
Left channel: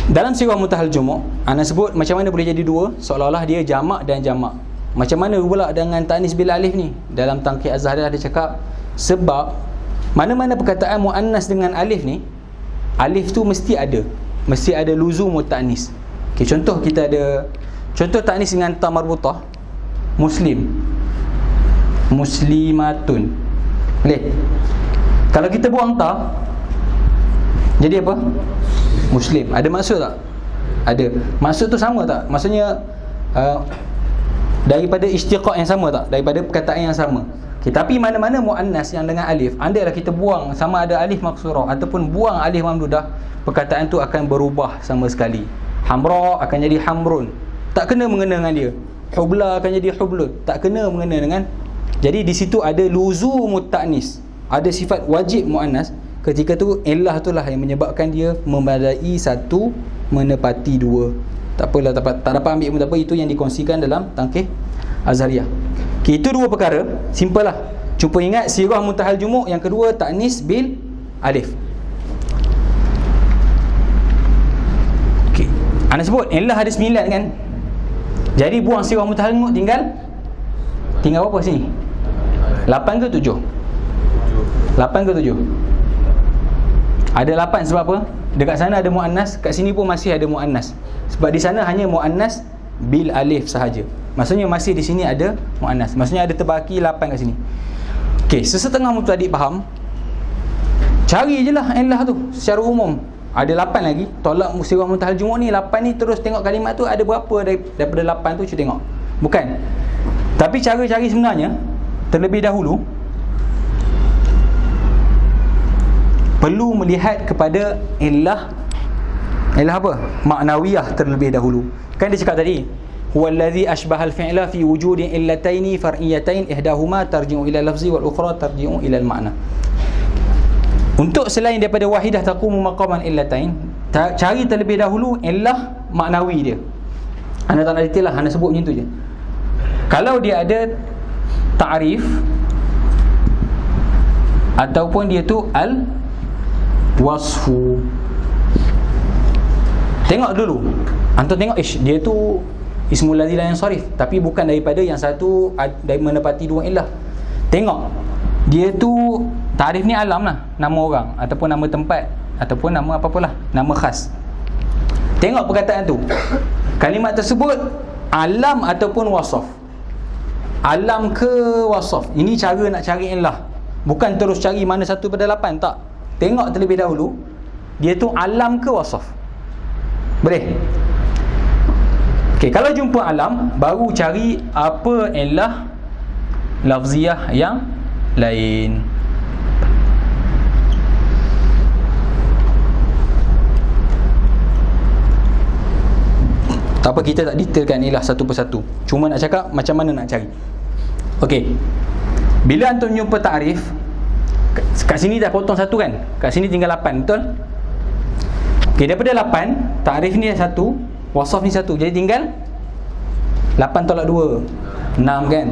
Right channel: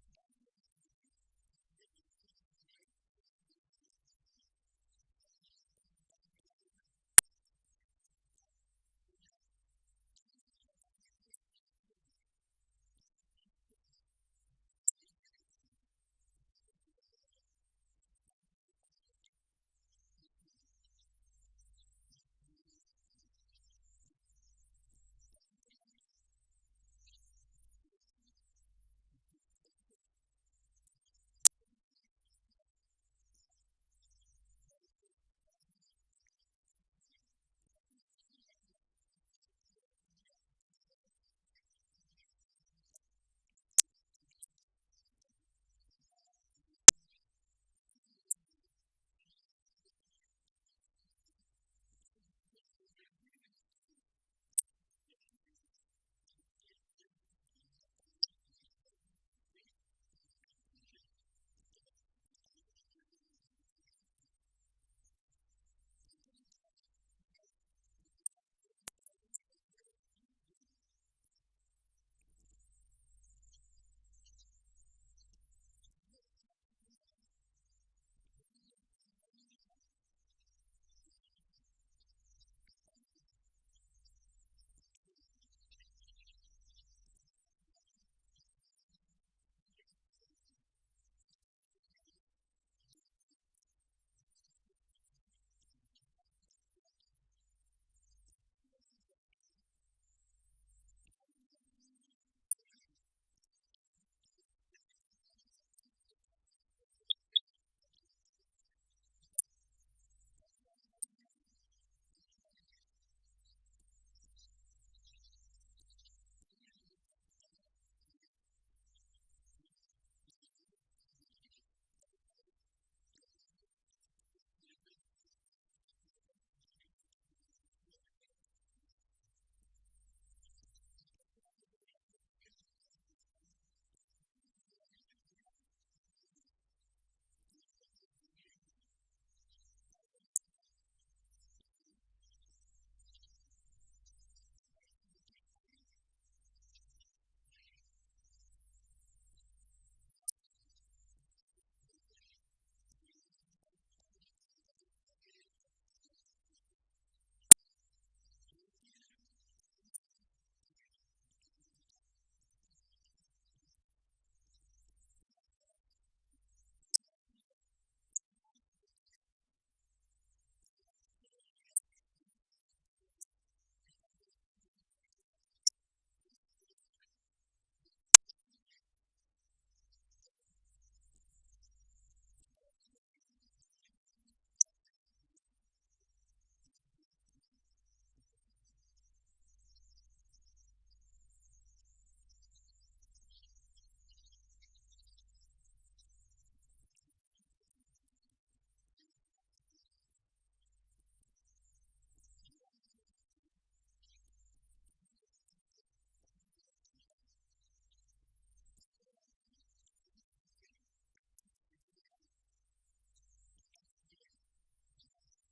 Dalam sirah muntahal jumuk, ana sebut macam mana boleh jadi dua, seolah-olah dia jamak dan jamak. Macam mana pula dengan ta'nis bil alif ni? Dalam Tangkih Azhariyah ada cakap, sebab mana-mana perkataan muannas dengan alif ni, alif tu mesti ada luzum ta'nis. Okey, contoh kita ada contoh ta'nis dengan ta marbutah, muslim, muslimatun. Boleh? Kalau kita buang ta, jadi apa? Muslim. Ada maksud tak? Ada. Maksud tu sama tak? Maksudnya daripada istiqaq yang sama tak? Daripada perkataan yang sama. Okay, tapi mana-mana muannas yang dengan alif, andailah kita buang sama ada alif maksurah ataupun buang alif mamdudah, perkataan tu akan berubah sama sekali. Hamra akan jadi hamrun, tak kena mengena dengan dia. Hubla akan jadi hublun, tak kena mengena dengan. Jadi di situ ada luzumut ta'nis, ada sifat wajib muannas. Ketika tu illah itulah yang menyebabkan dia memadai satu menepati dua. Tak apalah, tak dapat ambil pun tak apa, itu yang dikongsikan dalam Tangkih Azhariyah. Okay, itu dua perkara, simple lah. Cuba ingat sirah muntahal jumuk, yang kedua ta'nis bil alif. Okay, anda sebut illah ada 9 kan. Jadi buang sirah muntahal jumuk, tinggal berapa sini? 8 ke 7? 8 ke 7? Ada 8 sebab apa? Dekat sana ada muannas, kat sini pun masih ada muannas. Sebab di sana hanya muannas bil alif sahaja. Maksudnya masih di sini ada muannas. Maksudnya ada terbaki 8 kat sini. Okey, sesetengah mubtadi' faham. Cari je lah illah tu secara umum. Ada 8 lagi. Tolak sirah muntahal jumuk ni 8 ni, terus tengok kalimat tu ada berapa daripada 8 tu, cuba tengok. Bukan. Tapi cara cari sebenarnya terlebih dahulu perlu melihat kepada illah apa? Maknawiyah terlebih dahulu. Kan dia cakap tadi, huwallazi ashbahal fi'la fi wujudi illataini far'iyatain ihdahuma tarji'u ila lafzi wal ukhra tarji'u ila al-ma'na. Untuk selain daripada wahidah taqumu maqaman illatain, cari terlebih dahulu illah maknawi dia. Anda tak nak detail lah, anda sebut macam tu je. Kalau dia ada ta'rif ataupun dia tu al-wasfu, tengok dulu. Antum tengok, dia tu ismul ladzi la yansarif, tapi bukan daripada yang satu dari menepati dua illah. Tengok, dia tu ta'rif ni alam lah, nama orang ataupun nama tempat ataupun nama apa-apalah, nama khas. Tengok perkataan tu, kalimat tersebut alam ataupun wasaf. Alam ke wasaf? Ini cara nak cari illah. Bukan terus cari mana satu pada 8, tak. Tengok terlebih dahulu, dia tu alam ke wasaf. Boleh? Okey, kalau jumpa alam, baru cari apa illah lafziyah yang lain. Tak apa, kita tak detailkan ilah satu persatu. Cuma nak cakap macam mana nak cari. Okey. Bila antum jumpa ta'rif, kat sini dah potong satu kan? Kat sini tinggal 8, betul? Okey, daripada 8, ta'rif ni dah 1, wasaf ni 1. Jadi tinggal 8 tolak 2, 6 kan?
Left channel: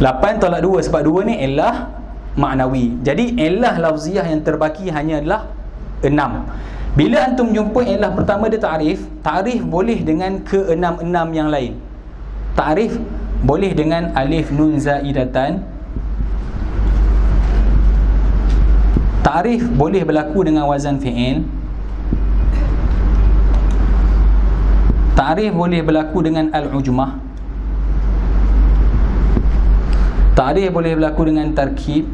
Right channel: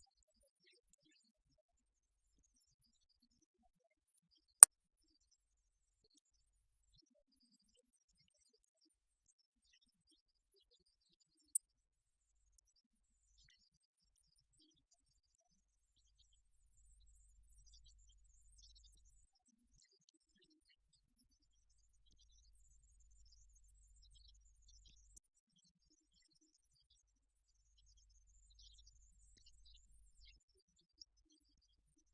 8 tolak 2, sebab 2 ni ilah maknawi. Jadi ilah lafziyah yang terbaki hanyalah 6. Bila antum jumpa ilah pertama dia ta'rif, ta'rif boleh dengan ke-6 yang lain. Ta'rif boleh dengan alif nun zaidatan. Ta'rif boleh berlaku dengan wazan fi'il. Ta'rif boleh berlaku dengan al-ujmah. Ta'rif boleh berlaku dengan tarkib.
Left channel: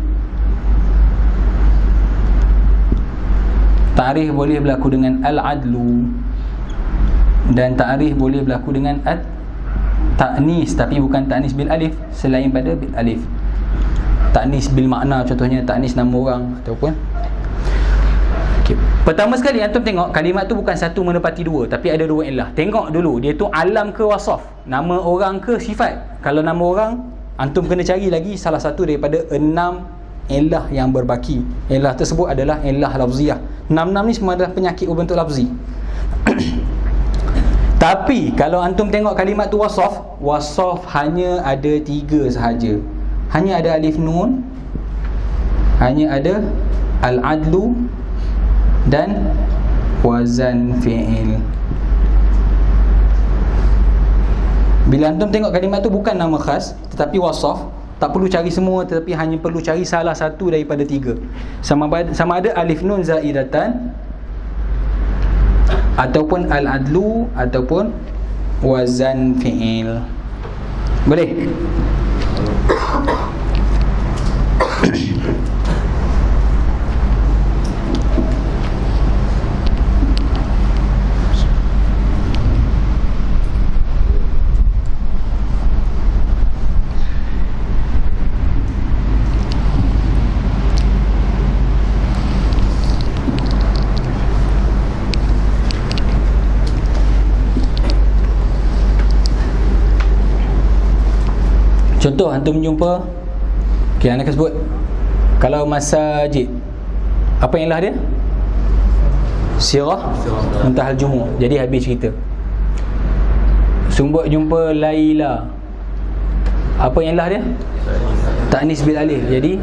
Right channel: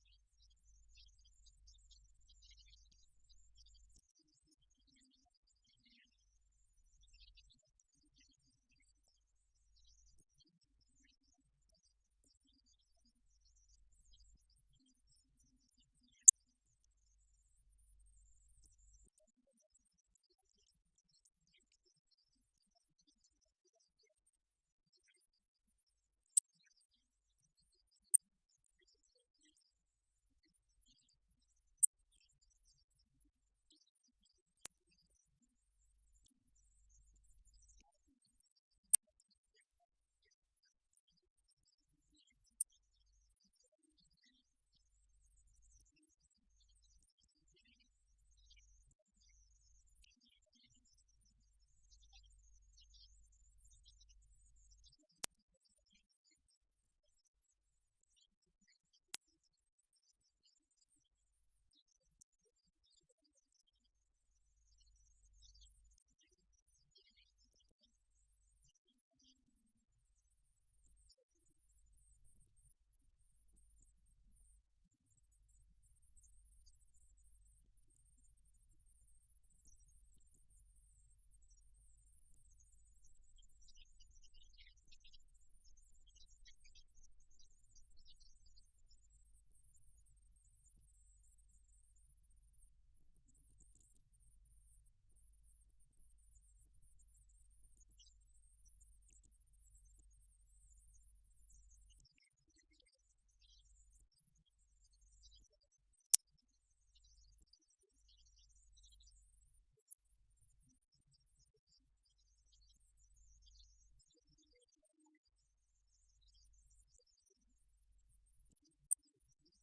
Ta'rif boleh berlaku dengan al-adlu. Dan ta'rif boleh berlaku dengan ta'nis, tapi bukan ta'nis bil alif, selain pada bil alif. Ta'nis bil makna, contohnya ta'nis nama orang ataupun. Okay. Pertama sekali antum tengok kalimat tu bukan satu menepati dua, tapi ada dua illah. Tengok dulu dia tu alam ke wasaf, nama orang ke sifat. Kalau nama orang, antum kena cari lagi salah satu daripada 6 illah yang berbaki. Illah tersebut adalah illah lafziyah. 6 ni semua adalah penyakit berbentuk lafzi. Tapi kalau antum tengok kalimat tu wasaf hanya ada 3 sahaja. Hanya ada alif nun, hanya ada al-adlu dan wazan fi'il. Bila antum tengok kalimat tu bukan nama khas tetapi wasaf, tak perlu cari semua, tetapi hanya perlu cari salah satu daripada 3. Sama ada alif nun zaidatan ataupun al-adlu ataupun wazan fi'il. Boleh? Contoh antum jumpa, okay, anda akan sebut kalau masajid, apa yang lah dia? Sirah Muntahal Jumu'. Jadi habis cerita. Sumbut jumpa Laila, apa yang lah dia? Ta'nis bil alif. Jadi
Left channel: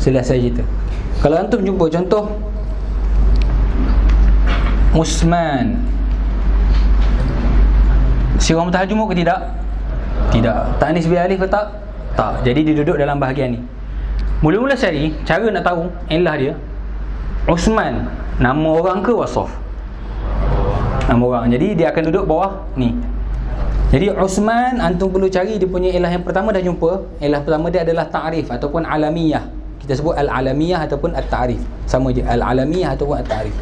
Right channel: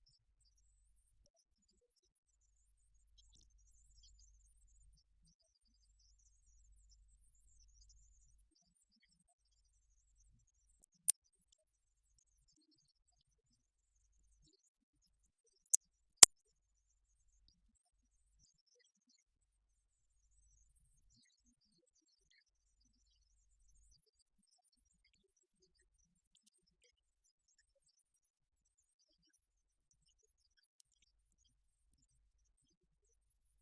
selesai cerita. Kalau antum jumpa contoh Usman, Sirah Muntahal Jumu' ke tidak? Tidak. Ta'nis bil alif ke tak? Tak. Jadi dia duduk dalam bahagian ni. Mula-mula cari, cara nak tahu illah dia, Usman, nama orang ke wasaf? Nama orang. Jadi dia akan duduk bawah ni. Jadi Usman, antum perlu cari dia punya illah yang pertama dah jumpa. Illah pertama dia adalah ta'rif ataupun alamiyah. Kita sebut al-alamiyah ataupun at-ta'rif. Sama je, al-alamiyah ataupun at-ta'rif.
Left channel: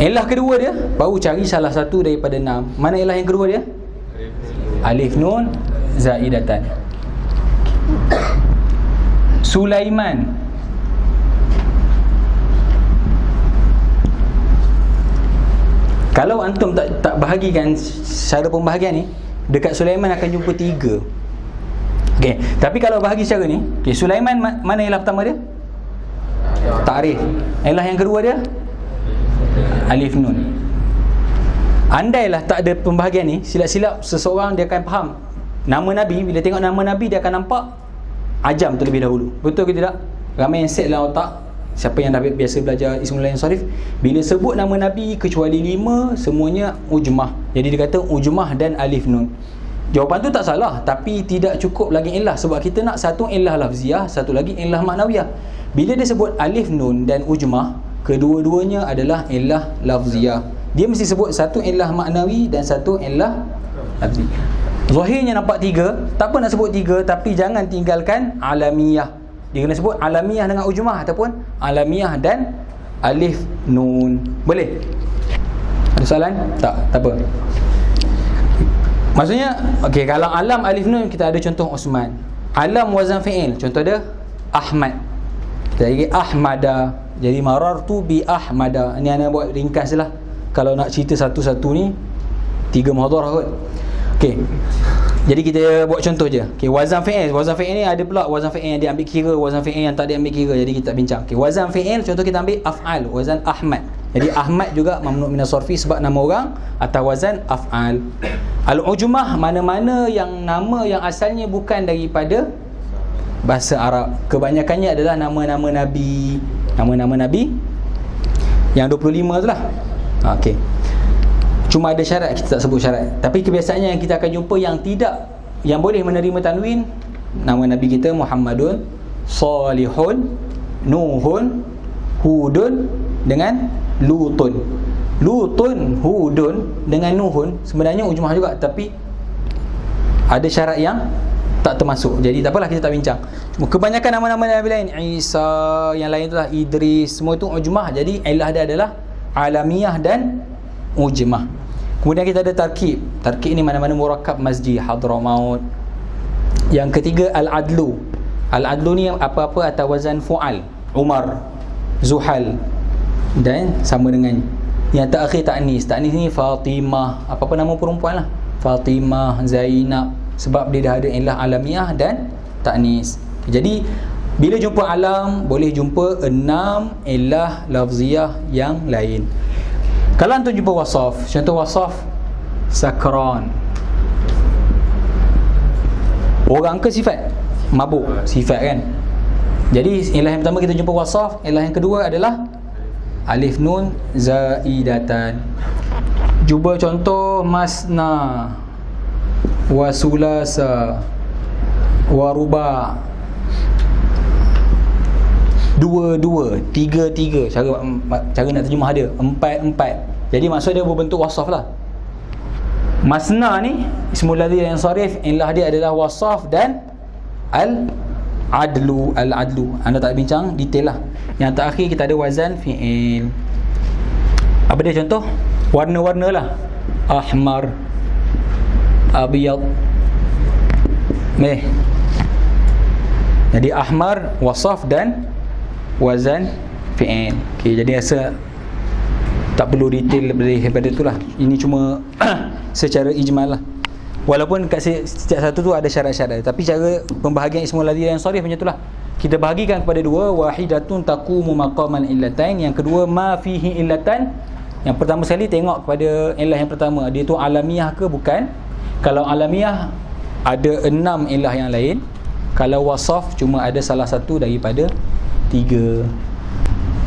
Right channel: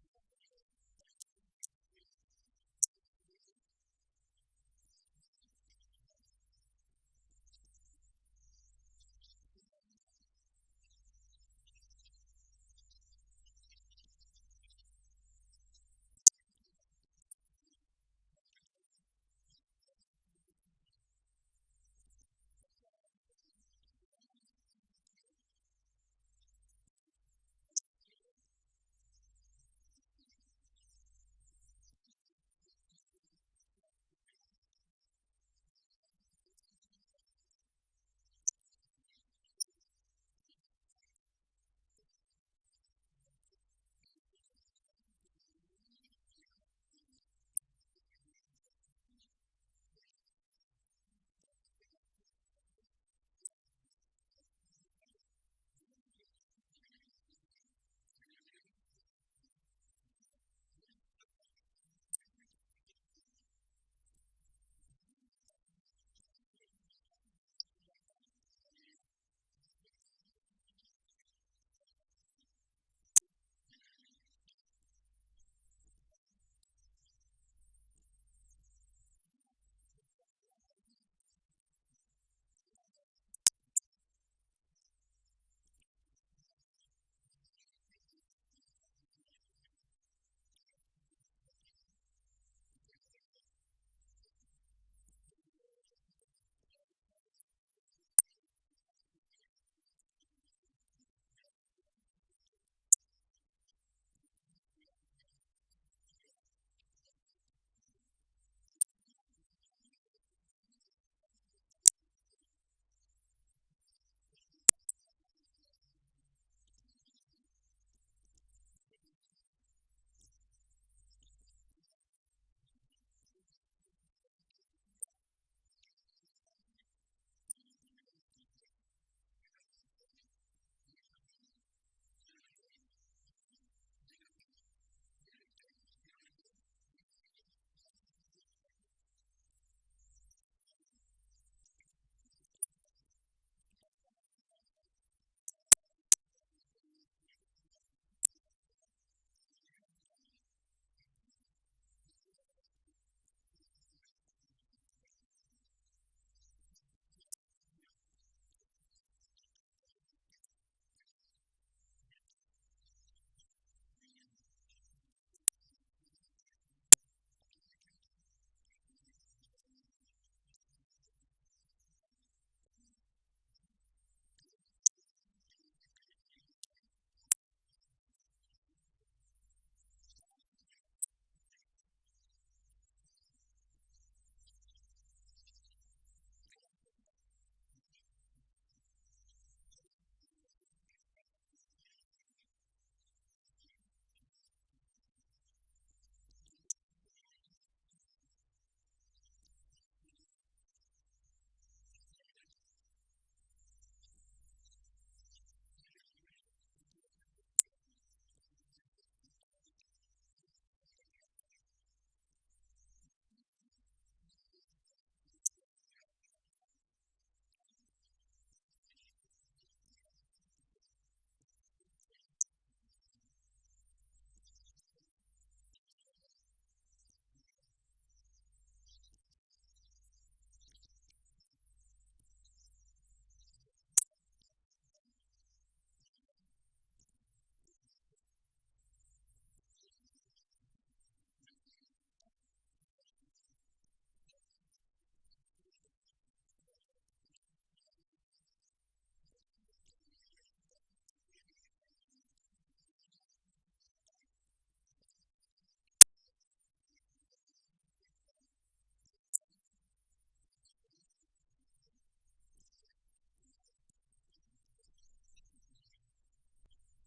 Illah kedua dia, baru cari salah satu daripada 6. Mana illah yang kedua dia? Alif nun zaidatan. Sulaiman, Kalau antum tak bahagikan cara pembahagian ni, dekat Sulaiman akan jumpa 3. Okey, tapi kalau bahagi secara ni, okey, Sulaiman mana ilah pertama dia? Ta'rif. Ilah yang kedua dia? Alif Nun. Andailah tak ada pembahagian ni, silap-silap seseorang dia akan faham nama Nabi, bila tengok nama Nabi dia akan nampak ajam terlebih dahulu. Betul ke tidak? Ramai yang set dalam otak, siapa yang dah biasa belajar Ismul Lain Sarif, bila sebut nama Nabi kecuali 5 semuanya ujmah. Jadi dia kata ujmah dan alif nun. Jawapan tu tak salah, tapi tidak cukup lagi illah, sebab kita nak satu illah lafziah, satu lagi illah maknawiyah. Bila dia sebut alif nun dan ujmah, kedua-duanya adalah illah lafziah. Dia mesti sebut satu illah maknawi dan satu illah lafzi. Zahirnya nampak 3, tak apa nak sebut 3, tapi jangan tinggalkan alamiyah. Dia kena sebut alamiyah dengan ujmah ataupun alamiyah dan alif nun. Boleh? Ada soalan? Tak apa. Maksudnya, okey, kalau alam alif nun kita ada contoh Osman. Alam wazan fi'il, contoh dia Ahmad. Kita lagi Ahmada. Jadi marartu bi Ahmada. Ini ana buat ringkas lah. Kalau nak cerita satu-satu ni 3 muhadharah kot. Okey. Jadi kita buat contoh je. Okey, wazan fi'il. Wazan fi'il ni ada pula wazan fi'il yang diambil kira, wazan fi'il yang tak diambil kira. Jadi kita bincang. Okey, wazan fi'il contoh kita ambil af'al, wazan Ahmad. Jadi Ahmad juga mamnu' minas sarfi sebab nama orang atau wazan af'al. Al-ujmah mana-mana yang nama yang asalnya bukan daripada bahasa Arab. Kebanyakannya adalah nama-nama nabi. Nama-nama nabi yang 25 tu lah. Okey. Cuma ada syarat, kita tak sebut syarat. Tapi kebiasaannya yang kita akan jumpa yang tidak, yang boleh menerima tanwin, nama Nabi kita Muhammadun, Salihun, Nuhun, Hudun dengan Lutun. Lutun, Hudun dengan Nuhun sebenarnya ujmah juga, tapi ada syarat yang tak termasuk. Jadi tak apalah, kita tak bincang. Cuma kebanyakan nama-nama Nabi lain, Isa, yang lain itulah Idris, semua itu ujmah. Jadi ilah dia adalah alamiyah dan ujmah. Kemudian kita ada tarkib. Tarkib ni mana-mana murakkab masjid, Hadramaut. Yang ketiga al-adlu. Al-adlu ni apa-apa atas wazan fu'al. Umar, Zuhal dan sama dengan yang terakhir ta'nis. Ta'nis ni Fatimah, apa-apa nama perempuan lah. Fatimah, Zainab, sebab dia dah ada ilah alamiah dan ta'nis. Jadi bila jumpa alam, boleh jumpa 6 ilah lafziah yang lain. Kalau antum jumpa wasaf, contoh wasaf sakran. Orang ke sifat? Mabuk, sifat kan. Jadi ilah yang pertama kita jumpa wasaf, ilah yang kedua adalah alif nun zaidatan. Cuba contoh masna, wasulasa, waruba. 2-2, 3-3. Cara nak terjemah dia 4-4. Jadi maksud dia berbentuk wasaf lah. Masna ni ismul ladzi yang sarif, ilah dia adalah wasaf dan al-adlu. Al-adlu anda tak bincang detail lah. Yang terakhir kita ada wazan fi'il. Apa dia contoh? Warna-warna lah. Ahmar, abiyad, meh. Jadi ahmar wasaf dan wazan fi'il. Okey, jadi rasa tak perlu detail daripada itulah. Ini cuma secara ijmal lah. Walaupun kat setiap satu tu ada syarat-syarat, tapi cara pembahagian ismul ladzi yang sharif macam itulah. Kita bahagikan kepada 2, wahidatun taqumu maqaman illatain, yang kedua ma fihi illatan. Yang pertama sekali tengok kepada ilah yang pertama, dia tu alamiah ke bukan. Kalau alamiah ada 6 ilah yang lain. Kalau wasaf cuma ada salah satu daripada 3.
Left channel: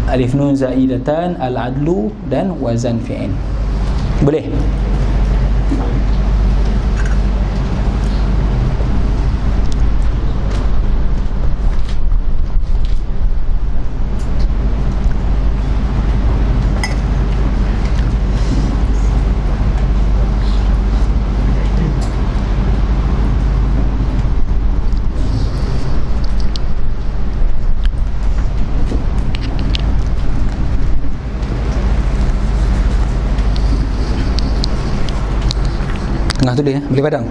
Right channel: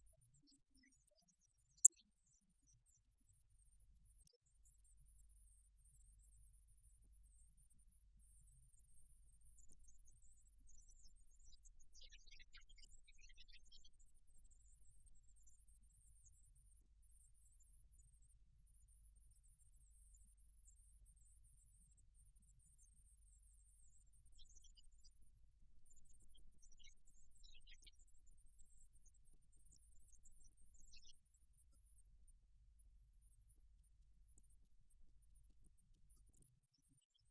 Alif nun zaidatan, al-adlu dan wazan fi'il. Boleh? Tengah tu dia, boleh padam.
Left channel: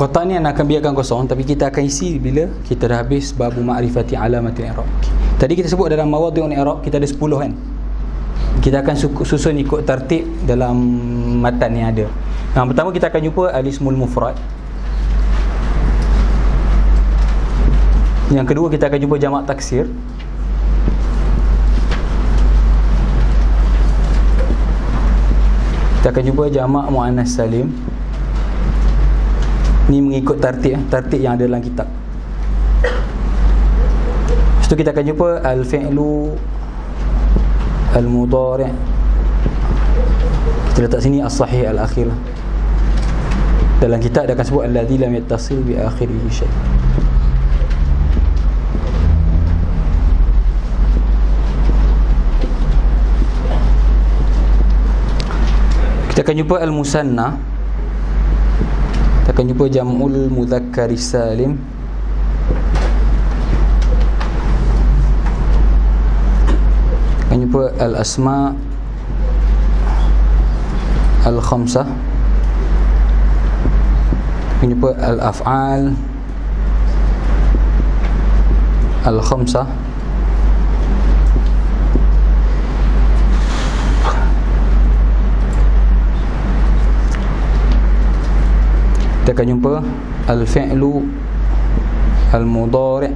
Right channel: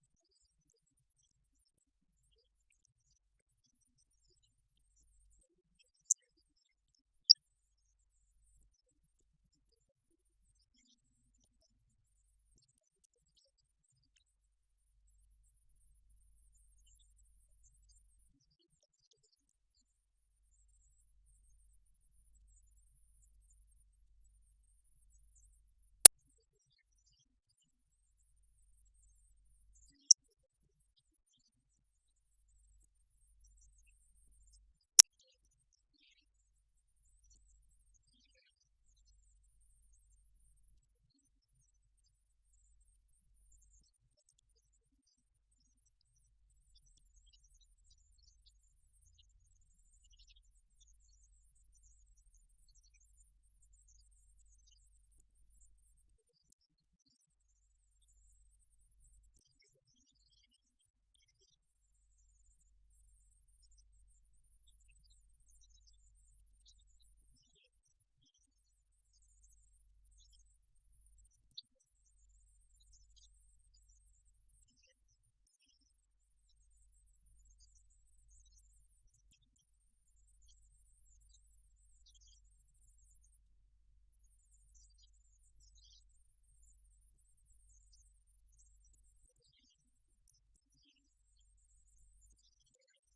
Kotak ni akan biarkan kosong, tapi kita akan isi bila kita dah habis babu ma'rifati alamatil i'rab. Tadi kita sebut dalam mawadhi'ul i'rab kita ada 10 kan. Kita akan susun ikut tertib dalam matan yang ada. Yang pertama kita akan jumpa al-ismul mufrad. Yang kedua kita akan jumpa jamak taksir. Kita akan jumpa jamak muannas salim. Ni mengikut tertib yang ada dalam kitab. Lepas tu kita akan jumpa al-fi'lu al-mudhari'. Kita letak sini as-sahih al-akhir. Dalam kitab dia akan sebut alladzi lam yattasil bi akhirihi syai'. Kita akan jumpa al-musanna. Kita akan jumpa jam'ul mudzakkar salim. Akan jumpa al-asma al-khamsah. Akan jumpa al-af'al al-khamsah. Kita akan jumpa al-fi'lu al-mudhari'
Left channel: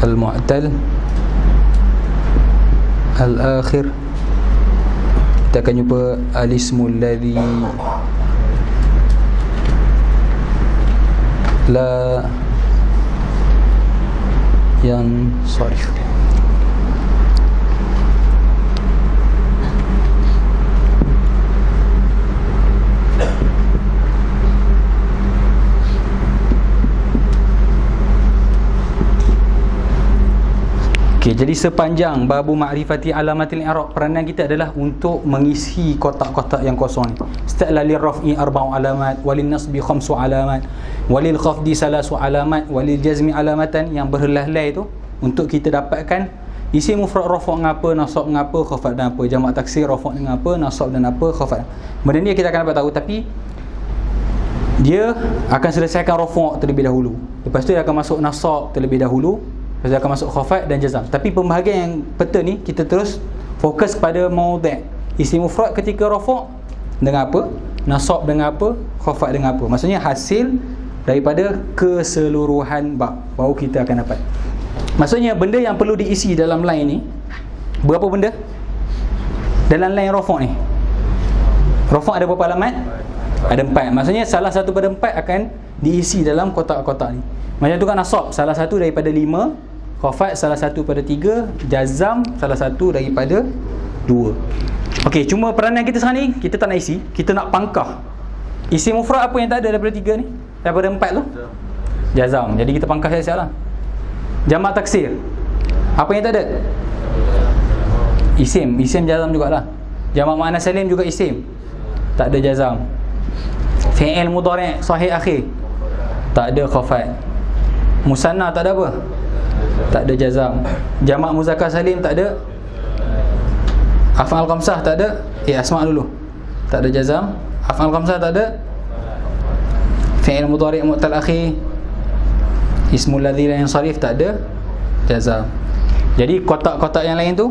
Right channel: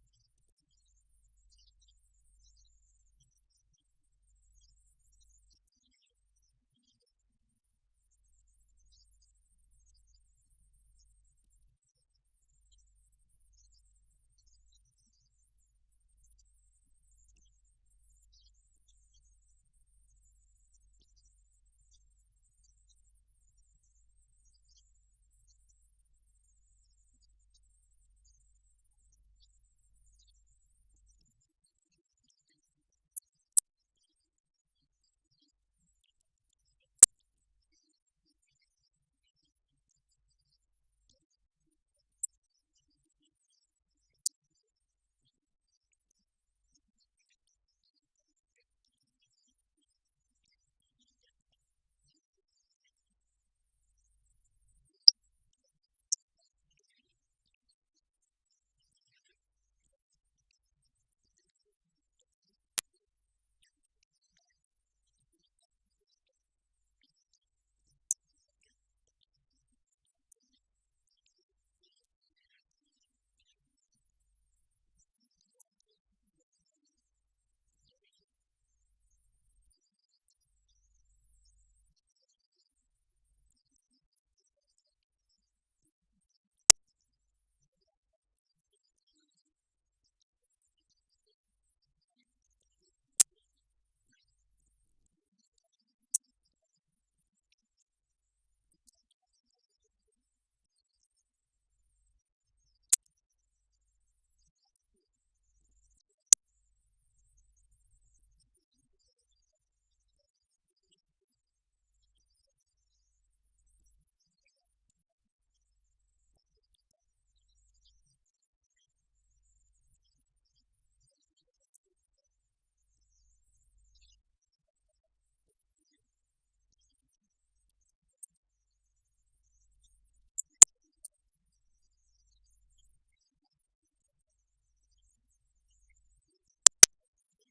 al-mu'tal al-akhir. Kita akan jumpa al-ismul ladzi la yansarif. Okey, jadi sepanjang babu ma'rifati alamatil i'rab, peranan kita adalah untuk mengisi kotak-kotak yang kosong ni. Setelah lil raf'i 4 alamat, walil nasbi 5 alamat, walil khafdi 3 alamat, walil jazmi alamatan, yang berhelai-helai tu untuk kita dapatkan isi mufrad rafa' ngapa, nasab ngapa, khafad dan apa, jamak taksir rafa' dengan apa, nasab dan apa, khafad. Benda ni kita akan dapat tahu, tapi dia akan selesaikan rafa' terlebih dahulu. Lepas tu dia akan masuk nasab terlebih dahulu. Lepas dia akan masuk khafad dan jazam. Tapi pembahagian yang peta ni kita terus fokus pada maudhi'. Isim mufrad ketika rafa' dengan apa, nasab dengan apa, khafad dengan apa. Maksudnya hasil daripada keseluruhan bab baru kita akan dapat. Maksudnya benda yang perlu diisi dalam line ni berapa benda? Dalam line rafa' ni. Rafa' ada berapa alamat? Ada 4. Maksudnya salah satu pada 4 akan diisi dalam kotak-kotak ni. Macam tu kan nasab, salah satu daripada 5, khafad salah satu pada 3, jazam salah satu daripada 2. Okey, cuma peranan kita sekarang ni kita tak nak isi, kita nak pangkah. Isi mufrad apa yang tak ada daripada 3 ni? Daripada 4 tu? Jazam. Jadi kita pangkah siap-siap lah. Jamak taksir. Apa yang tak ada? Isim jazam jugalah. Jamak muannas salim juga isim. Tak ada jazam. Fi'il mudhari' sahih akhir. Tak ada khafad. Musanna tak ada apa? Tak ada jazam. Jamak muzakkar salim tak ada. Af'al khamsah tak ada. Asma' dulu. Tak ada jazam. Af'al khamsah tak ada. Fi'il mudhari' mu'tal akhir. Ismul ladzi la yansarif tak ada jazam. Jadi kotak-kotak yang lain tu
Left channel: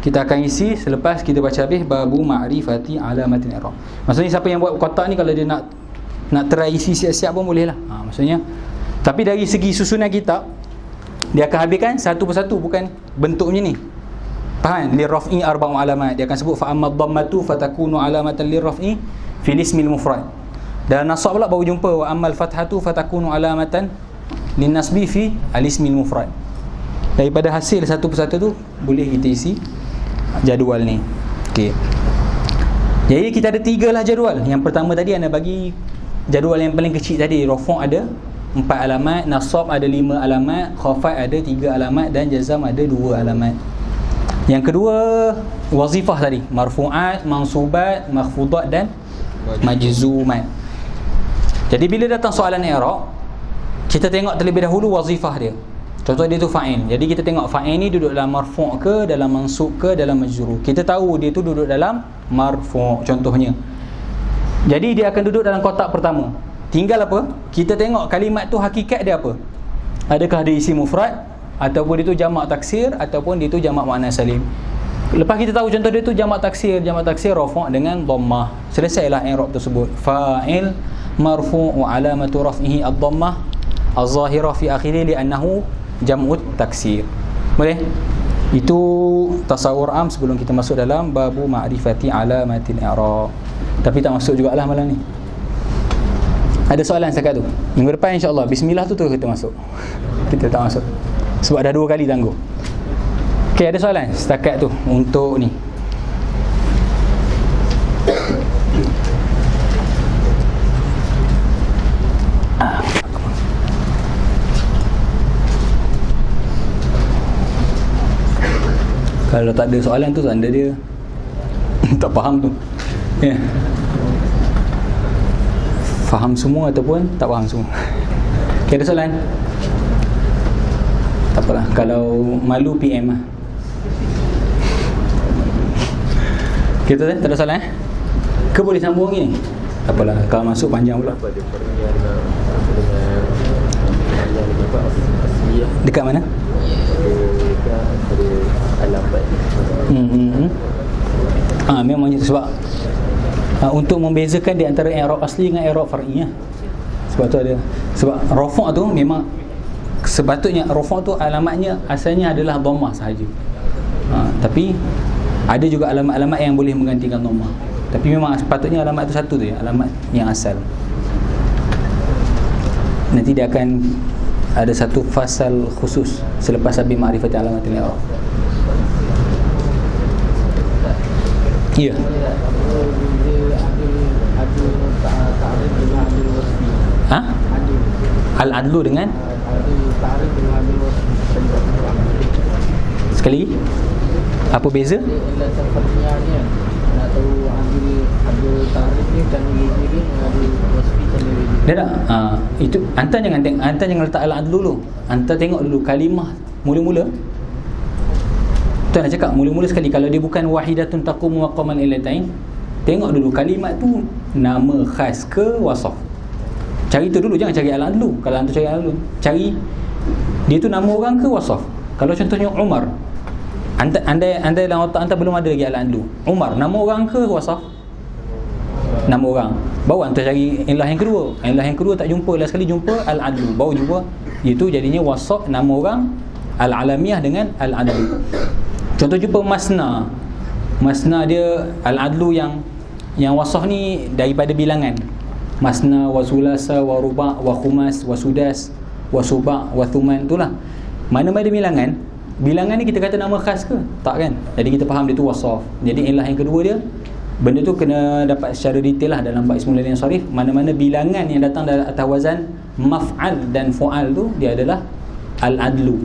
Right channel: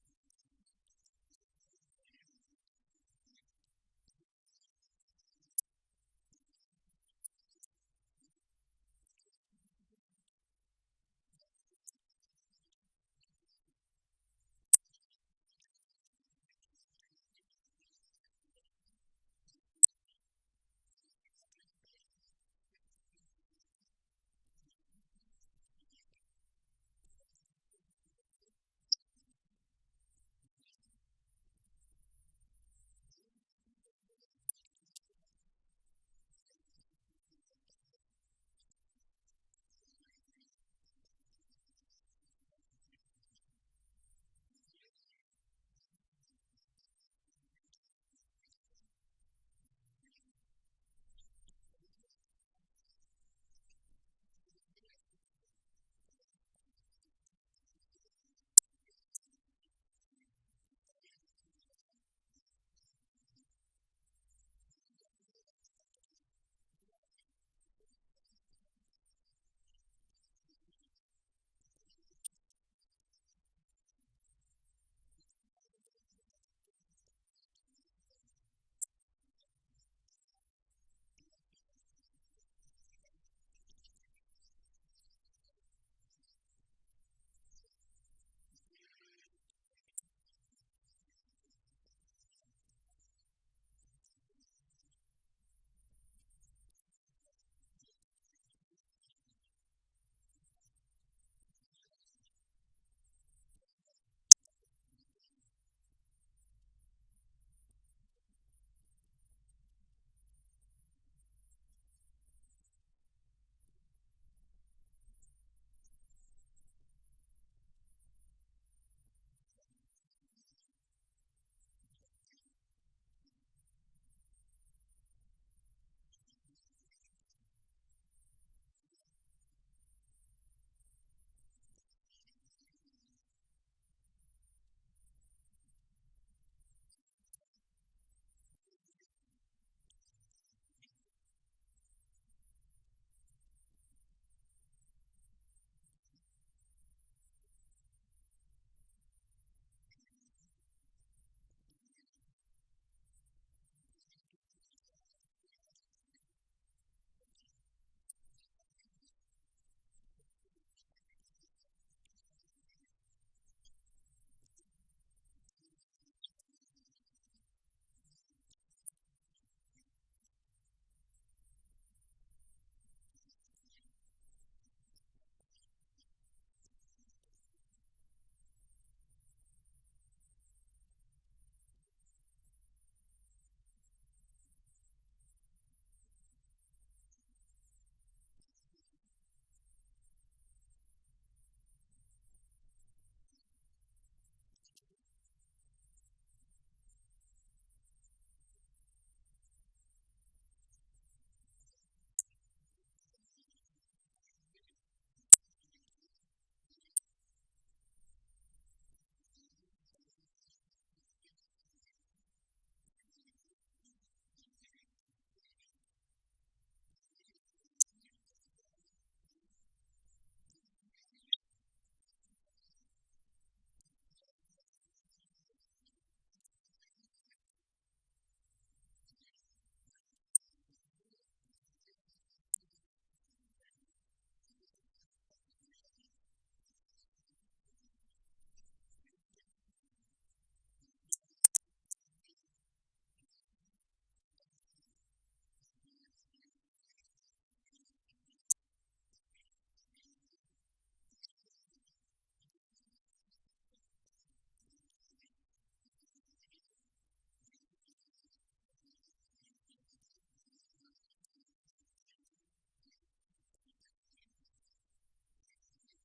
kita akan isi selepas kita baca habis babu ma'rifati alamatil i'rab. Maksudnya siapa yang buat kotak ni kalau dia nak try isi siap-siap pun boleh lah. Maksudnya, tapi dari segi susunan kitab dia akan habiskan satu persatu, bukan bentuknya ni. Faham? Lirraf'i 4 alamat. Dia akan sebut fa amma dhammatu fatakunu alamatan lirraf'i fil ismil mufrad. Dan nasab pula baru jumpa wa ammal fathatu fatakunu alamatan lin nasbi fi al ismil mufrad. Daripada hasil satu persatu tu boleh kita isi jadual ni. Okey. Jadi kita ada 3 lah jadual. Yang pertama tadi anda bagi jadual yang paling kecil tadi. Rafa' ada 4 alamat, nasab ada 5 alamat, khafad ada 3 alamat dan jazam ada 2 alamat. Yang kedua wazifah tadi, marfu'at, mansubat, makhfudat dan majzumat. Jadi bila datang soalan i'rab, kita tengok terlebih dahulu wazifah dia. Contoh dia tu fa'il. Jadi kita tengok fa'il ni duduk dalam marfu' ke, dalam mansub ke, dalam majrur. Kita tahu dia tu duduk dalam marfu'. Contohnya Jadi dia akan duduk dalam kotak pertama. Tinggal apa? Kita tengok kalimat tu hakikat dia apa. Adakah dia isim mufrad, ataupun dia tu jamak taksir, ataupun dia tu jamak muannas salim. Lepas kita tahu contoh dia tu jamak taksir rafa' dengan dhammah. Selesailah i'rab tersebut. Fa'il marfu' wa alamatu raf'ihi ad-dhammah az-zahirah fi akhirih li'annahu jam'ut taksir. Boleh? Itu tasawur am sebelum kita masuk dalam babu ma'rifati alamatil i'rab. Tapi tak masuk jugalah malam ni. Ada soalan setakat tu? Minggu depan insya-Allah bismillah tu kita masuk. Kita tak masuk sebab dah 2 kali tangguh. Okey, ada soalan setakat tu untuk ni. Kalau tak ada soalan tu tanda dia tak faham tu. Ya. Faham semua ataupun tak faham semua. Okay, ada soalan? Tak apalah. Kalau malu PM lah. Kita tak ada soalan ke boleh sambung lagi ni? Tak apalah. Kalau masuk panjang pula. Dekat mana? Memang macam tu sebab untuk membezakan di antara i'rab asli dengan i'rab far'i lah. Sebab tu ada, sebab rafa' tu memang sepatutnya rafa' tu alamatnya asalnya adalah dhammah sahaja. Tapi ada juga alamat-alamat yang boleh menggantikan dhammah. Tapi memang sepatutnya alamat tu satu tu ya, alamat yang asal. Nanti dia akan ada satu fasal khusus selepas habis ma'rifat alamatil i'rab. Ya. Ha? Al-adlu dengan sekali apa beza? Dah tak? Itu hantar jangan letak al-adlu dulu. Hantar tengok dulu kalimah mula-mula. Tu nak cakap mula-mula sekali kalau dia bukan wahidatun taqumu maqaman illatain, tengok dulu kalimat tu nama khas ke wasaf. Cari tu dulu, jangan cari al-adlu. Kalau hantar cari al-adlu, cari dia tu nama orang ke wasaf. Kalau contohnya Umar, andai dalam otak hantar belum ada lagi al-adlu. Umar nama orang ke wasaf? Nama orang. Baru hantar cari ilah yang kedua. Ilah yang kedua tak jumpa, last sekali jumpa al-adlu. Baru jumpa itu jadinya wasaf nama orang, al-alamiyah dengan al-adlu. Contoh jumpa masna. Masna dia al-adlu yang wasaf ni daripada bilangan. Masna wa sulasa wa ruba' wa khumas wa sudas wa suba' wa thuman, itulah. Mana-mana bilangan, bilangan ni kita kata nama khas ke? Tak kan? Jadi kita faham dia tu wasaf. Jadi ilah yang kedua dia, benda tu kena dapat secara detail lah dalam bab ismul ladzi sharif. Mana-mana bilangan yang datang dari atas wazan maf'al dan fu'al tu dia adalah al-adlu.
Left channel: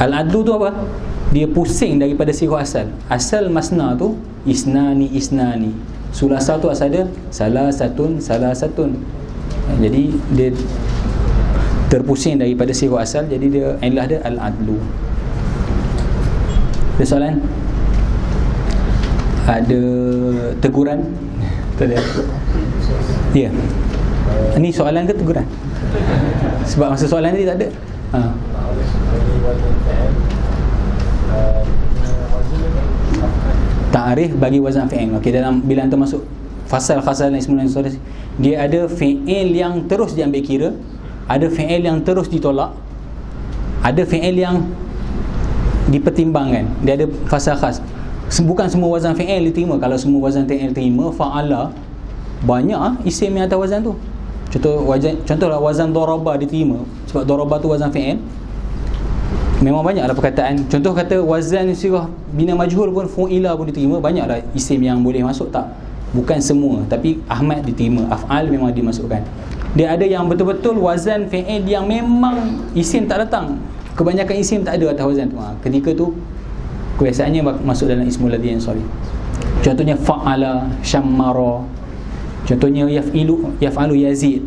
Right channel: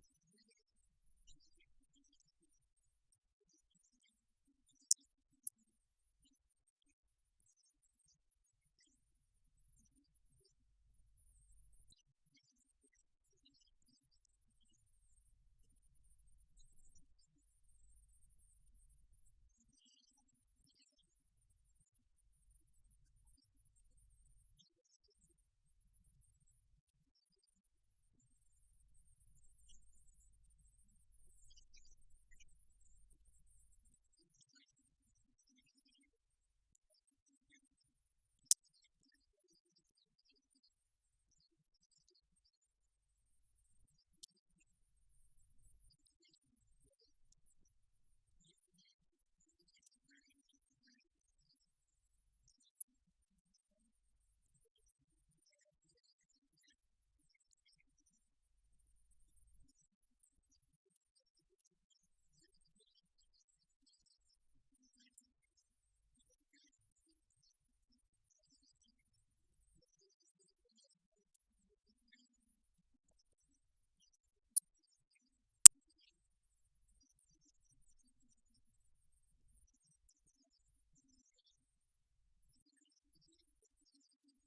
Al-adlu tu apa? Dia pusing daripada sirah asal. Asal masna tu isnani. Sulasa tu asal dia salah satun. Jadi dia terpusing daripada sirah asal, jadi dia ilah dia al-adlu. Ada soalan? Ada teguran? Tak ada. Ya. Ini soalan ke teguran? Sebab masa soalan tadi tak ada. Ta'rif bagi wazan fi'il. Okey, dalam bila anda masuk fasal khasal ismul ladzi, dia ada fi'il yang terus diambil kira, ada fi'il yang terus ditolak, ada fi'il yang dipertimbangkan. Dia ada fasal khas. Bukan semua wazan fi'il diterima. Kalau semua wazan fi'il terima, fa'ala, banyak isim yang atas wazan tu. Contohlah wazan daraba diterima, sebab daraba tu wazan fi'il. Memang banyaklah perkataan. Contoh kata wazan sirah bina majhul pun, fu'ila pun diterima. Banyaklah isim yang boleh masuk, tak? Bukan semua, tapi Ahmad diterima, af'al memang dimasukkan. Dia ada yang betul-betul wazan fi'il yang memang isim tak datang. Kebanyakan isim tak ada atas wazan tu. Ketika tu kebiasaannya masuk dalam ismul ladzi sharif. Contohnya fa'ala, syammara. Contohnya yaf'alu yazid.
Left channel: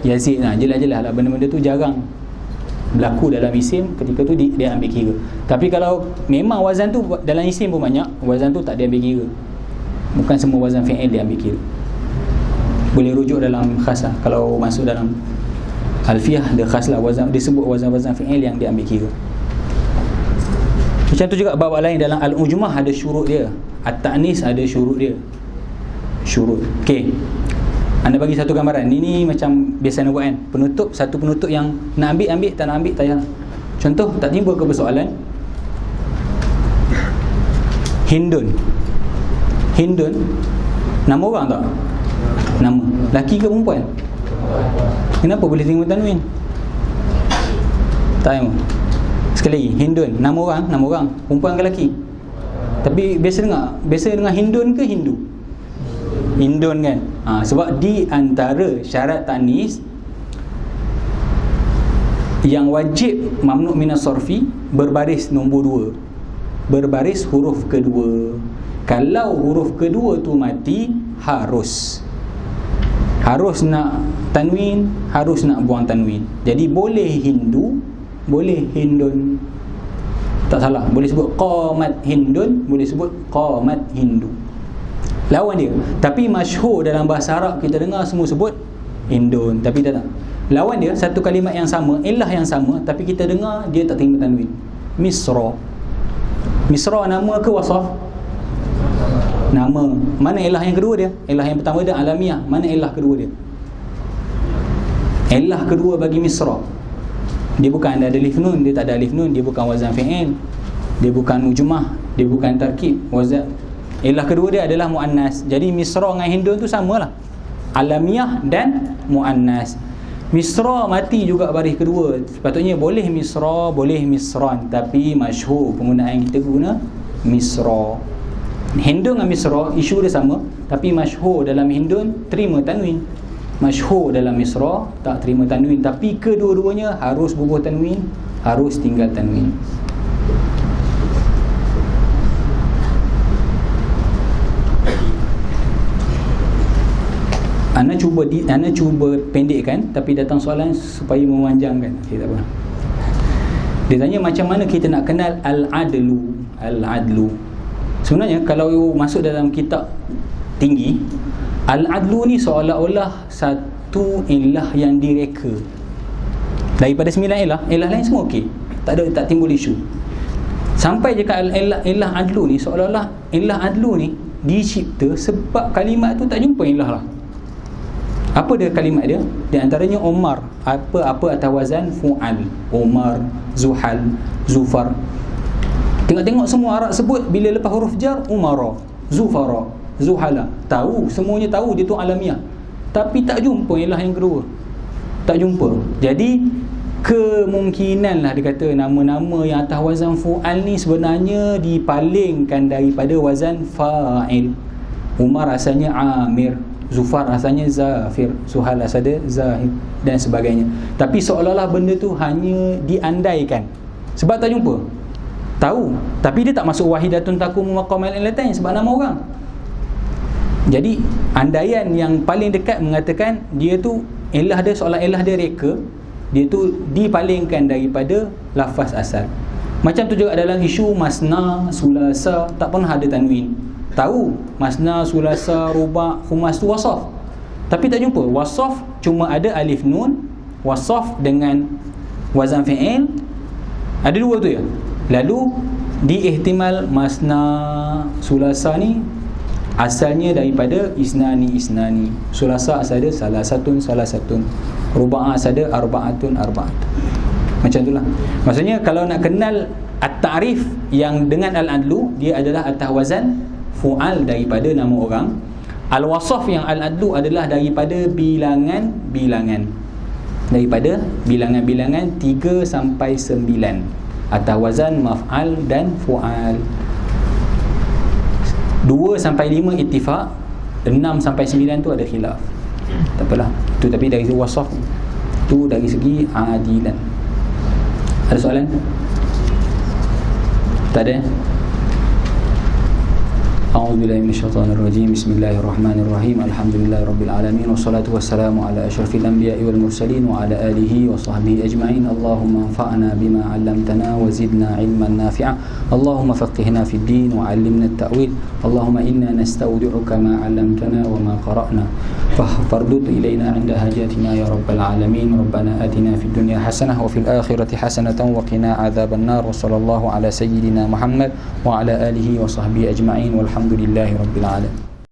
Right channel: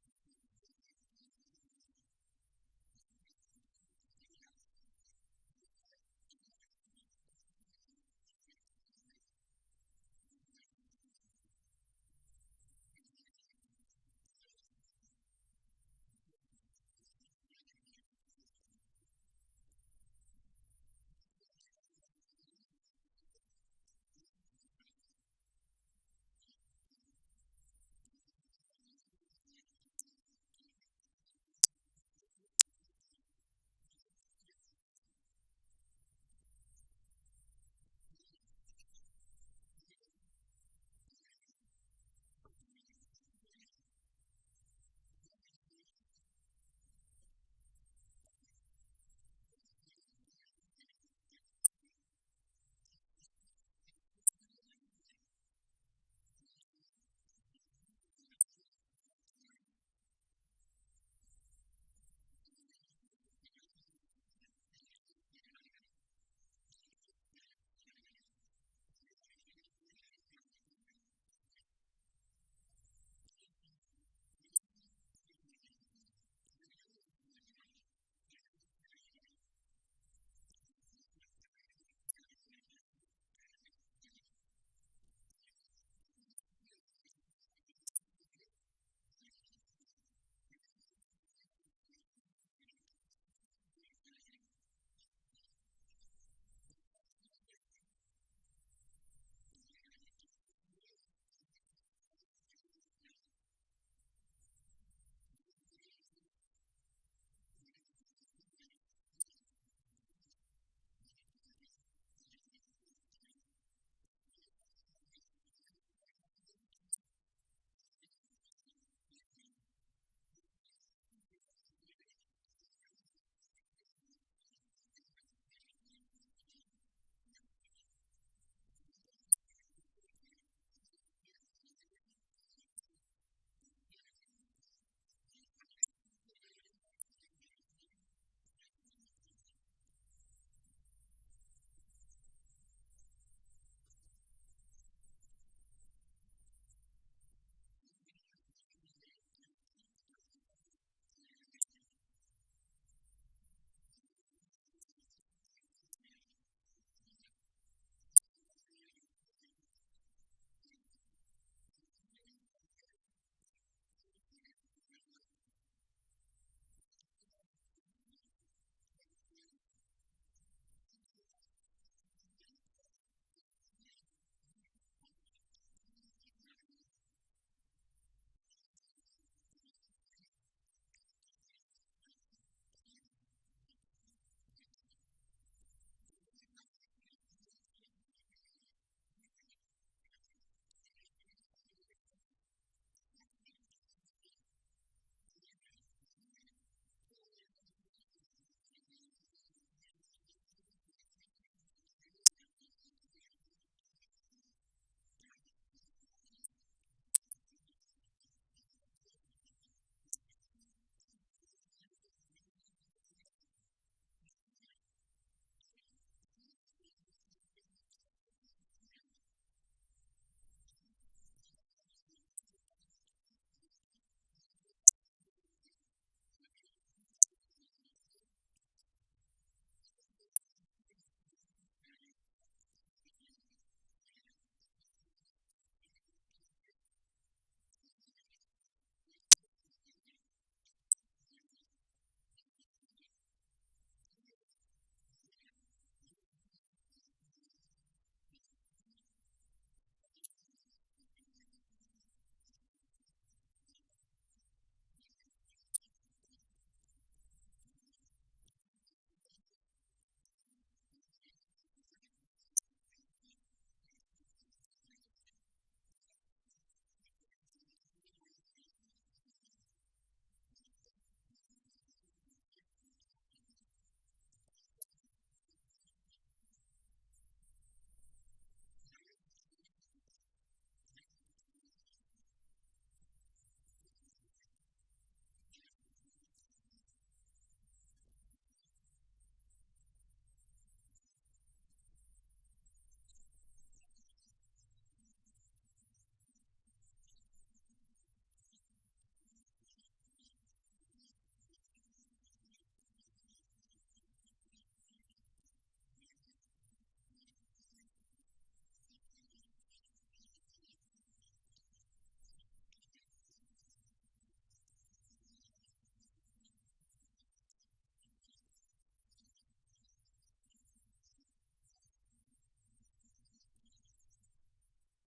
Jelas-jelas lah benda-benda tu jarang berlaku dalam isim. Ketika tu dia ambil kira. Tapi kalau memang wazan tu dalam isim pun banyak, wazan tu tak dia ambil kira. Bukan semua wazan fi'il dia ambil kira. Boleh rujuk dalam khas lah. Kalau masuk dalam alfiah dia khas lah, wazan, disebut wazan-wazan fi'il yang dia ambil kira. Macam tu juga bab lain dalam al-ujmah ada syurut dia, at-ta'nis ada syurut dia. Syurut. Okey. Anda bagi satu gambaran. Ini macam biasa nak buat kan. Penutup, satu penutup yang nak ambil, tak nak ambil, tak payah. Contoh, tak timbul ke persoalan Hindun. Hindun nama orang tak? Nama. Laki ke perempuan? Kenapa boleh terima tanwin? Tak tahu. Sekali lagi, Hindun nama orang, perempuan ke lelaki? Tapi biasa dengar Hindun ke Hindu? Hindun kan. Sebab di antara syarat tanis yang wajib mamnu' minas sarfi berbaris nombor 2. Berbaris huruf kedua. Kalau huruf kedua tu mati, harus nak tanwin, harus nak buang tanwin. Jadi boleh Hindu, boleh Hindun. Tak salah. Boleh sebut qamat Hindun, boleh sebut qamat Hindu. Lawan dia. Tapi masyhur dalam bahasa Arab kita dengar semua sebut Hindun, tapi tak. Lawan dia satu kalimat yang sama, ilah yang sama, tapi kita dengar dia tak terima tanwin. Misra. Misra nama ke wasaf? Nama. Mana ilah yang kedua dia? Ilah yang pertama dia alamiah. Mana ilah kedua dia? Ilah kedua bagi Misra, dia bukan ada alif nun, dia tak ada alif nun, dia bukan wazan fi'il, dia bukan ujmah, dia bukan tarkib, wazan. Ilah kedua dia adalah muannas. Jadi Misra dengan Hindun tu samalah, alamiah dan muannas. Misra mati juga baris kedua. Sepatutnya boleh Misra, boleh Misran, tapi masyhur penggunaan kita guna Misra. Hindun dengan Misra isu dia sama, tapi masyhur dalam Hindun terima tanwin, masyhur dalam Misra tak terima tanwin. Tapi kedua-duanya harus bubuh tanwin, harus tinggal tanwin. Ana cuba pendekkan, tapi datang soalan supaya memanjangkan. Okay, tak apa. Dia tanya macam mana kita nak kenal al-adlu. Al-adlu. Sebenarnya kalau masuk dalam kitab tinggi, al-adlu ni seolah-olah satu ilah yang direka. Daripada 9 ilah lain semua okey. Tak timbul isu. Sampai je ke ilah adlu ni, seolah-olah ilah adlu ni dicipta sebab kalimat tu tak jumpa ilah lah. Apa dia kalimat dia? Di antaranya Umar, apa atas wazan fu'al. Umar, Zuhal, Zufar. Tengok-tengok semua Arab sebut bila lepas huruf jar, Umara, Zufara, Zuhala. Tahu, semuanya tahu dia tu alamiah. Tapi tak jumpa ilah yang kedua. Tak jumpa. Jadi kemungkinan lah dia kata nama-nama yang atas wazan fu'al ni sebenarnya dipalingkan daripada wazan fa'il. Umar asalnya Amir, Zufar asalnya Zafir, Suhal asalnya Zahid dan sebagainya. Tapi seolah-olah benda tu hanya diandaikan. Sebab tak jumpa. Tahu, tapi dia tak masuk wahidatun takumu maqamal ilatain sebab nama orang. Jadi andaian yang paling dekat mengatakan dia tu ilah dia seolah ilah dia reka, dia tu dipalingkan daripada lafaz asal. Macam tu juga dalam isu masna, sulasa, tak pernah ada tanwin. Tahu masna, sulasa, ruba', khumas tu wasaf, tapi tak jumpa. Wasaf cuma ada alif nun, wasaf dengan wazan fi'il, ada dua tu ya. Lalu diihtimal masna, sulasa ni asalnya daripada isnani, sulasa asal dia salasatun, ruba' asal dia arba'atun. Macam itulah. Maksudnya kalau nak kenal at-ta'rif yang dengan al-adlu, dia adalah atas wazan fu'al daripada nama orang. Al-wasaf yang al-adlu adalah daripada bilangan. Daripada bilangan-bilangan 3 sampai 9 atas wazan maf'al dan fu'al. 2 sampai 5 ittifaq, 6 sampai 9 tu ada khilaf. Tak apalah. Tu tapi dari wasaf tu dari segi adilan. Ada soalan? Tak ada? أعوذ بالله من الشيطان الرجيم. بسم الله الرحمن الرحيم. الحمد لله رب العالمين والصلاة والسلام على أشرف الأنبياء والمرسلين وعلى آله وصحبه أجمعين. اللهم انفعنا بما علمتنا وزدنا علما نافعا. اللهم فقهنا في الدين وعلمنا التأويل. اللهم إنا نستودعك ما علمتنا وما قرأنا فاردد إلينا عند حاجاتنا يا رب العالمين. ربنا آتنا في الدنيا حسنة وفي الآخرة حسنة وقنا عذاب النار. وصلى الله على سيدنا محمد وعلى آله وصحبه أجمعين والحمد لله رب العالمين.